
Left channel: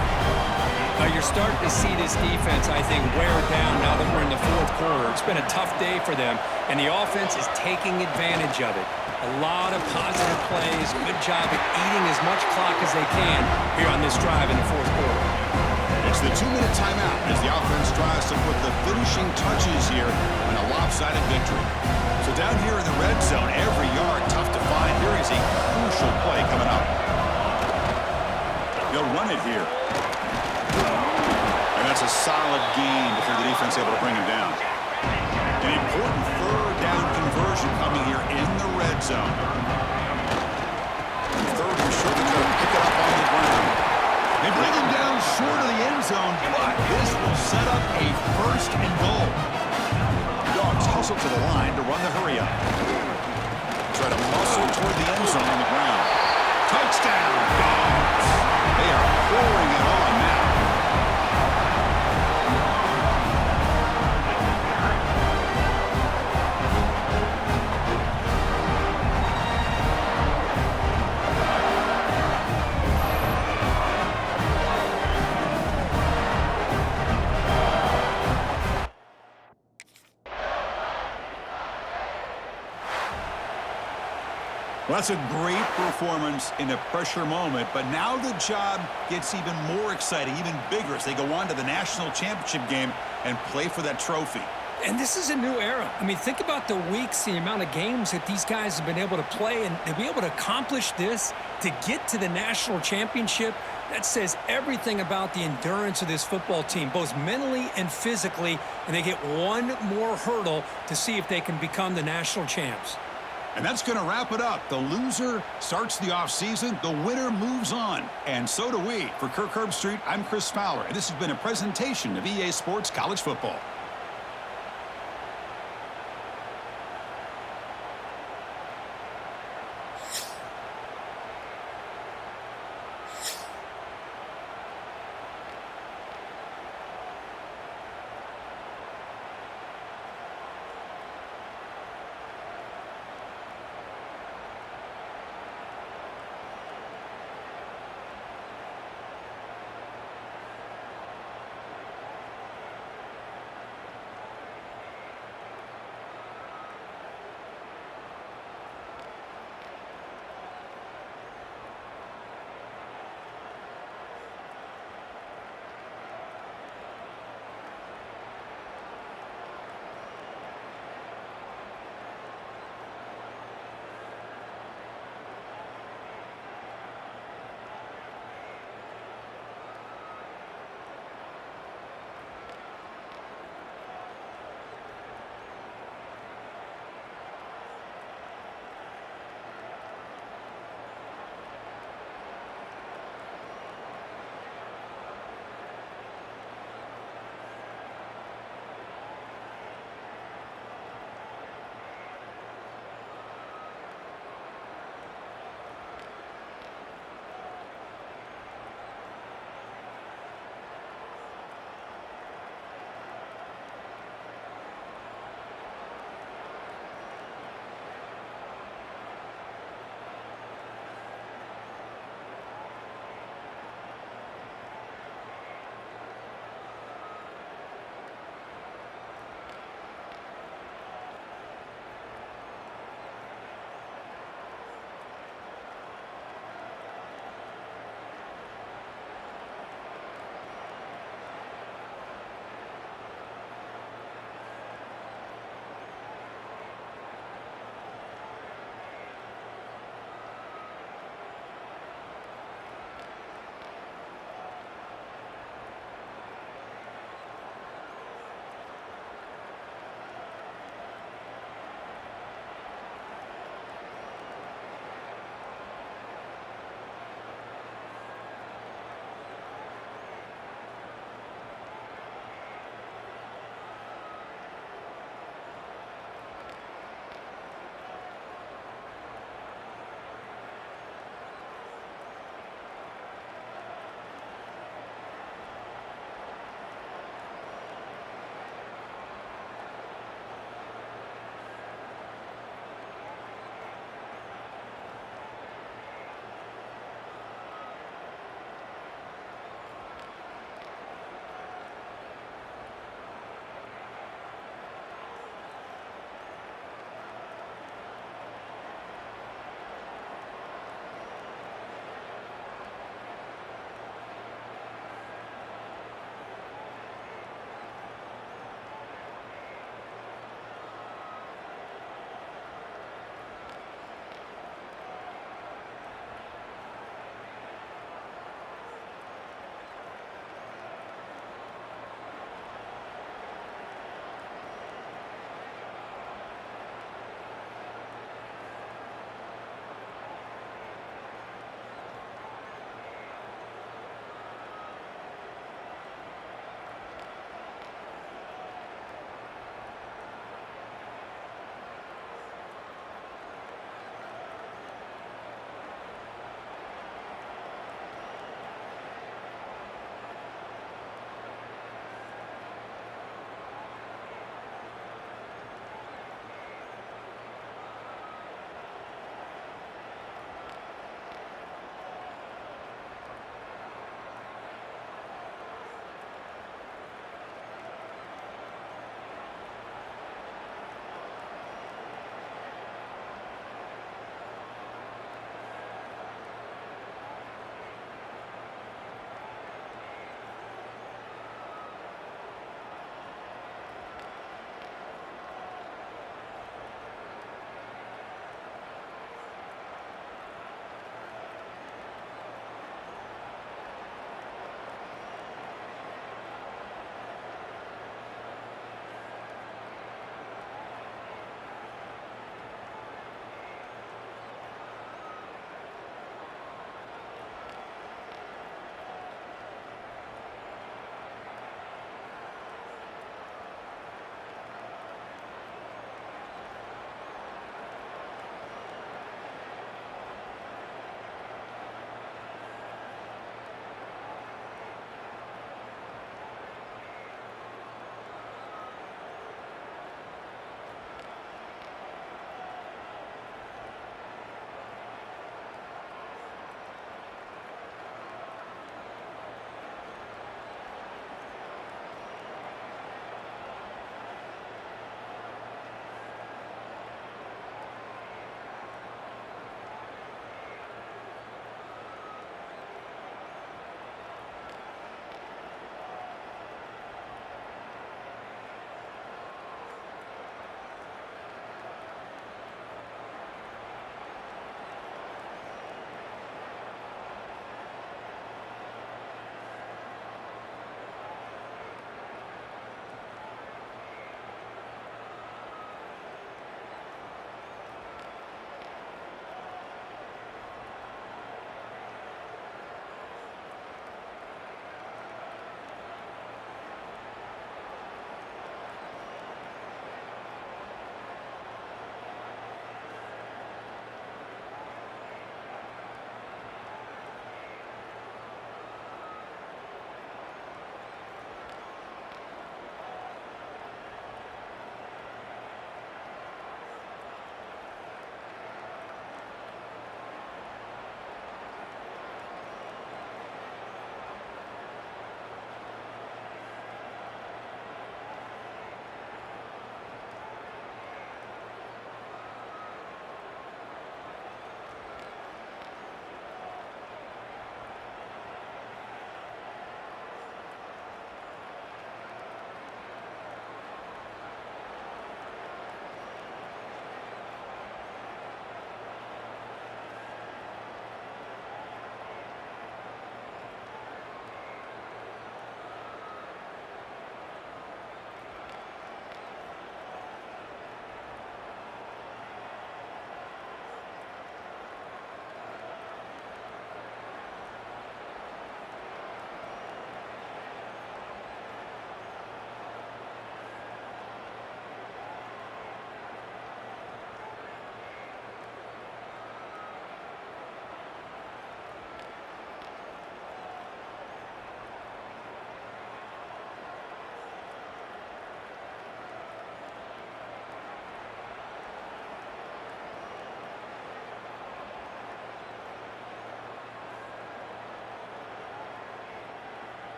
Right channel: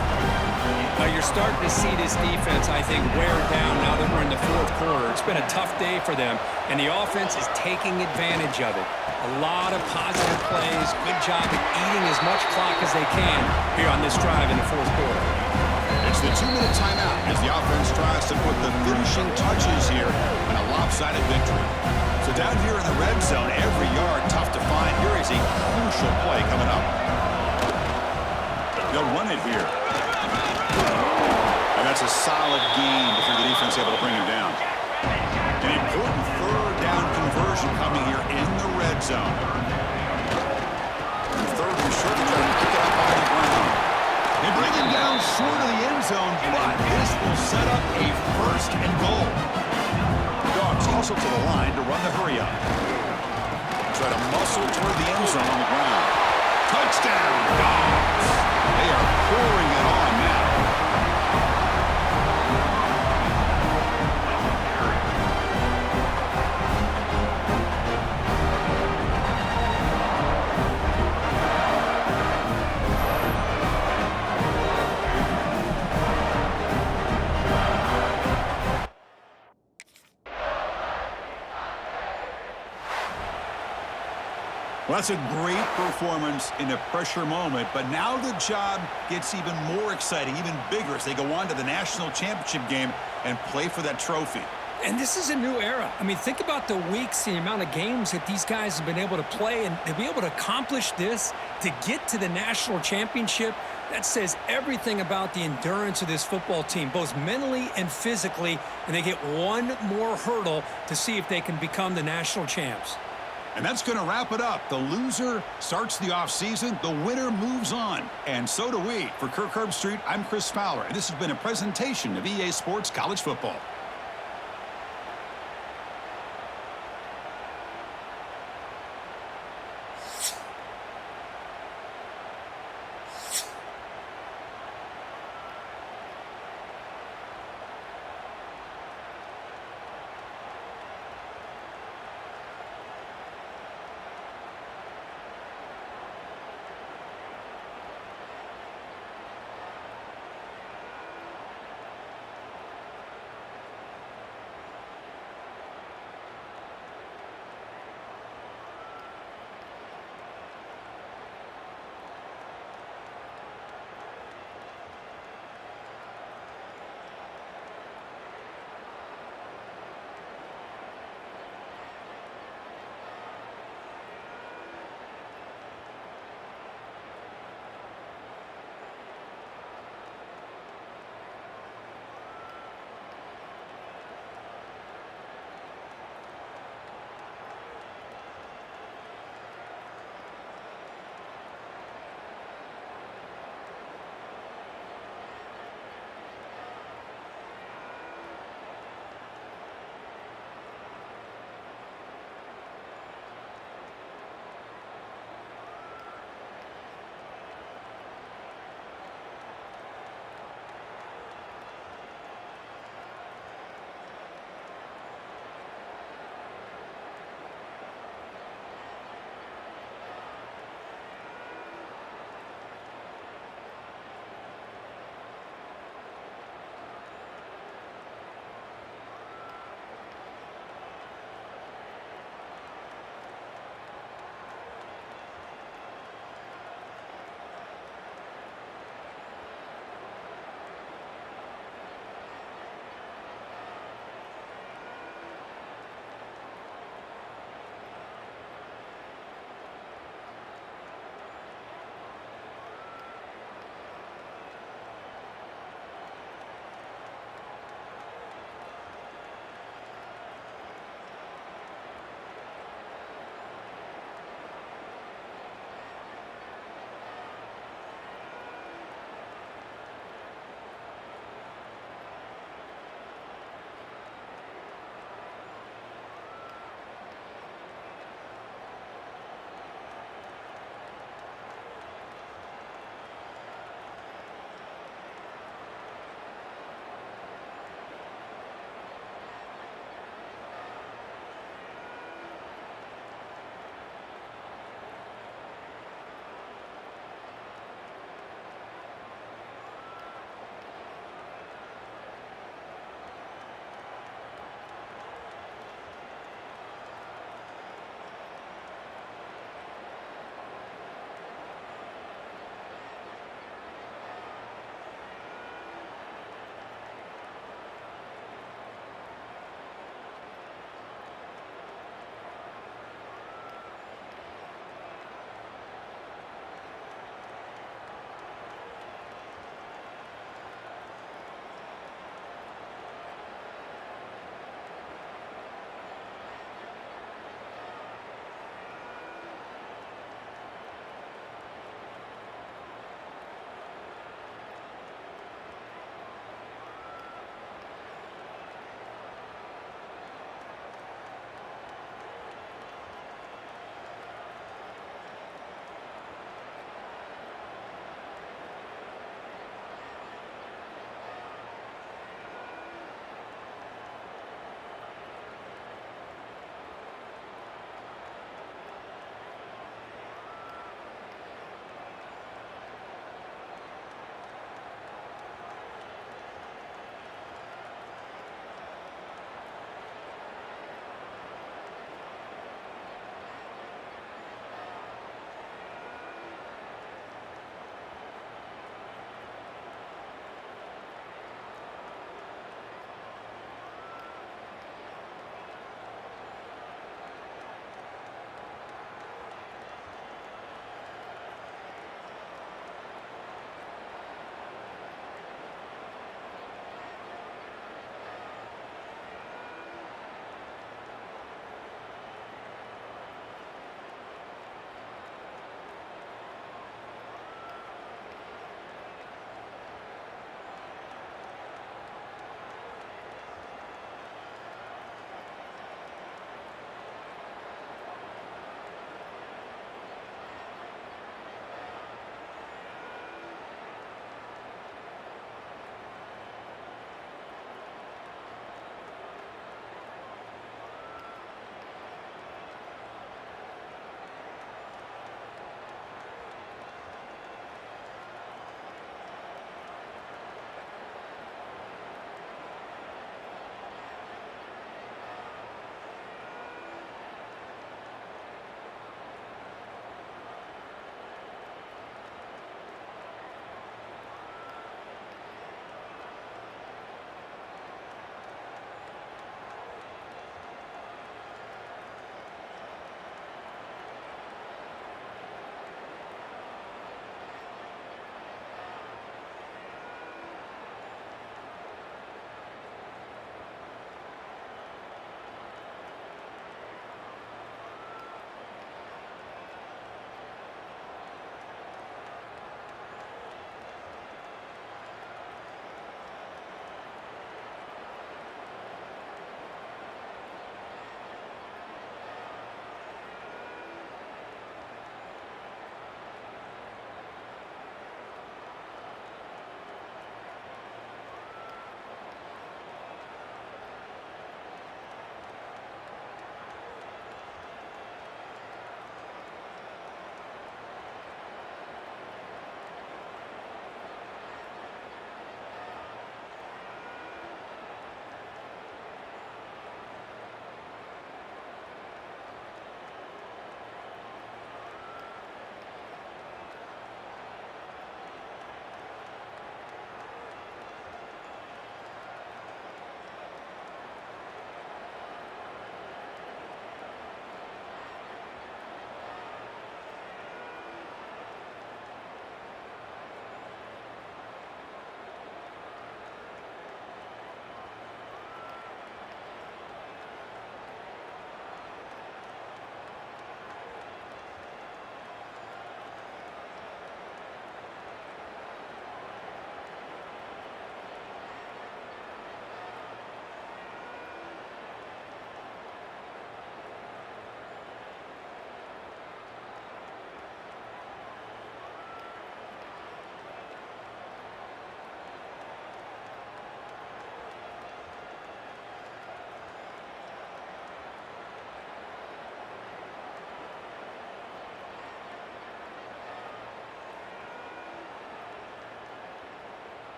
Now you're starting to see this defense, I think, wear down now that we're in the fourth quarter. It's been a tough day for them, and the offense is taking advantage of it. A lot of positive plays. Good job at eating as much clock as they can here on this drive in the fourth quarter. It's the 2-minute timeout as the offense tries to put the finishing touches here on a lopsided victory. So down here in the red zone, every yard tough to find. Here is a crucial play coming up. They'll run it here. And that's a solid gain before the defense able to bring him down. An important third down conversion coming here in the red zone. And third and short to try to pick it up on the ground. They bring him down short of the end zone, but this will set up a first and goal. The Dogs hustle to the line to run the hurry up. Try to muscle toward the end zone on the ground. Touchdown, Dogs! They are pouring it on now. Well, that's a great performance in a pressure moment, but now the job gets even more exciting, even bigger as they go on to the national championship game and play for that trophy. And this is a new era. I mean, think about the weeks, the amount of games that these guys have been able to play, and to be able to accomplish this, to get to the national championship, that says everything about the endurance of this football team, both mentally and physically, and they get one more hurdle to see if they can become the national champs. And that's going to wrap it up. The loser starts the offseason. The winner moves on. And so do we. For Kirk Herbstreit, I'm Chris Fowler, and this has been a presentation of EA Sports College Football.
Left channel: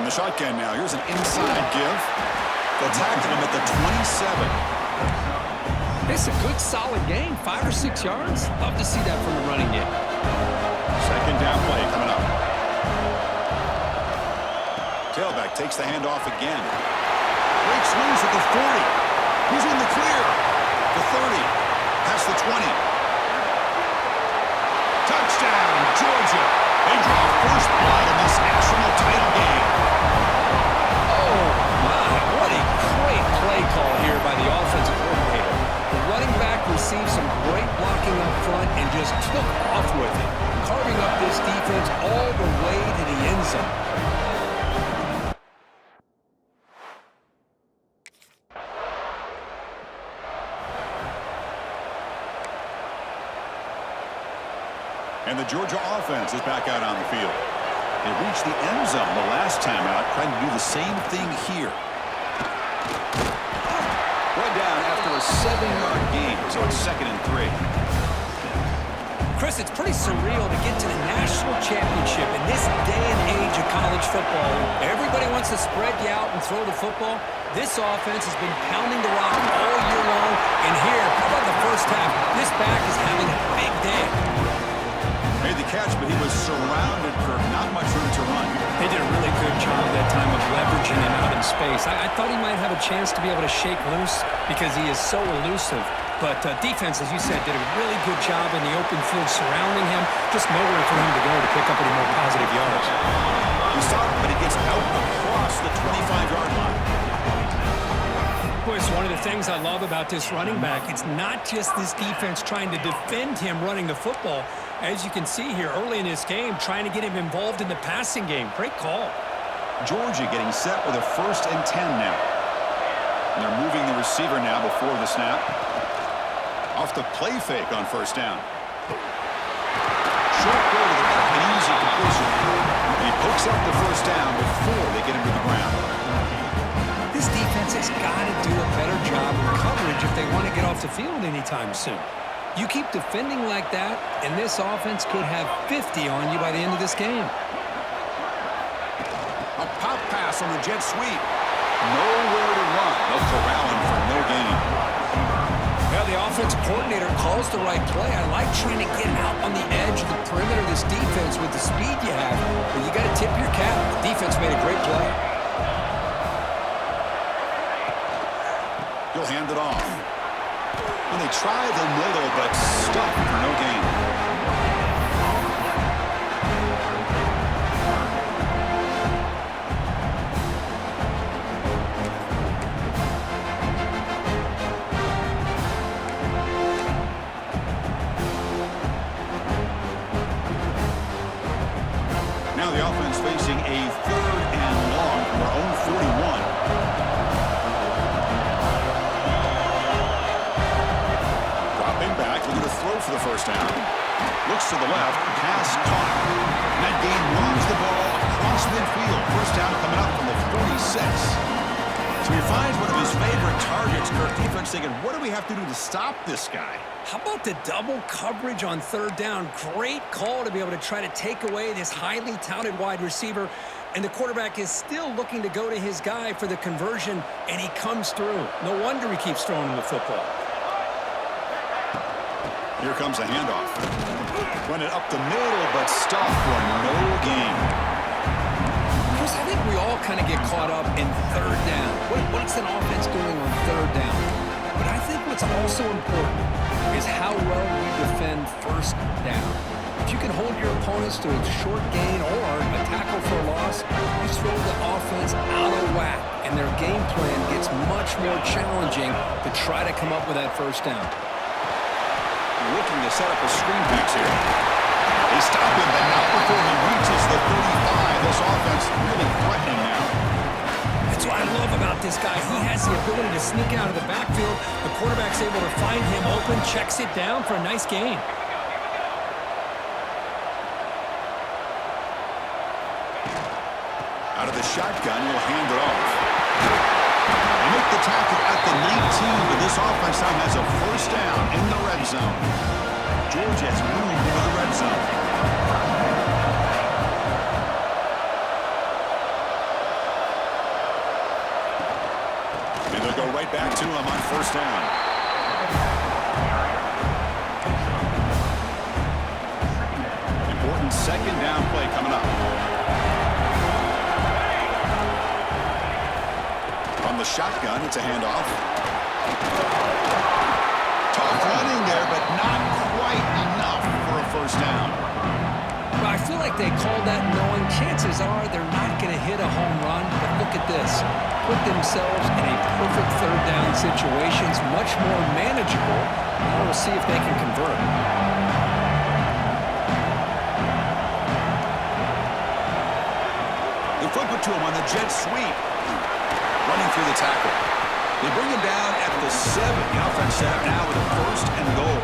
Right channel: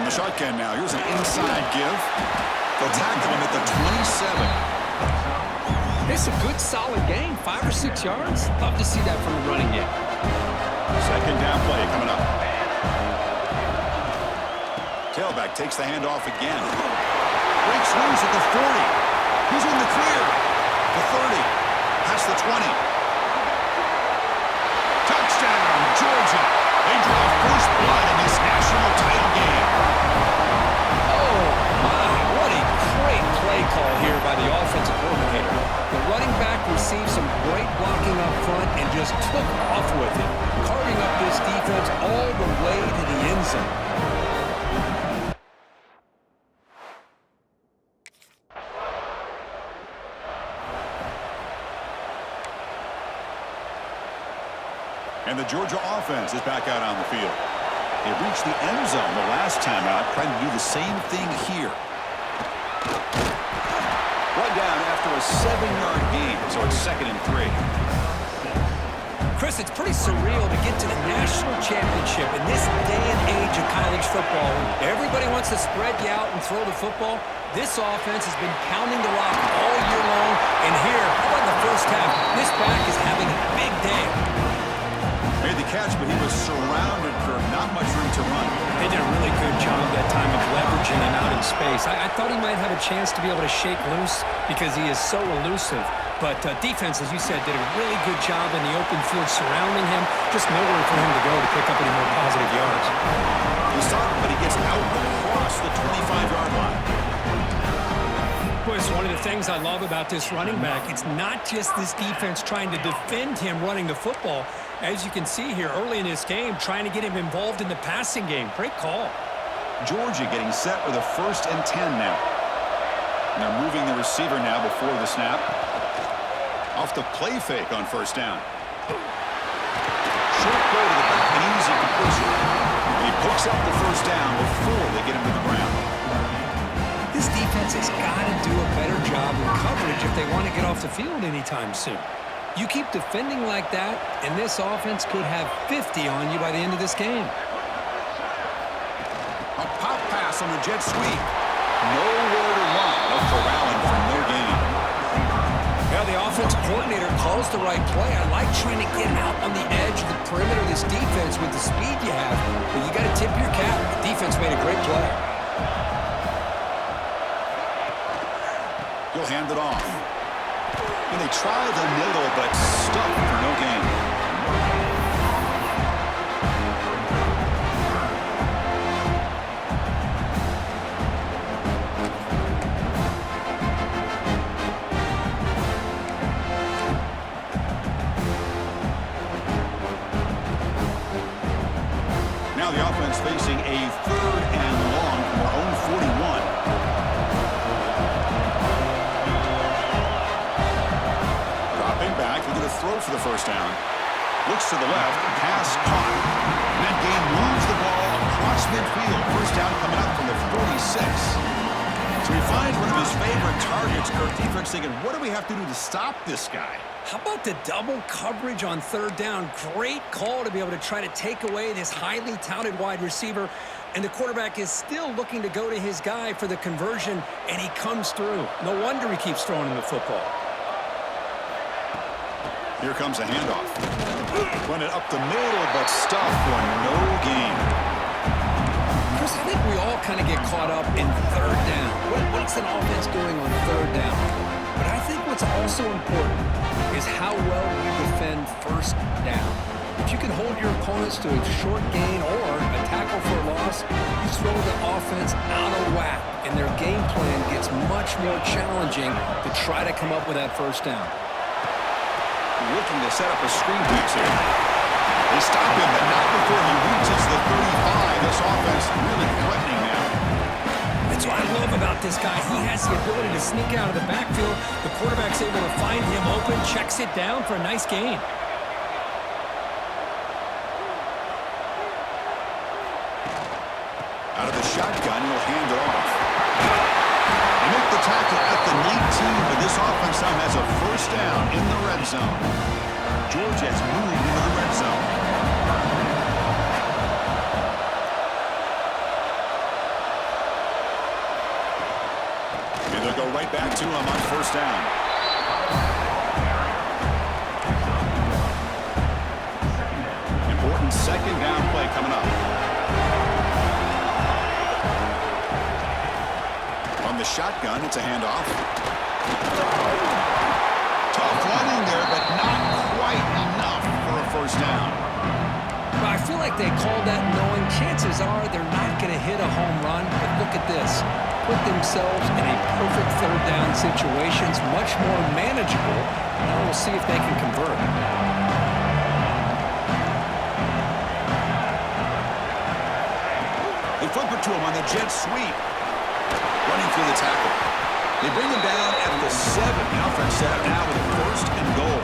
From the shotgun now, here's an inside give. They'll tackle him at the 27. It's a good, solid game. 5 or 6 yards. Love to see that from the running game. Second down play coming up. Tailback takes the handoff again. Breaks loose at the 40. He's in the clear. The 30. Past the 20. Touchdown, Georgia. They draw first blood in this national title game. Oh, my. What a great play call here by the offensive coordinator. The running back received some great blocking up front and just took off with it, carving up this defense all the way to the end zone. And the Georgia offense is back out on the field. They reached the end zone the last time out, trying to do the same thing here. Brought down after a 7-yard gain, so it's 2nd and 3. Chris, it's pretty surreal to get to the national championship in this day and age of college football. Everybody wants to spread you out and throw the football. This offense has been pounding the rock all year long. And here, how about the first half? This back is having a big day. Made the catch, but he was surrounded, Kirk. Not much room to run. They did a really good job that time of leveraging him out in space. I thought he might have a chance to be able to shake loose because he is so elusive. But defense, as you said, did a really good job in the open field surrounding him. Just nowhere for him to go to pick up any more positive yards. He stopped, but he gets out across the 25-yard line. Boy, it's one of the things I love about this running back. It's not just this defense trying to defend him running the football. As you can see here early in this game, trying to get him involved in the passing game. Great call. Georgia getting set with a 1st and 10 now. And they're moving the receiver now before the snap. Off the play fake on 1st down. Short throw to the back, an easy completion. He pokes up the 1st down before they get him to the ground. This defense has got to do a better job in coverage if they want to get off the field anytime soon. You keep defending like that, and this offense could have 50 on you by the end of this game. A pop pass on the jet sweep. Nowhere to run. They'll corral him for no gain. Yeah, the offensive coordinator calls the right play. I like trying to get out on the edge of the perimeter of this defense with the speed you have, but you got to tip your cap. The defense made a great play. He'll hand it off. And they try the middle, but stuck for no gain. Now the offense facing a 3rd and long from their own 41. Dropping back, looking to throw for the 1st down. Looks to the left, pass caught. And that game moves the ball across midfield. 1st down coming up from the 46. So he finds one of his favorite targets. Kirk, defense thinking, what do we have to do to stop this guy? How about the double coverage on 3rd down? Great call to be able to try to take away this highly touted wide receiver. And the quarterback is still looking to go to his guy for the conversion, and he comes through. No wonder he keeps throwing him the football. Here comes a handoff. Run it up the middle, but stuffed for no gain. Chris, I think we all kind of get caught up in 3rd down. What's an offense doing on 3rd down? But I think what's also important is how well you defend 1st down. If you can hold your opponents to a short gain or a tackle for a loss, you throw the offense out of whack, and their game plan gets much more challenging to try to come up with that 1st down. Looking to set up a screen pass here. They stop him, but not before he reaches the 35. This offense really threatening now. That's what I love about this guy. He has the ability to sneak out of the backfield. The quarterback's able to find him open, checks it down for a nice gain. Out of the shotgun, he'll hand it off. They make the tackle at the 19, but this offense now has a 1st down in the red zone. Georgia has moved into the red zone. And they'll go right back to him on 1st down. Important 2nd down play coming up. On the shotgun, it's a handoff. Tough running there, but not quite enough for a 1st down. Well, I feel like they called that knowing chances are they're not going to hit a home run. But look at this. Put themselves in a perfect 3rd down situations, much more manageable. Now we'll see if they can convert. They flip it to him on the jet sweep. Running through the tackle. They bring him down at the 7. The offense set up now with a 1st and goal.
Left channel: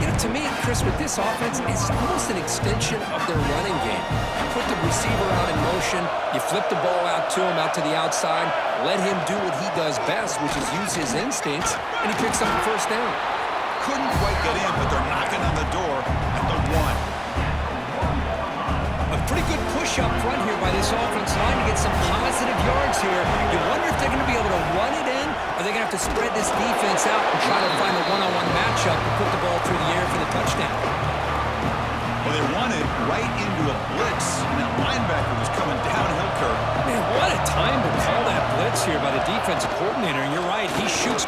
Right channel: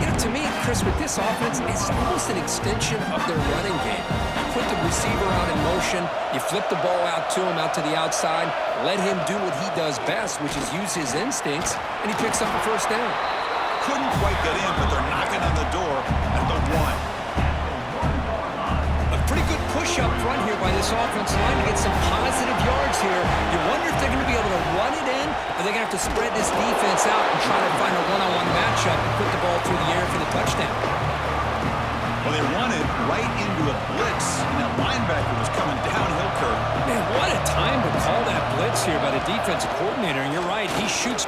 You know, to me, Chris, with this offense, it's almost an extension of their running game. You put the receiver out in motion, you flip the ball out to him, out to the outside, let him do what he does best, which is use his instincts, and he picks up the 1st down. couldn't quite get in, but they're knocking on the door at the 1. A pretty good push up front here by this offense line to get some positive yards here. You wonder if they're going to be able to run it in, or they're going to have to spread this defense out and try to find a one-on-one matchup and put the ball through the air for the touchdown. Well, they run it right into a blitz, and that linebacker was coming downhill, Kirk. Man, what a time to call that blitz here by the defensive coordinator, and you're right, he shoots.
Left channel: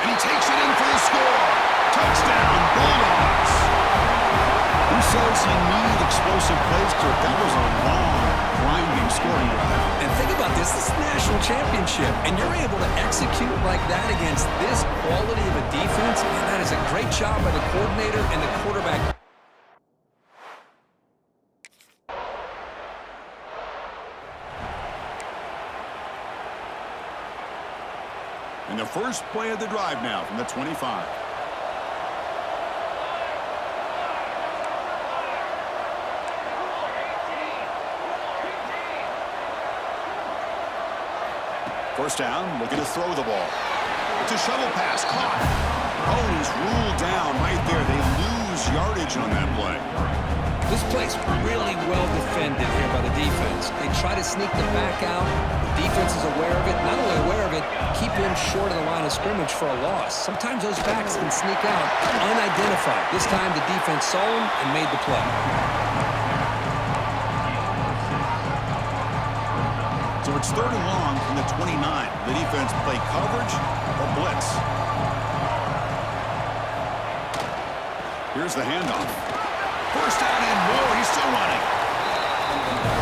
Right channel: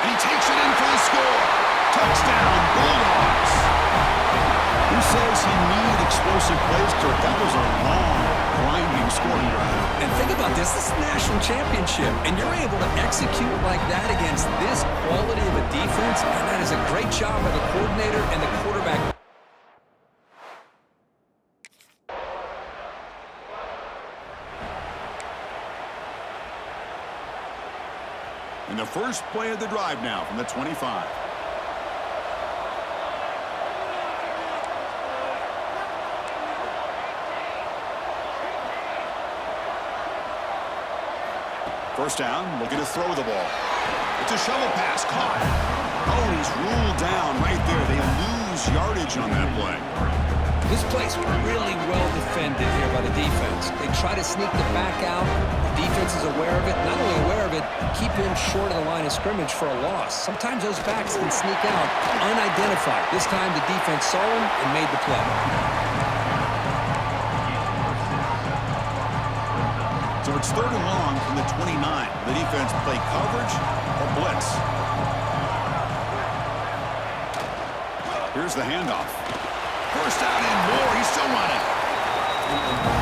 And he takes it in for the score. Touchdown, Bulldogs. Who says you need explosive plays, Kirk? That was a long, grinding scoring drive. And think about this is a national championship, and you're able to execute like that against this quality of a defense, and that is a great job by the coordinator and the quarterback. And the first play of the drive now from the 25. First down, looking to throw the ball. It's a shovel pass, caught. Oh, he's ruled down right there. They lose yardage on that play. This play's really well defended here by the defense. They try to sneak the back out. The defense is aware of it. Not only aware of it, keep him short of the line of scrimmage for a loss. Sometimes those backs can sneak out unidentified. This time the defense saw him and made the play. So it's 3rd and long from the 29. The defense play coverage or blitz. Here's the handoff. First down and more. He's still running.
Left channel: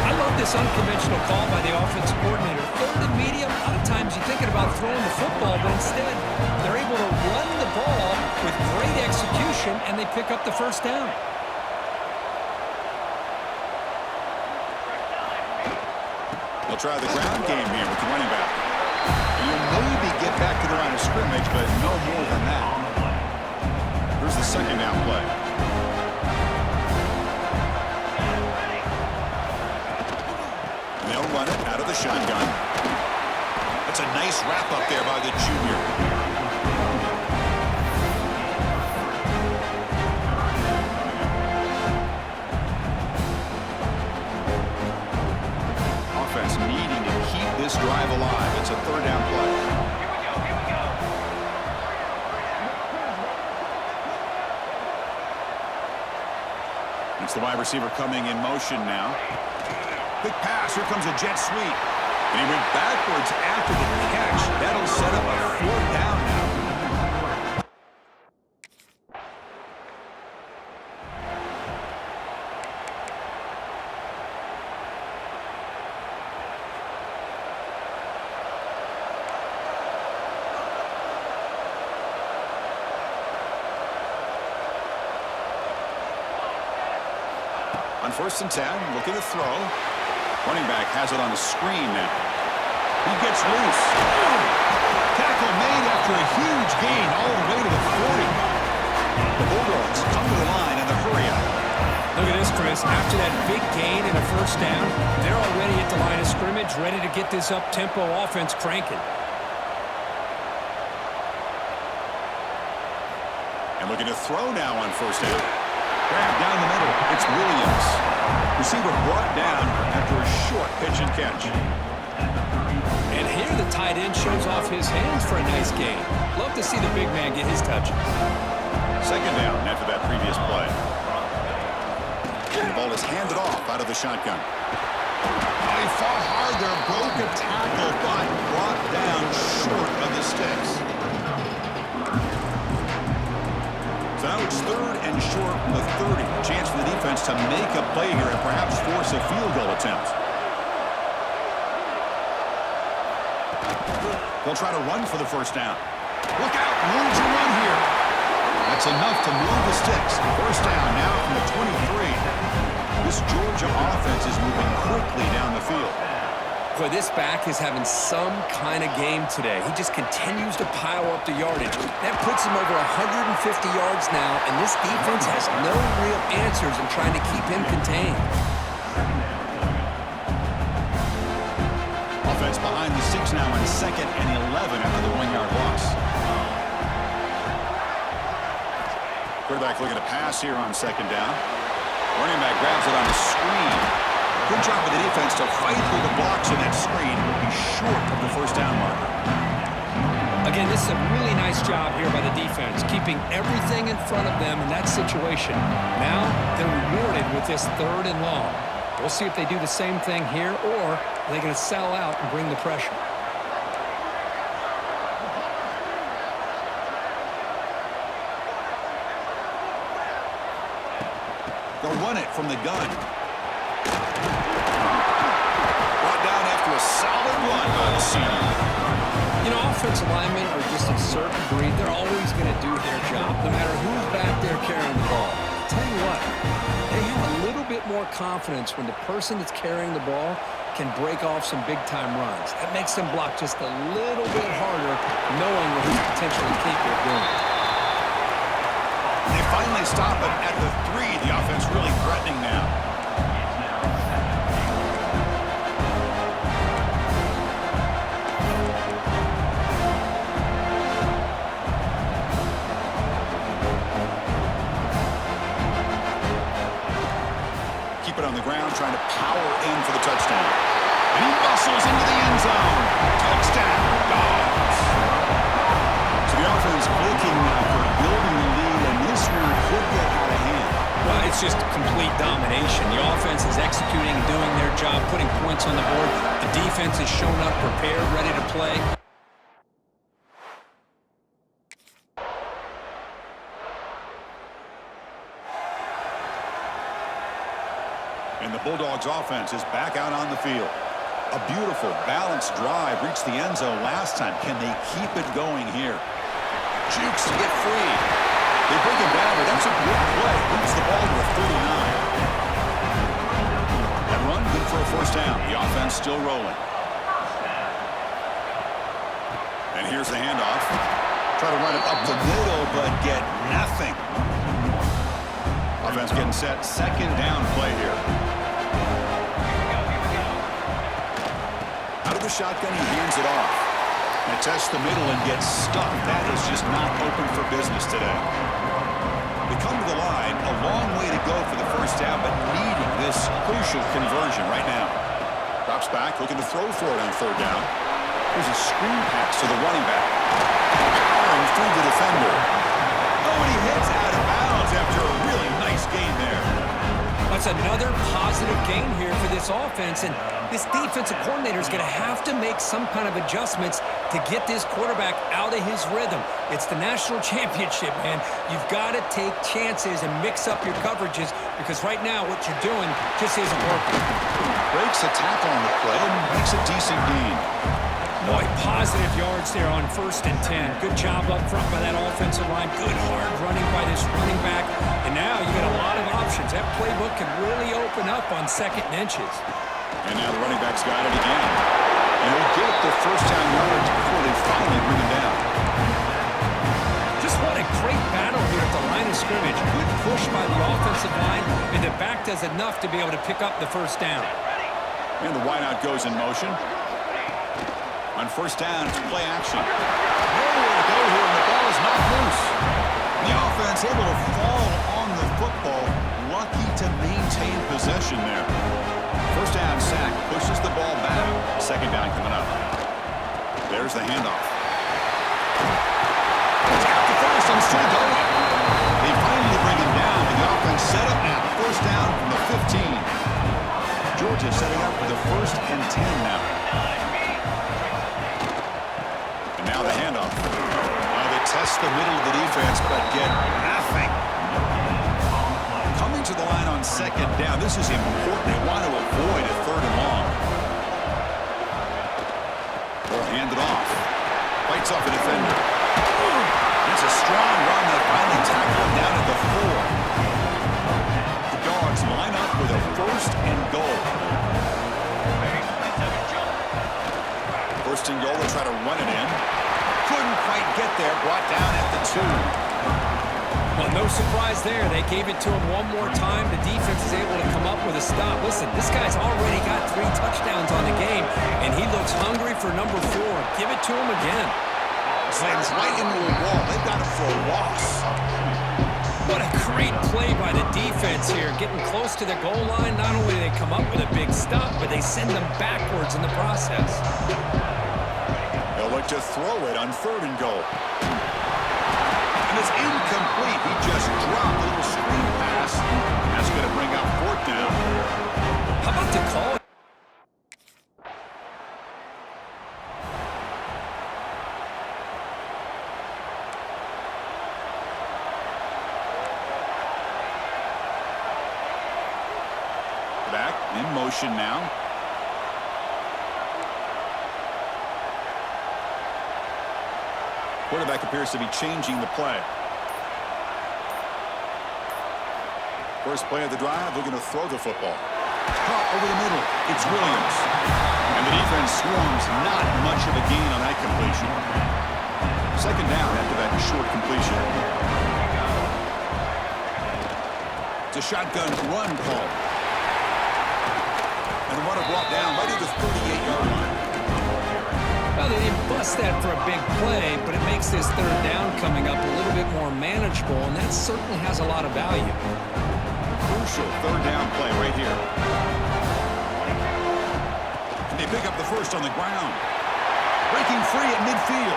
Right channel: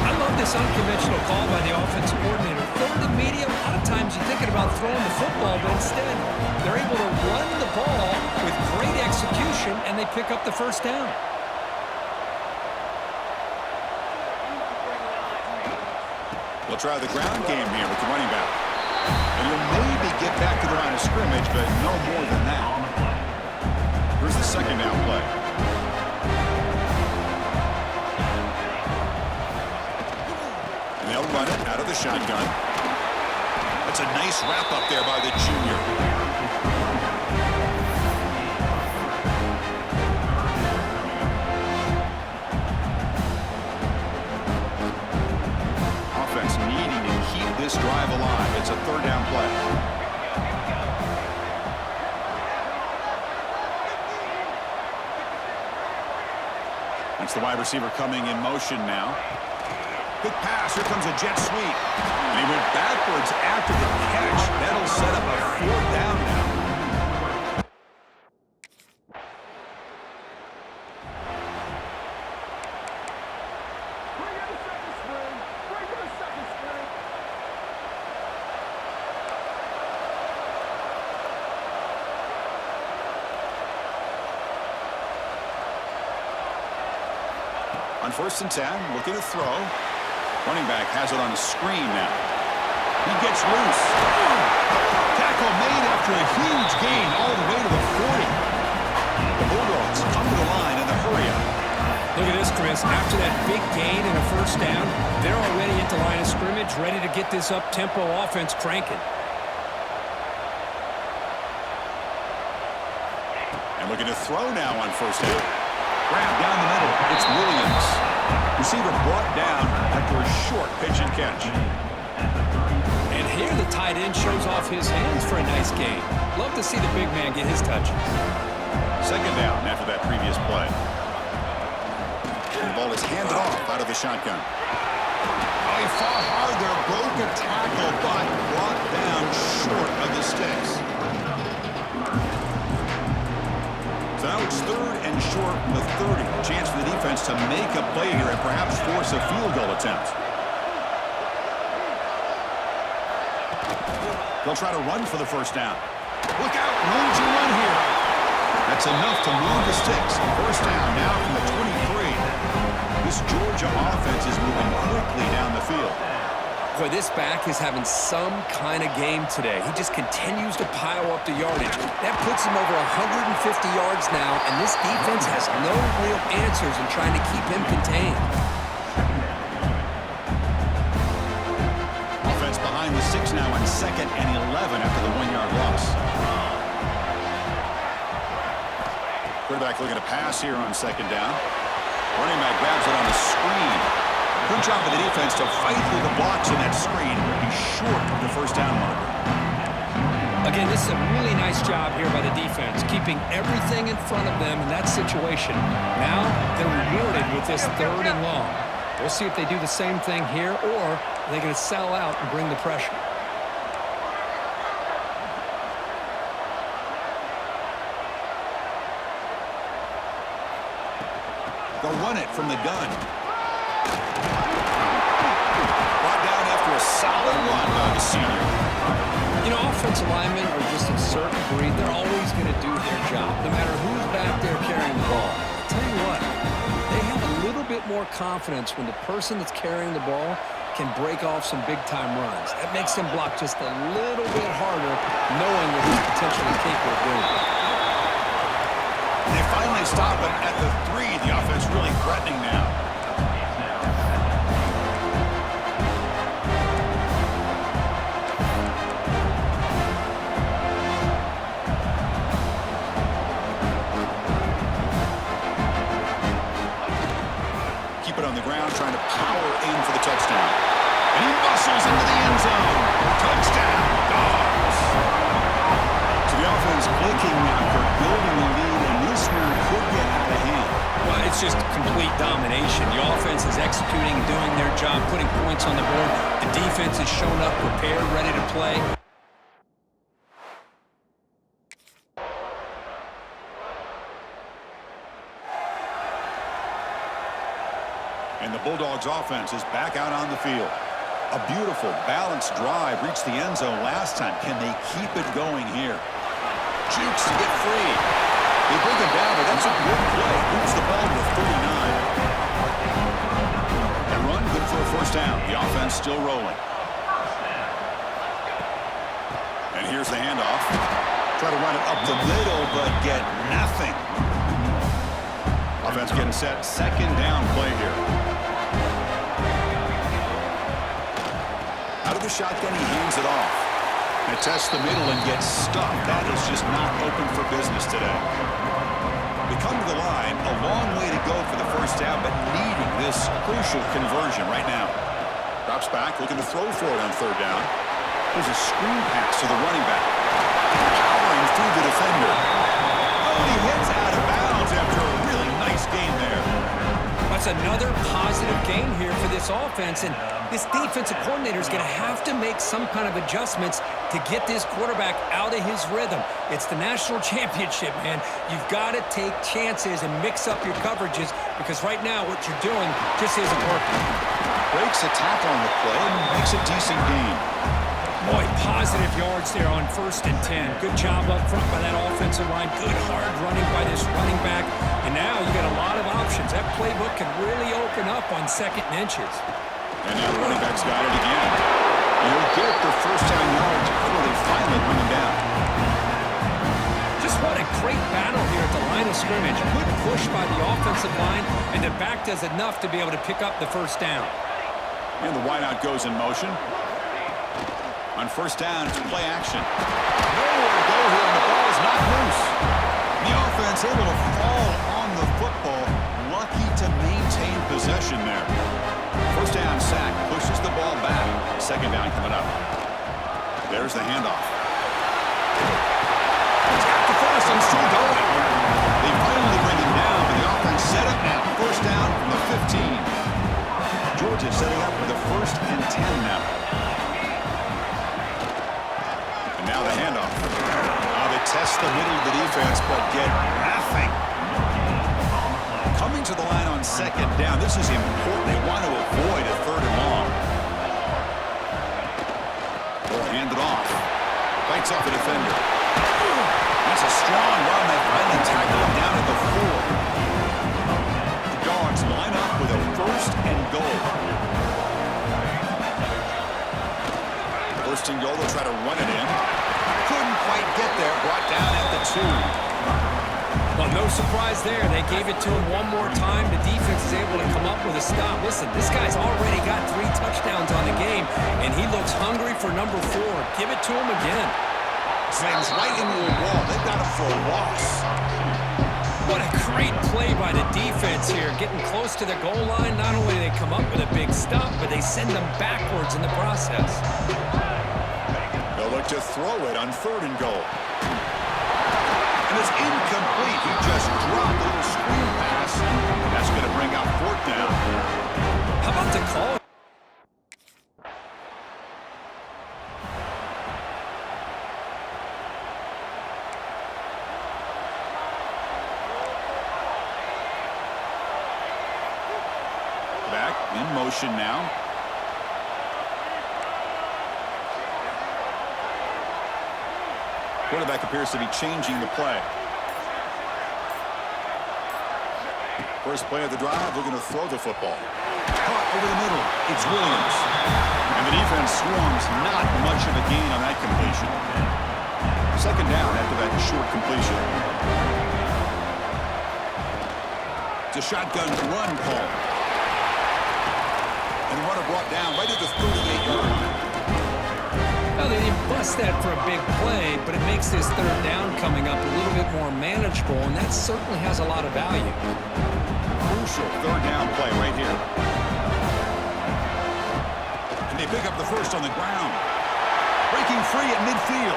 I love this unconventional call by the offensive coordinator. 3rd and medium, a lot of times you're thinking about throwing the football, but instead they're able to run the ball with great execution, and they pick up the first down. They'll try the ground game here with the running back. And you'll maybe get back to the line of scrimmage, but no more than that. Here's the second down play. And they'll run it out of the shotgun. That's a nice wrap up there by the junior. Offense needing to keep this drive alive. It's a 3rd down play. That's the wide receiver coming in motion now. Quick pass. Here comes a jet sweep. And he went backwards after the catch. That'll set up a 4th down now. On 1st and 10, looking to throw. Running back has it on the screen now. He gets loose. Tackle made after a huge gain all the way to the 40. The Bulldogs come to the line in the hurry up. Look at this, Chris. After that big gain and a first down, they're already at the line of scrimmage, ready to get this up-tempo offense cranking. And looking to throw now on 1st down. Grab down the middle. It's Williams. Receiver brought down after a short pitch and catch. And here the tight end shows off his hands for a nice gain. Love to see the big man get his touches. 2nd down after that previous play. And the ball is handed off out of the shotgun. Oh, he fought hard there, broke a tackle, but brought down short of the sticks. So now it's 3rd and short from the 30. A chance for the defense to make a play here and perhaps force a field goal attempt. They'll try to run for the first down. Look out, room to run here. That's enough to move the sticks. First down now from the 23. This Georgia offense is moving quickly down the field. Boy, this back is having some kind of game today. He just continues to pile up the yardage. That puts him over 150 yards now, and this defense has no real answers in trying to keep him contained. Offense behind the 6 now on 2nd and 11 after the 1-yard loss. Quarterback looking to pass here on second down. Running back grabs it on the screen. Good job of the defense to fight through the blocks in that screen. He's short of the first down marker. Again, this is a really nice job here by the defense, keeping everything in front of them in that situation. Now they're rewarded with this 3rd and long. We'll see if they do the same thing here, or are they going to sell out and bring the pressure. They'll run it from the gun. Brought down after a solid run by the senior. You know, offensive linemen are just a certain breed. They're always going to do their job, no matter who's back there carrying the ball. I'll tell you what, they have a little bit more confidence when the person that's carrying the ball can break off some big-time runs. That makes them block just a little bit harder, knowing what he's potentially capable of doing. They finally stop it at the 3. The offense really threatening now. Keep it on the ground, trying to power in for the touchdown. And he muscles into the end zone. Touchdown, Dogs. So the offense clicking after building the lead, and this one could get out of hand. Well, it's just complete domination. The offense is executing and doing their job, putting points on the board. The defense has shown up, prepared, ready to play. And the Bulldogs offense is back out on the field. A beautiful, balanced drive reached the end zone last time. Can they keep it going here? Jukes to get free. They bring him down, but that's a good play. Moves the ball to the 39. That run, good for a first down. The offense still rolling. And here's the handoff. Try to run it up the middle, but get nothing. Offense getting set. Second down play here. Out of the shotgun, he hands it off. They test the middle and get stuck. That is just not open for business today. They come to the line, a long way to go for the first down, but needing this crucial conversion right now. Drops back, looking to throw for it on third down. There's a screen pass to the running back. Powering through the defender. Oh, and he heads out of bounds after a really nice gain there. That's another positive gain here for this offense, and this defensive coordinator is going to have to make some kind of adjustments to get this quarterback out of his rhythm. It's the national championship, man. You've got to take chances and mix up your coverages, because right now what you're doing just isn't working. Breaks a tackle on the play and makes a decent gain. Boy, positive yards there on 1st and 10. Good job up front by that offensive line. Good hard running by this running back. And now you got a lot of options. That playbook can really open up on 2nd and inches. And now the running back's got it again. And he'll get the first down yards before they finally bring him down. Just what a great battle here at the line of scrimmage. Good push by the offensive line, and the back does enough to be able to pick up the first down. And the wideout goes in motion. On first down, it's play action. Nowhere to go here, and the ball is not loose. The offense able to fall on the football. Lucky to maintain possession there. First down sack, pushes the ball back. Second down coming up. There's the handoff. He's got the first and still going. They finally bring him down, but the offense set up now. First down from the 15. Georgia setting up with a 1st and 10 now. And now the handoff. They test the middle of the defense, but get nothing. Coming to the line on second down. This is important. They want to avoid a 3rd and long. They'll hand it off. Fights off a defender. That's a strong run. They finally tackle him down at the 4. The Dogs line up with a 1st and goal. 1st and goal. They'll try to run it in. Couldn't quite get there. Brought down at the 2. Well, no surprise there. They gave it to him one more time. The defense is able to come up with a stop. Listen, this guy's already got 3 touchdowns on the game, and he looks hungry for number 4. Give it to him again. Slams right into a wall. They've got him for a loss. What a great play by the defense here. Getting close to the goal line, not only do they come up with a big stop, but they send them backwards in the process. They'll look to throw it on 3rd and goal. And it's incomplete. He just dropped a little screen pass, and that's going to bring out 4th down. How about the call? Back in motion now. Quarterback appears to be changing the play. First play of the drive, looking to throw the football. Caught over the middle. It's Williams. And the defense swarms. Not much of a gain on that completion. 2nd down after that short completion. It's a shotgun run call. And the runner brought down right at the 38-yard line. Well, they didn't bust that for a big play, but it makes this 3rd down coming up a little bit more manageable, and that certainly has a lot of value. Crucial 3rd down play right here. And they pick up the first on the ground. Breaking free at midfield.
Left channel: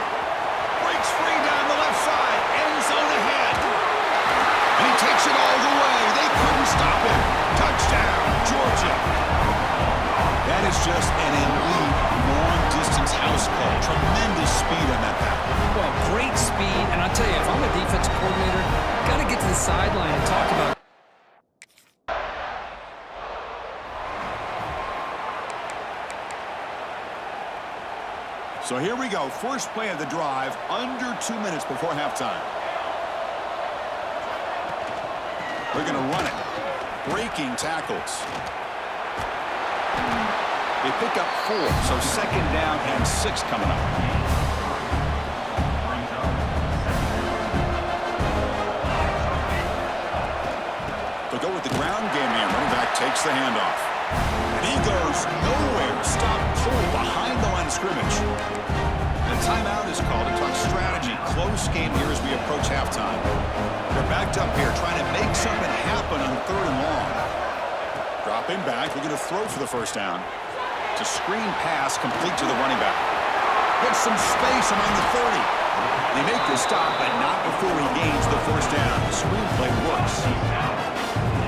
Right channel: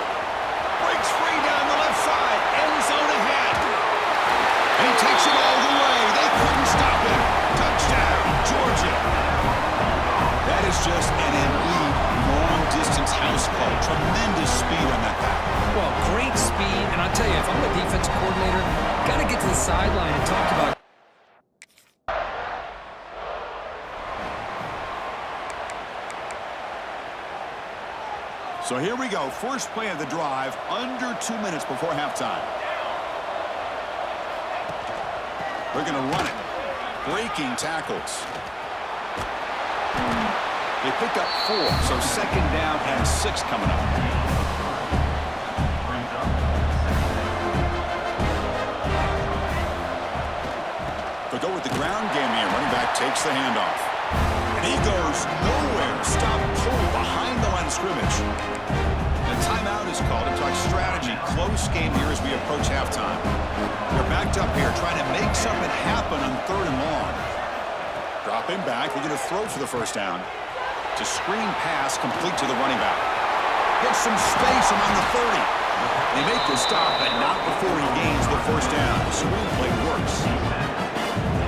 Breaks free down the left side. End zone ahead. And he takes it all the way. They couldn't stop him. Touchdown, Georgia. That is just an elite long-distance house call. Tremendous speed on that back. Well, great speed, and I'll tell you, if I'm a defensive coordinator, got to get to the sideline and talk about. So here we go. First play of the drive, under 2 minutes before halftime. They're going to run it. Breaking tackles. They pick up 4, so 2nd down and 6 coming up. They'll go with the ground game here. Running back takes the handoff. And he goes nowhere. Stop cold behind the line of scrimmage. And a timeout is called to talk strategy. Close game here as we approach halftime. They're backed up here trying to make something happen on 3rd and long. Dropping back, looking to throw for the first down. It's a screen pass complete to the running back. Gets some space around the 30. They make the stop, but not before he gains the first down. The screenplay works.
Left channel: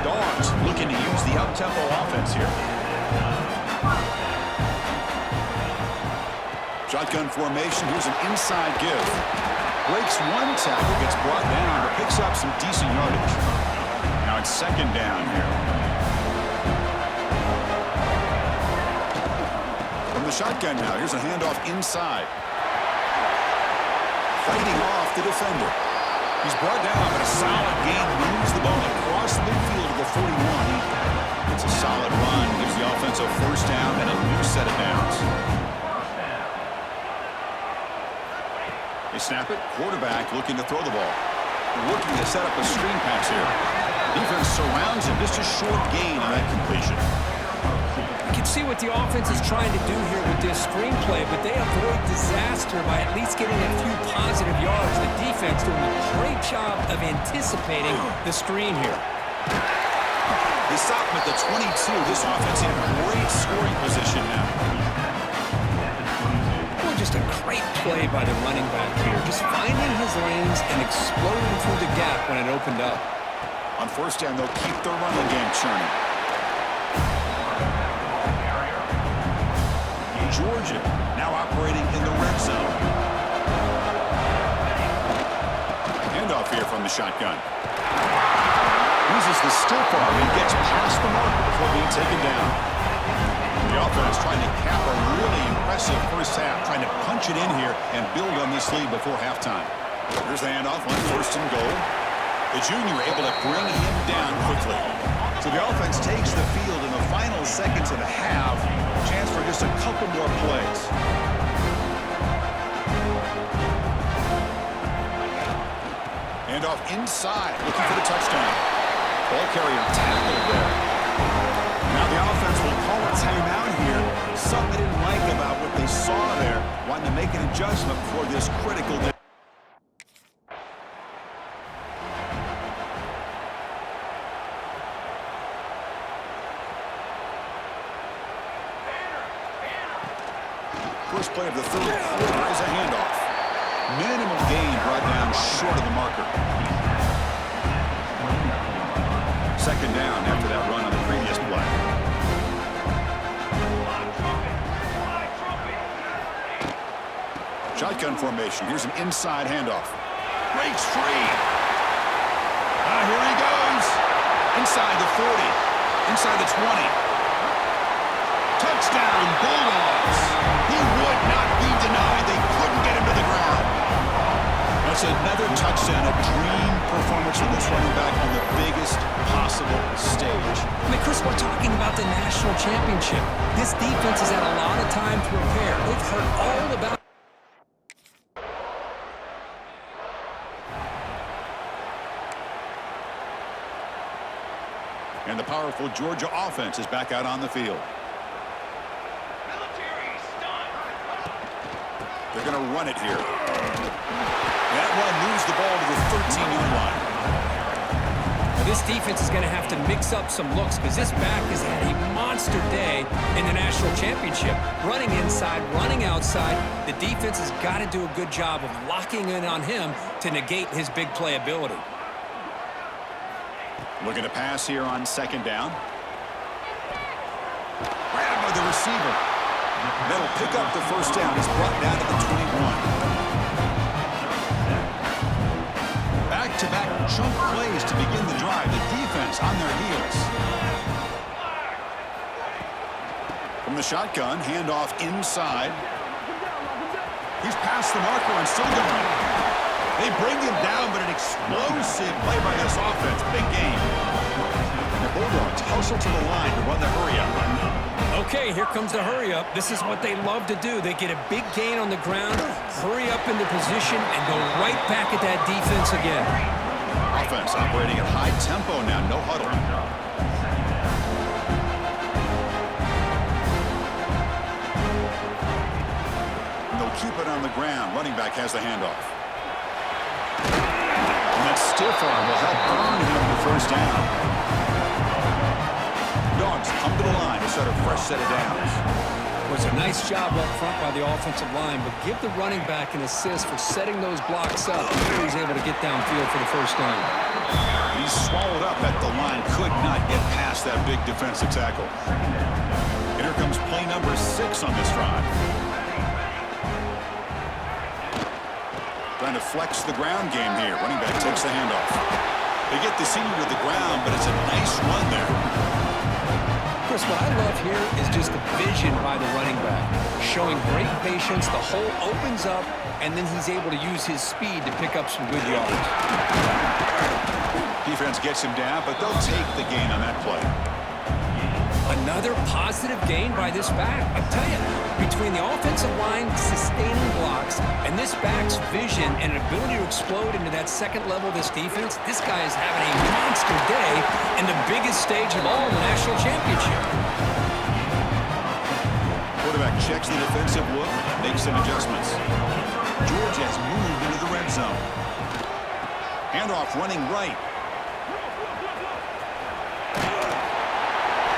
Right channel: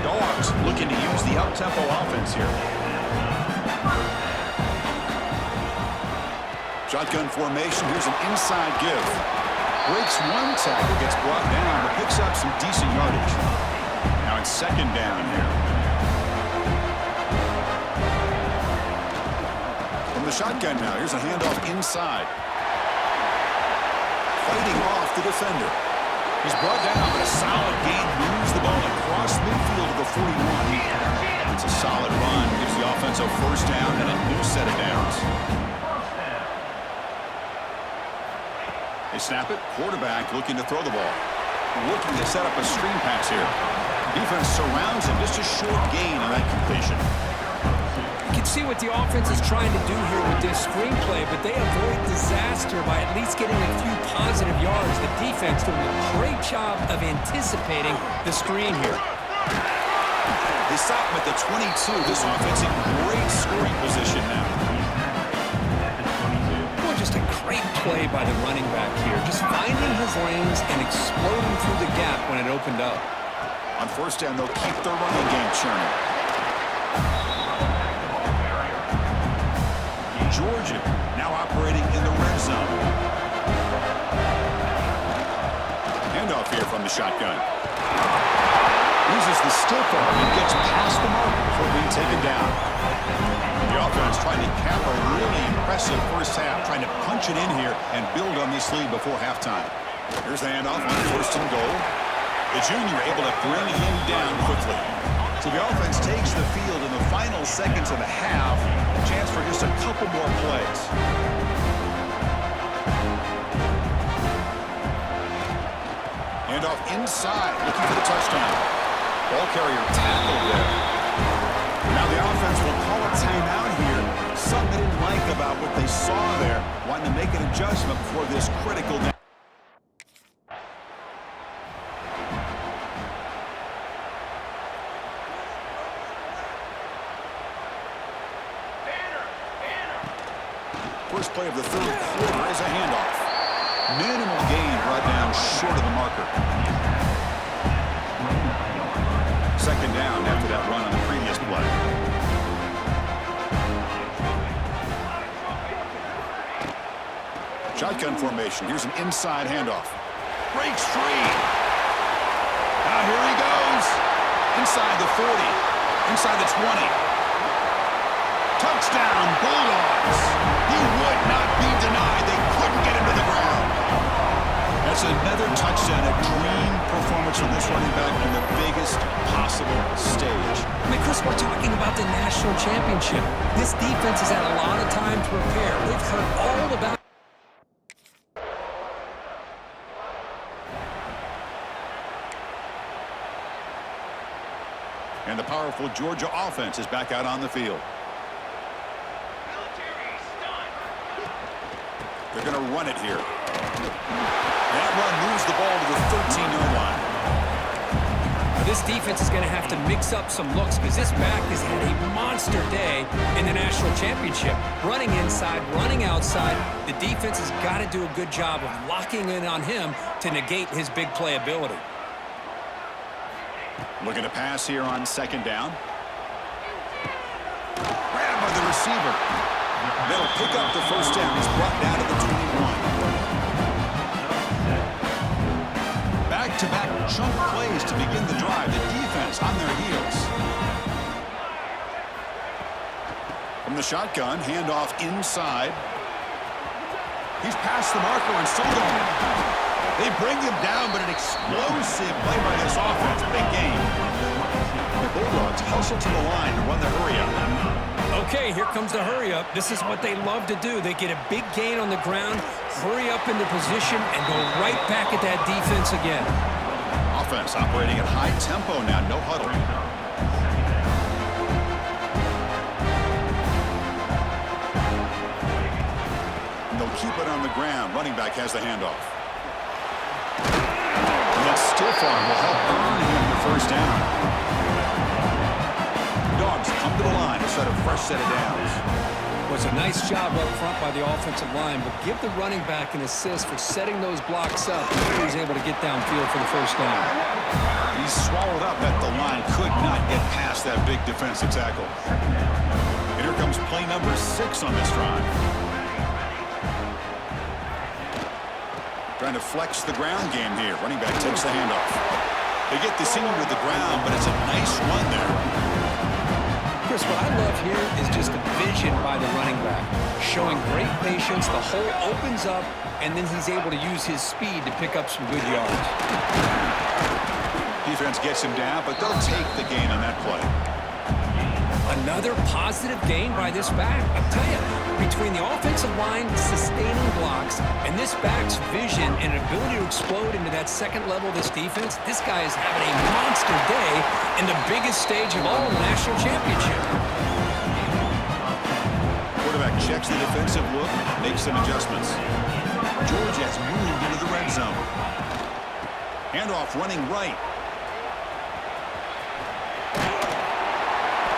Dogs looking to use the up-tempo offense here. Shotgun formation. Here's an inside give. Breaks 1 tackle, gets brought down, but picks up some decent yardage. Now it's 2nd down here. From the shotgun now, here's a handoff inside. Fighting off the defender. He's brought down, but a solid gain moves the ball across midfield to the 41. It's a solid run, gives the offense a first down and a new set of downs. They snap it. Quarterback looking to throw the ball. Looking to set up a screen pass here. Defense surrounds him. Just a short gain on that completion. You can see what the offense is trying to do here with this screenplay, but they avoid disaster by at least getting a few positive yards. The defense doing a great job of anticipating the screen here. They stop him at the 22. This offense in great scoring position now. Well, just a great play by the running back here. Just finding his lanes and exploding through the gap when it opened up. On first down, they'll keep their running game churning. Georgia now operating in the red zone. Handoff here from the shotgun. Uses the stiff arm and gets past the marker before being taken down. The offense trying to cap a really impressive first half, trying to punch it in here and build on this lead before halftime. Here's the handoff on 1st and goal. The junior able to bring him down quickly. So the offense takes the field in the final seconds of the half. Chance for just a couple more plays. Handoff inside, looking for the touchdown. Ball carrier tackled there. Now the offense will call a timeout here. Something they didn't like about what they saw there. Wanting to make an adjustment for this critical down. first play of the third quarter is a handoff. Minimal gain brought down short of the marker. Second down after that run on the previous play. Shotgun formation. Here's an inside handoff. Breaks free. Now here he goes. Inside the 40. Inside the 20. Touchdown, Bulldogs. He would not be denied. They couldn't get him to the ground. That's another touchdown, a dream performance from this running back on the biggest possible stage. I mean, Chris, we're talking about the national championship. This defense has had a lot of time to prepare. They've heard all about. And the powerful Georgia offense is back out on the field. They're going to run it here. That run moves the ball to the 13-yard line. Now, this defense is going to have to mix up some looks because this back has had a monster day in the national championship. Running inside, running outside. The defense has got to do a good job of locking in on him to negate his big playability. Looking to pass here on second down. Grabbed by the receiver. That'll pick up the first down. He's brought down to the 21. Back-to-back chunk plays to begin the drive. The defense on their heels. From the shotgun, handoff inside. He's past the marker and still going. They bring him down, but an explosive play by this offense. Big game. The Bulldogs hustle to the line to run the hurry-up. Okay, here comes the hurry-up. This is what they love to do. They get a big gain on the ground, hurry up into position, and go right back at that defense again. Offense operating at high tempo now. No huddle. And they'll keep it on the ground. Running back has the handoff. And that stiff arm will help earn him the first down. Dogs come to the line to start a fresh set of downs. Was a nice job up front by the offensive line, but give the running back an assist for setting those blocks up. He was able to get downfield for the first down. He's swallowed up at the line, could not get past that big defensive tackle. And here comes play number 6 on this drive. Trying to flex the ground game here. Running back takes the handoff. They get the senior to the ground, but it's a nice run there. Chris, what I love here is just the vision by the running back. Showing great patience, the hole opens up, and then he's able to use his speed to pick up some good yards. Defense gets him down, but they'll take the gain on that play. Another positive gain by this back. I tell you, between the offensive line sustaining blocks and this back's vision and ability to explode into that second level of this defense, this guy is having a monster day in the biggest stage of all in the national championship. Quarterback checks the defensive look, makes some adjustments. Georgia has moved into the red zone. Handoff running right.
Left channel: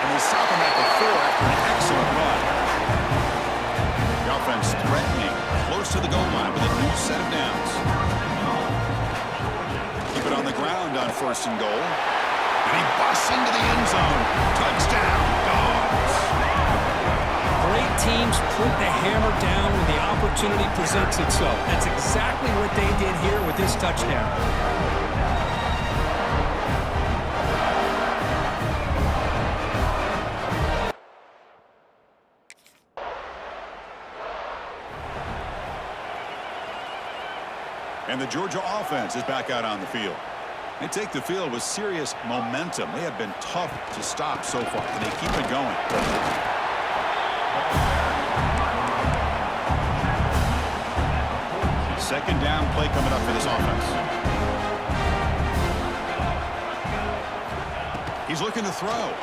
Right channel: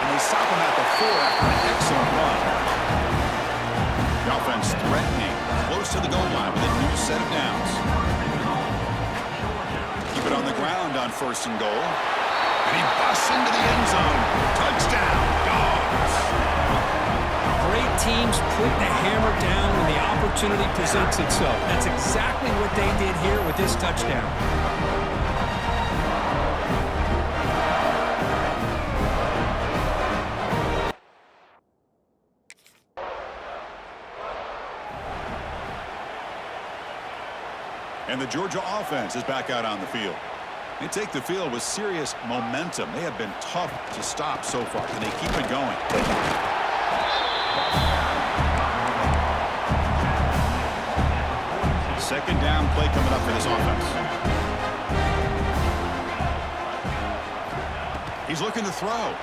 And they stop him at the 4 after an excellent run. The offense threatening, close to the goal line with a new set of downs. Keep it on the ground on first and goal. And he busts into the end zone. Touchdown, Dogs. Great teams put the hammer down when the opportunity presents itself. That's exactly what they did here with this touchdown. And the Georgia offense is back out on the field. They take the field with serious momentum. They have been tough to stop so far. Can they keep it going? Second down play coming up for this offense. He's looking to throw.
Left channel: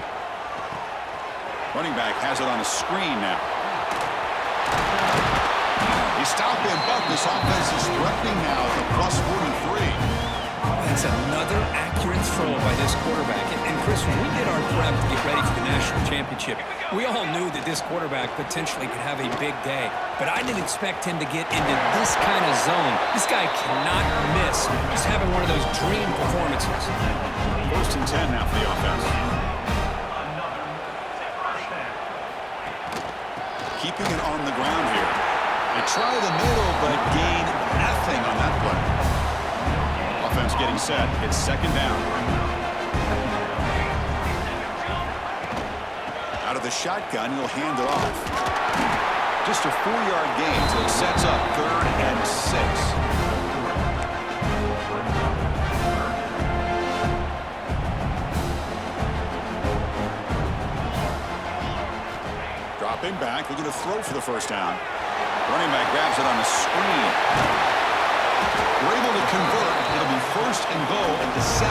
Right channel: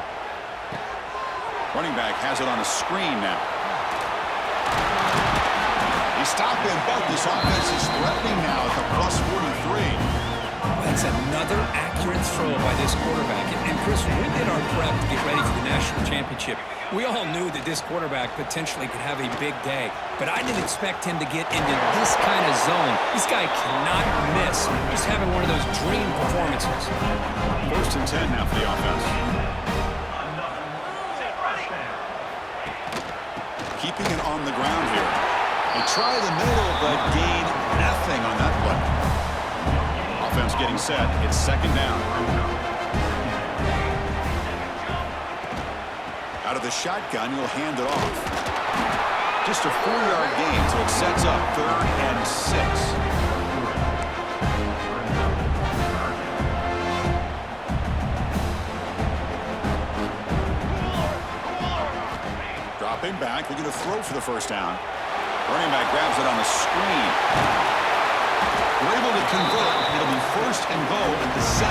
Running back has it on a screen now. He stopped him, but this offense is threatening now at the +43. It's another accurate throw by this quarterback. And Chris, when we did our prep to get ready for the national championship, we all knew that this quarterback potentially could have a big day. But I didn't expect him to get into this kind of zone. This guy cannot miss. Just having one of those dream performances. 1st and 10 now for the offense. Keeping it on the ground here. They try the middle, but gain nothing on that play. Offense getting set. It's 2nd down. Out of the shotgun, he'll hand it off. Just a 4-yard gain, so it sets up 3rd and 6. Dropping back, looking to throw for the 1st down. Running back grabs it on a screen. We're able to convert. It'll be 1st and goal at the 7.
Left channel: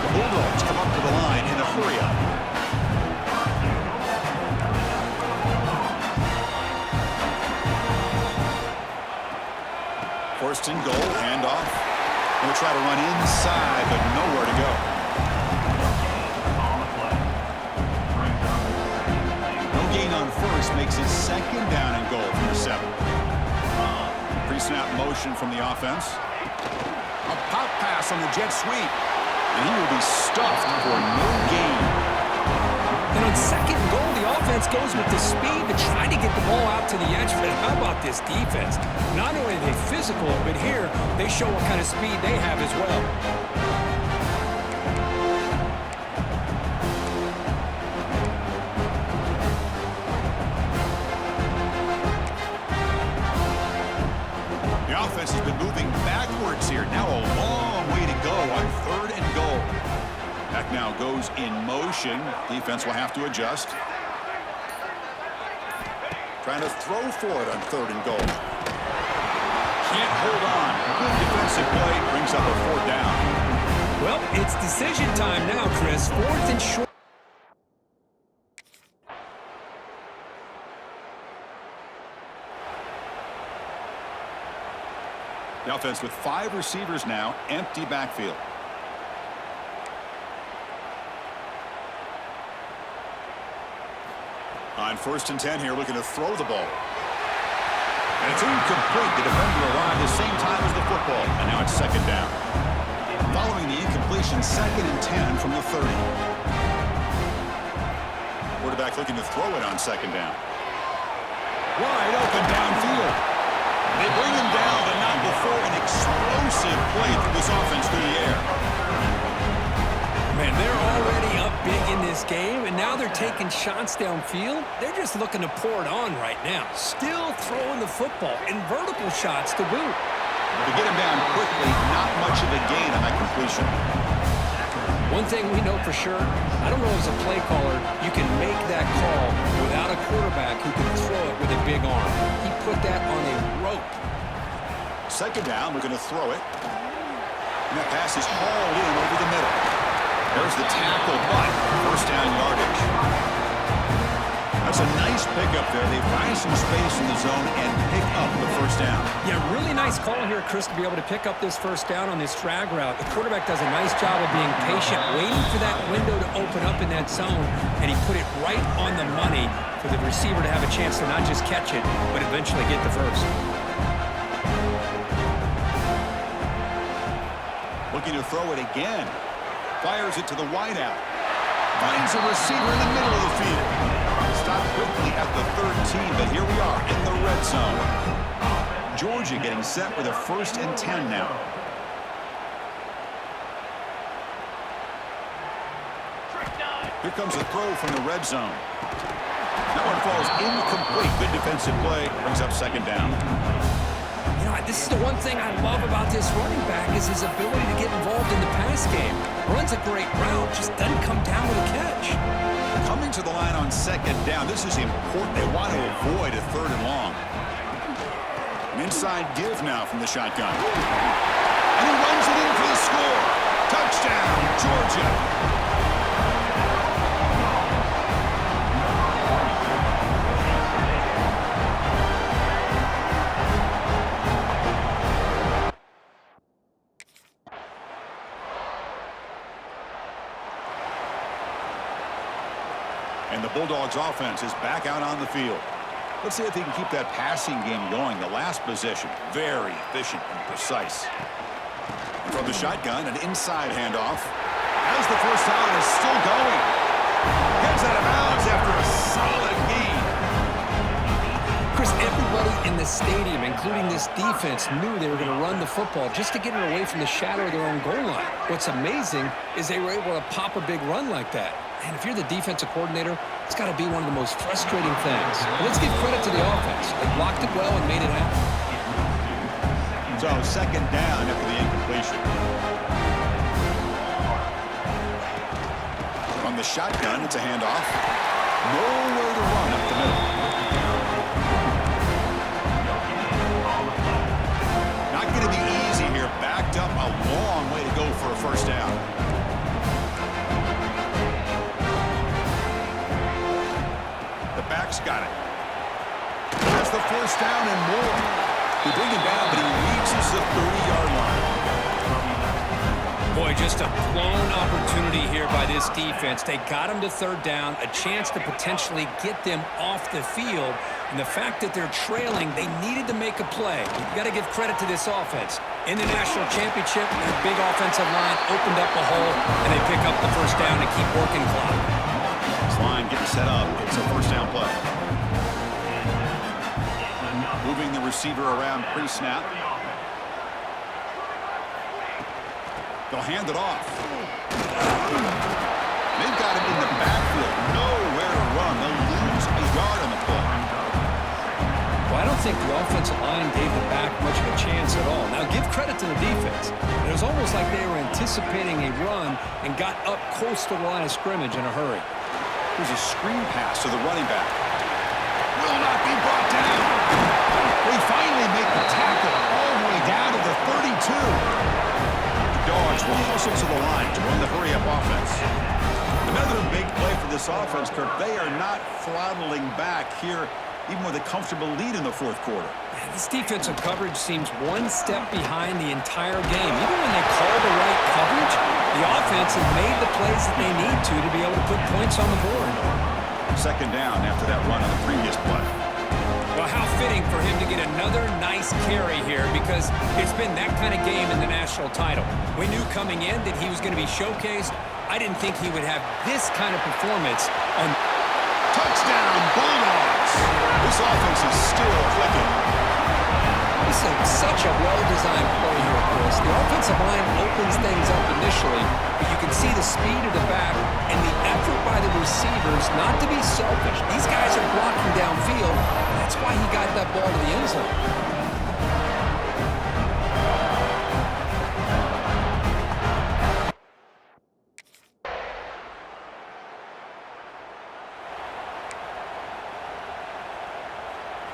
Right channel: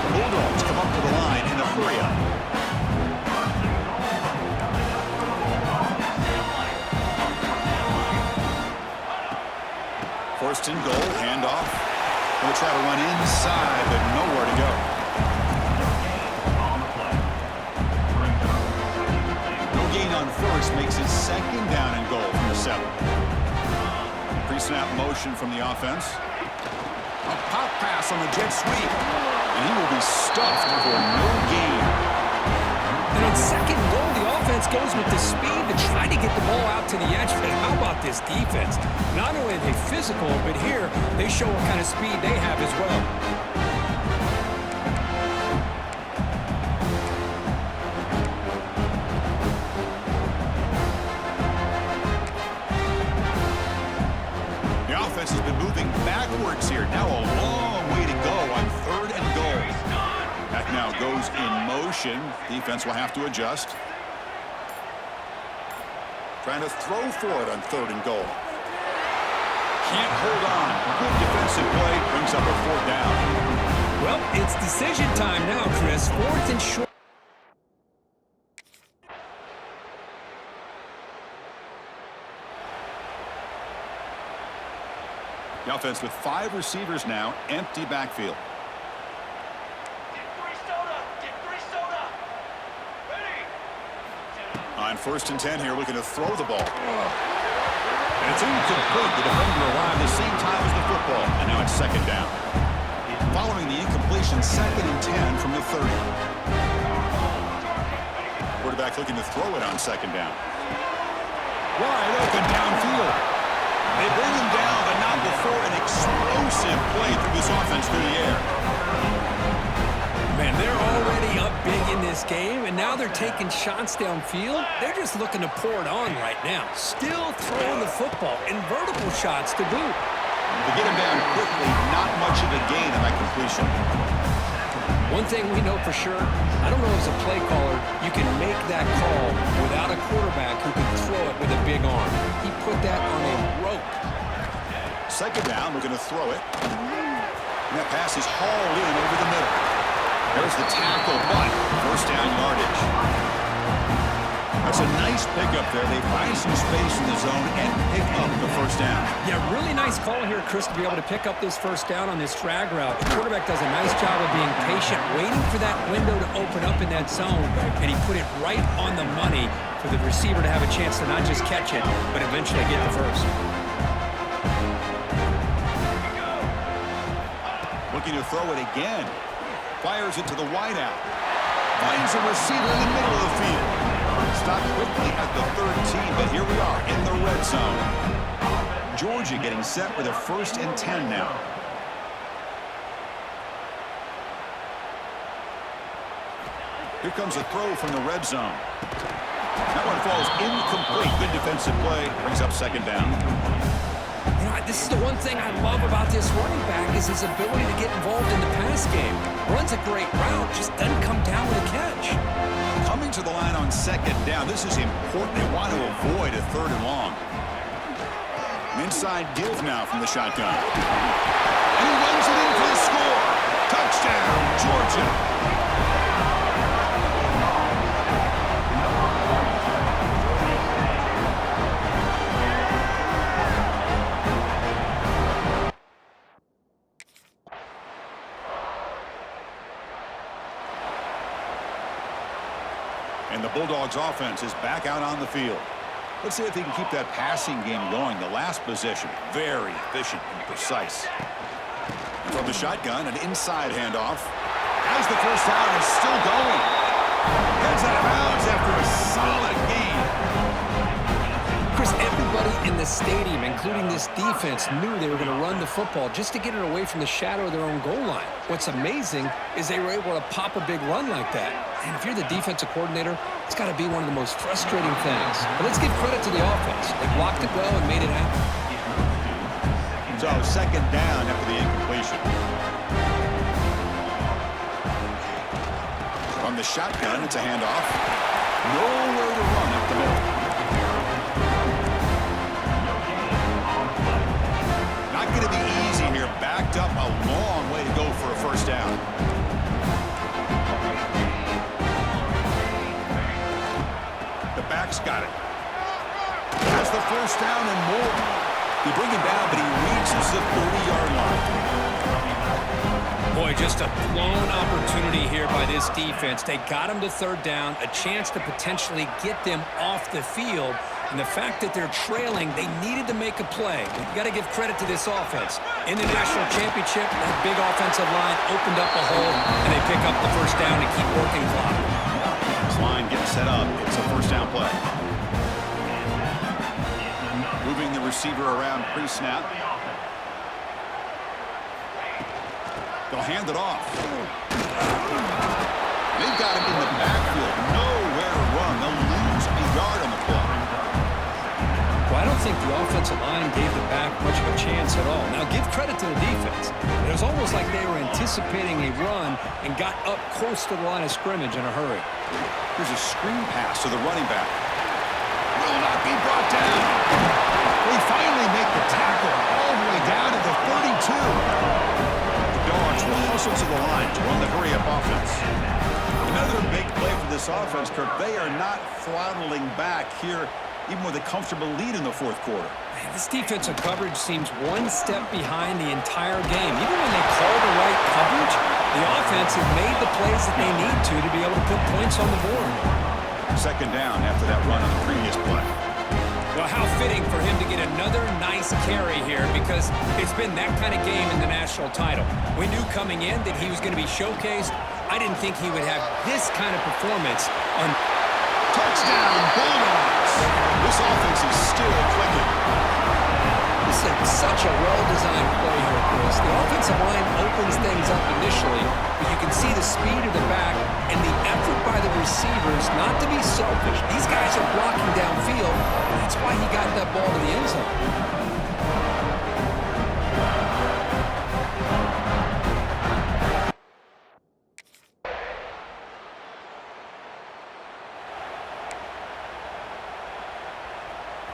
The Bulldogs come up to the line in a hurry-up. First and goal, handoff. Going to try to run inside, but nowhere to go. No gain on 1st makes it 2nd down and goal from the 7. Pre-snap motion from the offense. A pop pass on the jet sweep. And he will be stuffed for no gain. And on 2nd and goal, the offense goes with the speed to try to get the ball out to the edge. But how about this defense? Not only are they physical, but here they show what kind of speed they have as well. The offense has been moving backwards here. Now a long way to go on 3rd and goal. That now goes in motion. Defense will have to adjust. Trying to throw for it on 3rd and goal. Can't hold on. Good defensive play. Brings up a 4th down. Well, it's decision time now, Chris. 4th and short. The offense with 5 receivers now. Empty backfield. On 1st and 10 here, looking to throw the ball. And it's incomplete. The defender arrived the same time as the football. And now it's 2nd down. Following the incompletion, 2nd and 10 from the 30. Quarterback looking to throw it on 2nd down. Wide open downfield. They bring him down, but not before an explosive play through this offense through the air. Man, they're already up big in this game, and now they're taking shots downfield. They're just looking to pour it on right now. Still throwing the football, and vertical shots to boot. To get him down quickly, not much of a gain on that completion. One thing we know for sure, I don't know as a play caller, you can make that call without a quarterback who can throw it with a big arm. He put that on a rope. 2nd down, we're going to throw it. And that pass is hauled in over the middle. There's the tackle, but 1st down yardage. That's a nice pickup there. They find some space in the zone and pick up the 1st down. Yeah, really nice call here, Chris, to be able to pick up this 1st down on this drag route. The quarterback does a nice job of being patient, waiting for that window to open up in that zone, and he put it right on the money for the receiver to have a chance to not just catch it, but eventually get the 1st. Looking to throw it again. Fires it to the wideout. Finds a receiver in the middle of the field. Stopped quickly at the 13, but here we are in the red zone. Georgia getting set with a 1st and 10 now. Here comes a throw from the red zone. That one falls incomplete. Good defensive play. Brings up 2nd down. You know, this is the one thing I love about this running back is his ability to get involved in the pass game. Runs a great route, just doesn't come down with a catch. Coming to the line on 2nd down. This is important. They want to avoid a 3rd and long. An inside give now from the shotgun. And he runs it in for the score. Touchdown, Georgia. And the Bulldogs offense is back out on the field. Let's see if they can keep that passing game going. The last possession, very efficient and precise. And from the shotgun, an inside handoff. As the first down is still going. Heads out of bounds after a solid gain. Chris, everybody in the stadium, including this defense, knew they were going to run the football just to get it away from the shadow of their own goal line. What's amazing is they were able to pop a big run like that. And if you're the defensive coordinator, it's got to be one of the most frustrating things. But let's give credit to the offense. They blocked it well and made it happen. So second down after the incompletion. From the shotgun, it's a handoff. Nowhere to run up the middle. Not going to be easy here. Backed up a long way to go for a first down. The back's got it. Has the first down and more. They bring him down, but he reaches the 30-yard line. Boy, just a blown opportunity here by this defense. They got him to third down, a chance to potentially get them off the field. And the fact that they're trailing, they needed to make a play. You've got to give credit to this offense. In the national championship, that big offensive line opened up a hole, and they pick up the first down and keep working clock. This line getting set up. It's a first down play. Moving the receiver around pre-snap. They'll hand it off. They've got him in the backfield. Nowhere to run. They'll lose a yard on the play. Well, I don't think the offensive line gave the back much of a chance at all. Now, give credit to the defense. It was almost like they were anticipating a run and got up close to the line of scrimmage in a hurry. Here's a screen pass to the running back. Will not be brought down. They finally make the tackle all the way down to the 32. The Dogs will hustle to the line to run the hurry-up offense. Another big play for this offense, Kirk. They are not throttling back here, even with a comfortable lead in the fourth quarter. Man, this defensive coverage seems one step behind the entire game. Even when they call the right coverage, the offense has made the plays that they need to be able to put points on the board. Second down after that run on the previous play. Well, how fitting for him to get another nice carry here, because it's been that kind of game in the national title. We knew coming in that he was going to be showcased. I didn't think he would have this kind of performance on... Touchdown, Bulldogs! This offense is still clicking. This is such a well-designed play here, Chris. The offensive line opens things up initially, but you can see the speed of the back and the effort by the receivers not to be selfish. These guys are blocking downfield. That's why he got that ball to the end zone.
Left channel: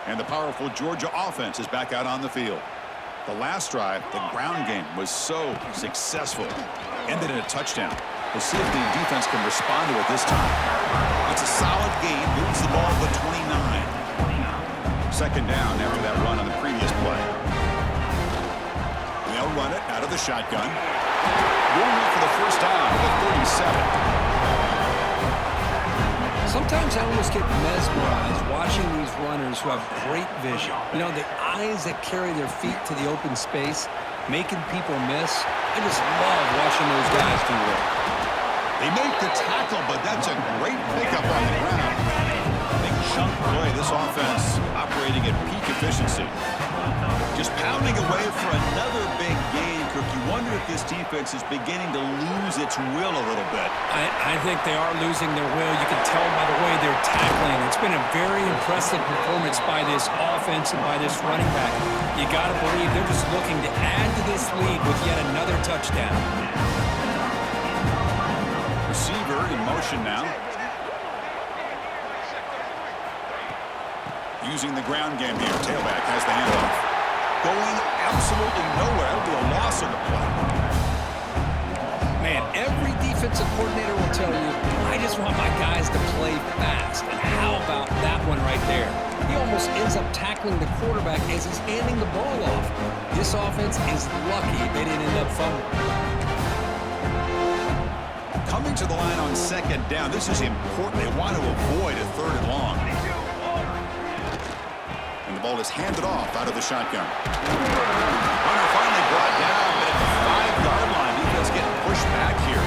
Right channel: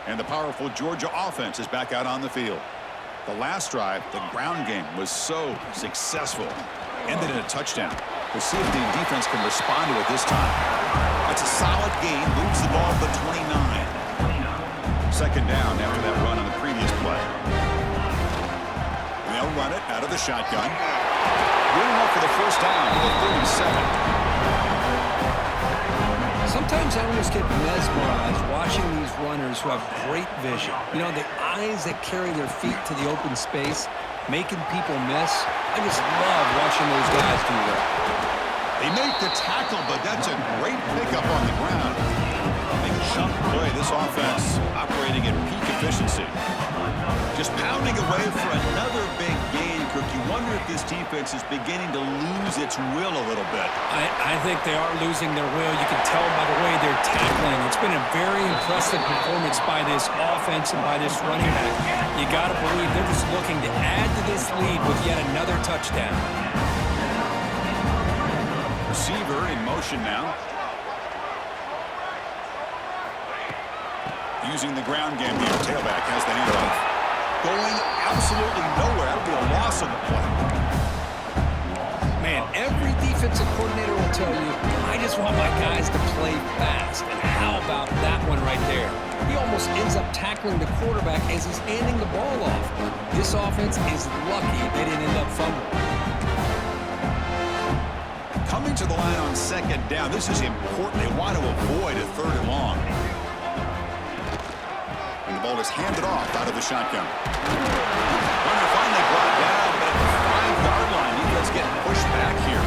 And the powerful Georgia offense is back out on the field. The last drive, the ground game, was so successful. Ended in a touchdown. We'll see if the defense can respond to it this time. That's a solid gain. Moves the ball to the 29. Second down after that run on the previous play. And they'll run it out of the shotgun. Going up for the first down to the 37. Sometimes I almost get mesmerized watching these runners who have great vision. You know, the eyes that carry their feet to the open space, making people miss. I just love watching those guys do well. They make the tackle, but that's a great pickup on the ground. Big chunk play. This offense operating at peak efficiency. Just pounding away for another big gain, Kirk. You wonder if this defense is beginning to lose its will a little bit. I think they are losing their will. You can tell by the way they're tackling. It's been a very impressive performance by this offense and by this running back. You got to believe they're just looking to add to this lead with yet another touchdown. Receiver in motion now. Using the ground game here. Tailback has the handoff. Going absolutely nowhere. That'll be a loss on the play. Man, every defensive coordinator will tell you, I just want my guys to play fast. And how about that one right there? He almost ends up tackling the quarterback as he's handing the ball off. This offense is lucky they didn't end up fumbling. Coming to the line on second down, this is important. They want to avoid a third and long. And the ball is handed off out of the shotgun. Runner finally brought down, but at the 5-yard line, defense getting pushed back here.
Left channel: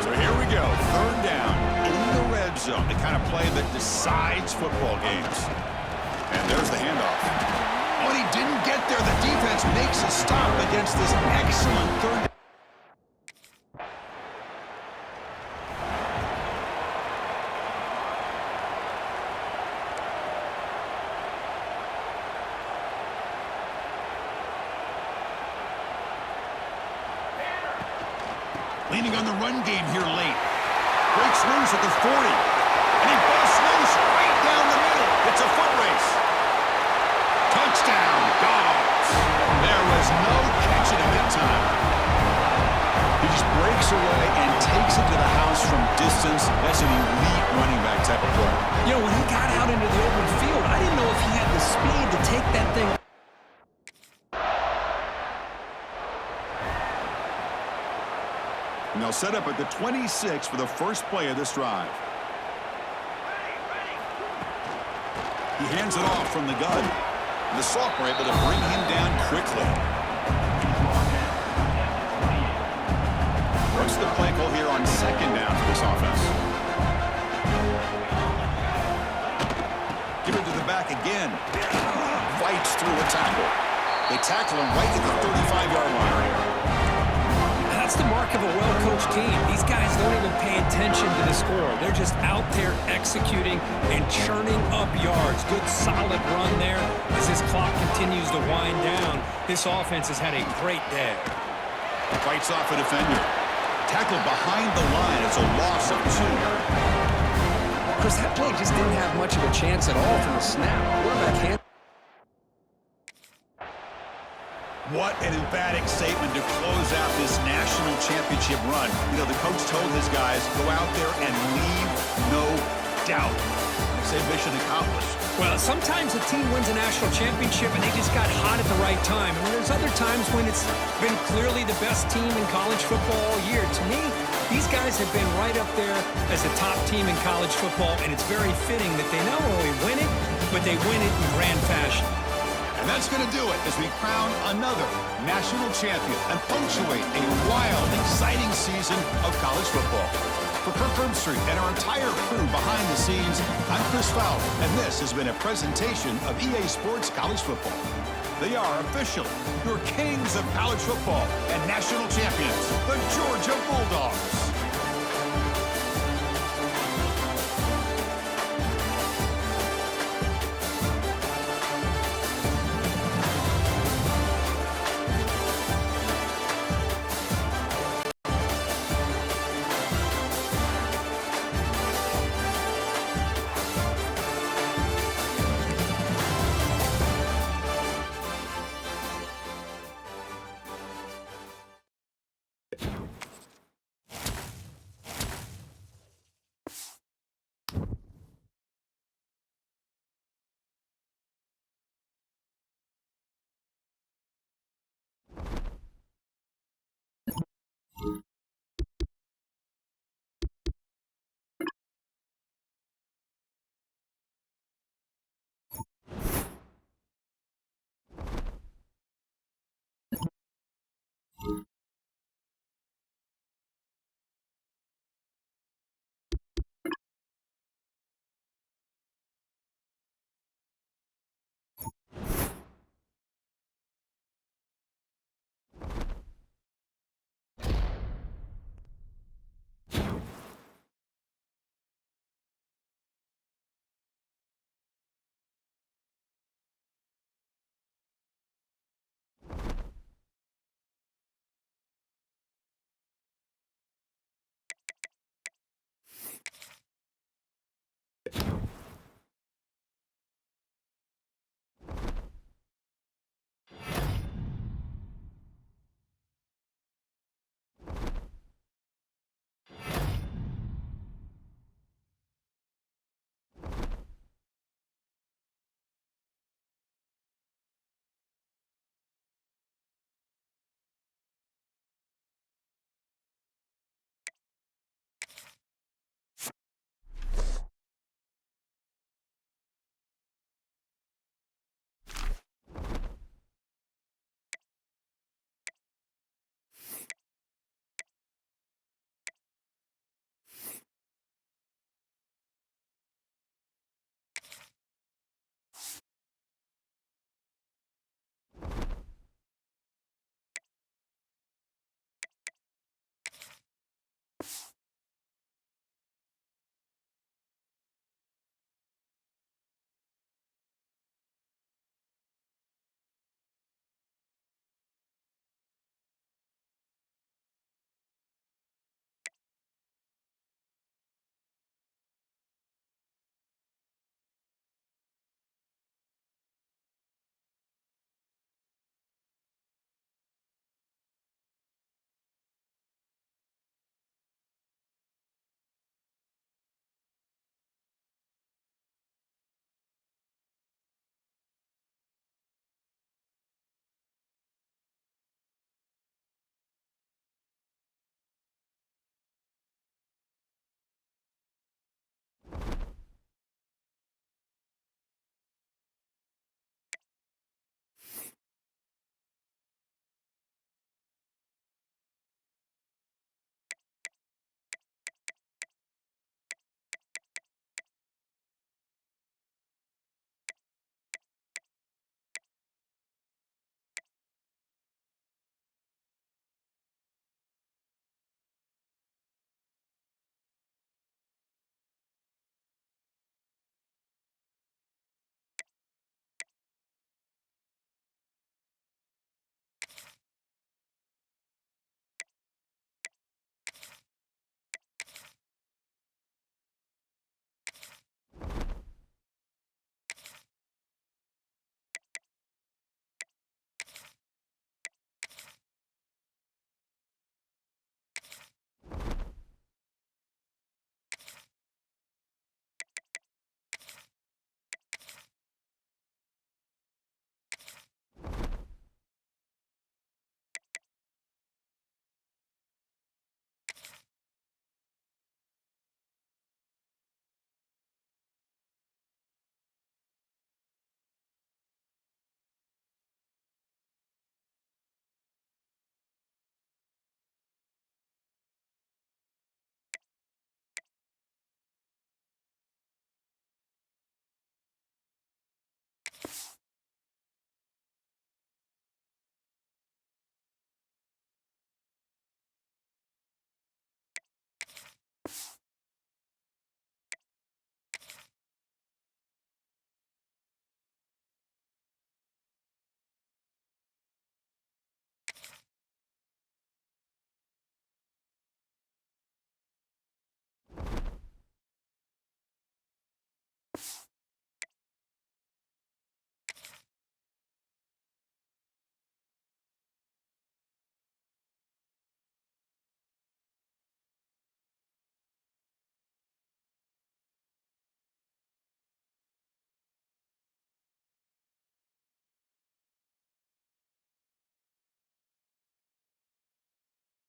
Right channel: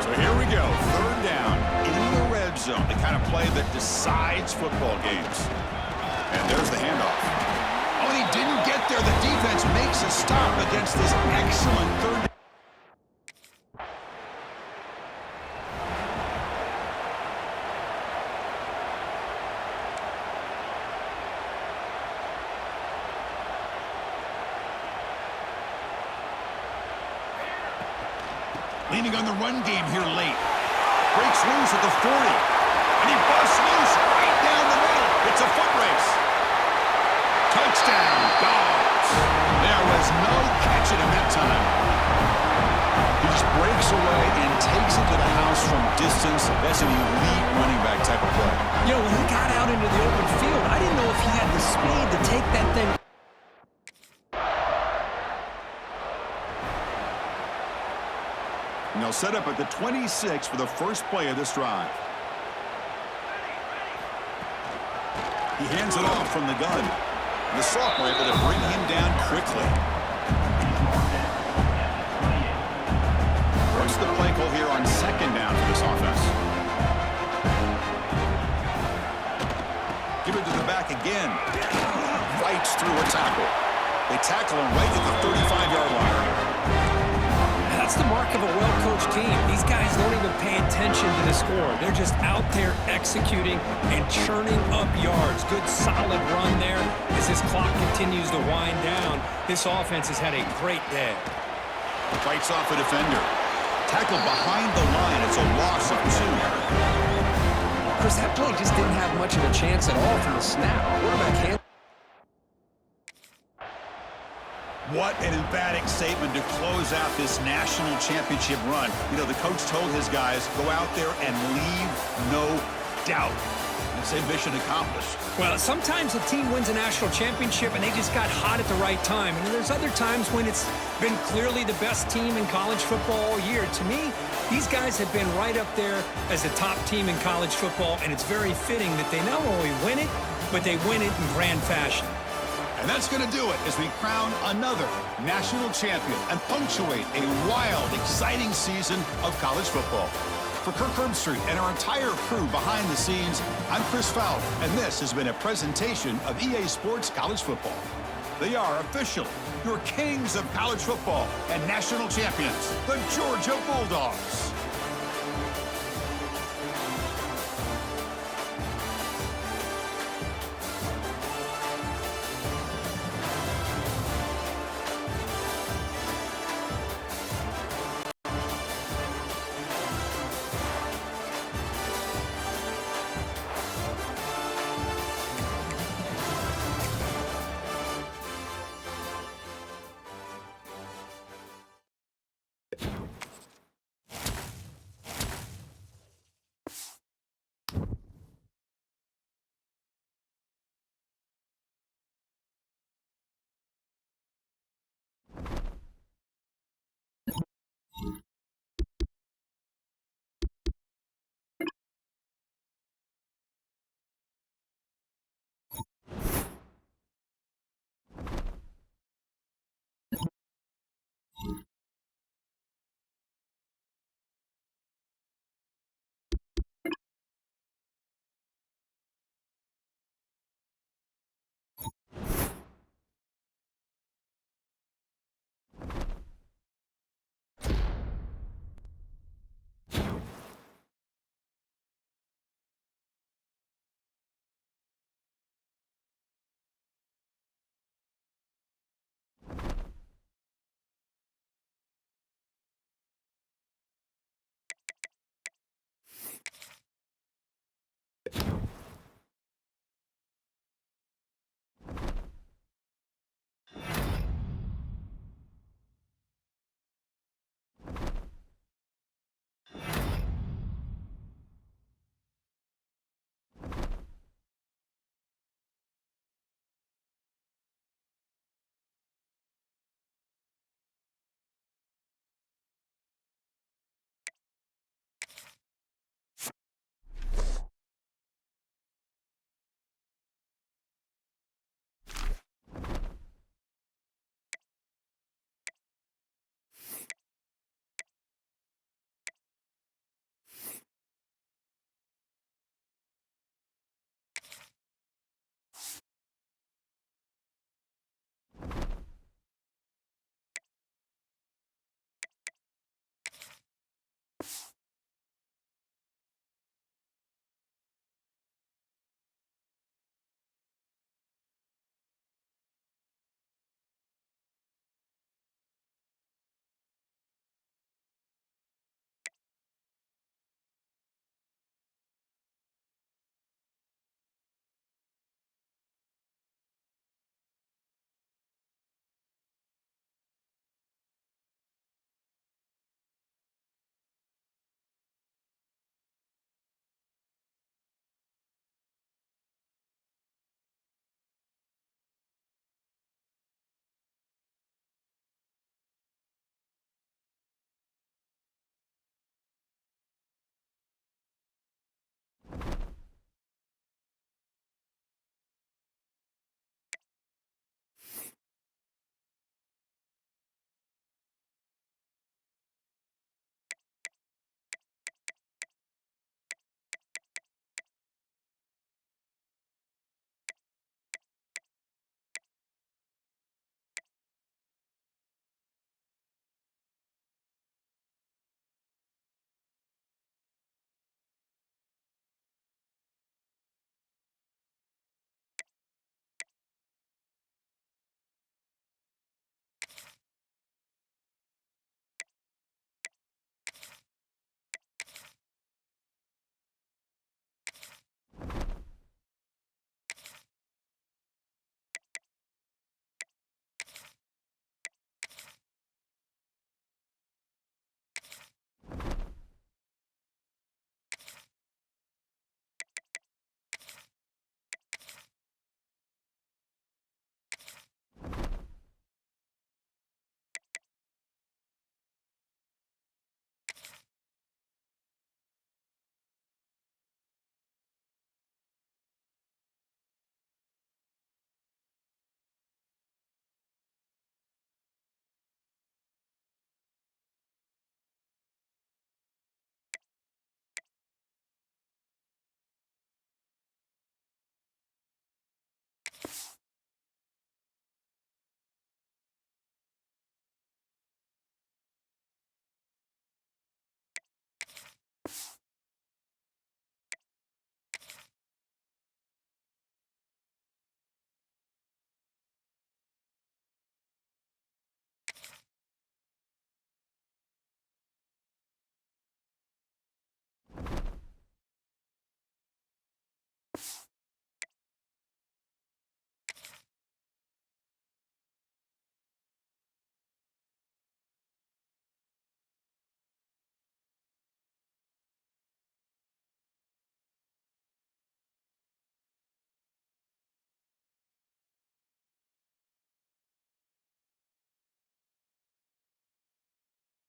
So here we go, third down in the red zone, the kind of play that decides football games. And there's the handoff. Oh, and he didn't get there. The defense makes a stop against this excellent third down. Leaning on the run game here late. Breaks loose at the 40. And he busts loose right down the middle. It's a foot race. Touchdown, Dogs. There was no catching him that time. He just breaks away and takes it to the house from distance. That's an elite running back type of play. You know, when he got out into the open field, I didn't know if he had the speed to take that thing. And they'll set up at the 26 for the first play of this drive. He hands it off from the gun. And the sophomore able to bring him down quickly. What's the play call here on second down for this offense? Give it to the back again. Fights through a tackle. They tackle him right at the 35-yard line. That's the mark of a well-coached team. These guys don't even pay attention to the score. They're just out there executing and churning up yards. Good, solid run there. As this clock continues to wind down, this offense has had a great day. Fights off a defender. Tackled behind the line. It's a loss of 2. Chris, that play just didn't have much of a chance at all from the snap. Quarterback hand. What an emphatic statement to close out this national championship run. You know, the coach told his guys, go out there and leave no doubt. I'd say mission accomplished. Well, sometimes a team wins a national championship and they just got hot at the right time. And there's other times when it's been clearly the best team in college football all year. To me, these guys have been right up there as the top team in college football, and it's very fitting that they not only win it, but they win it in grand fashion. And that's going to do it as we crown another national champion and punctuate a wild, exciting season of college football. For Kirk Herbstreit and our entire crew behind the scenes, I'm Chris Farrow, and this has been a presentation of EA Sports College Football. They are officially your kings of college football and national champions, the Georgia Bulldogs.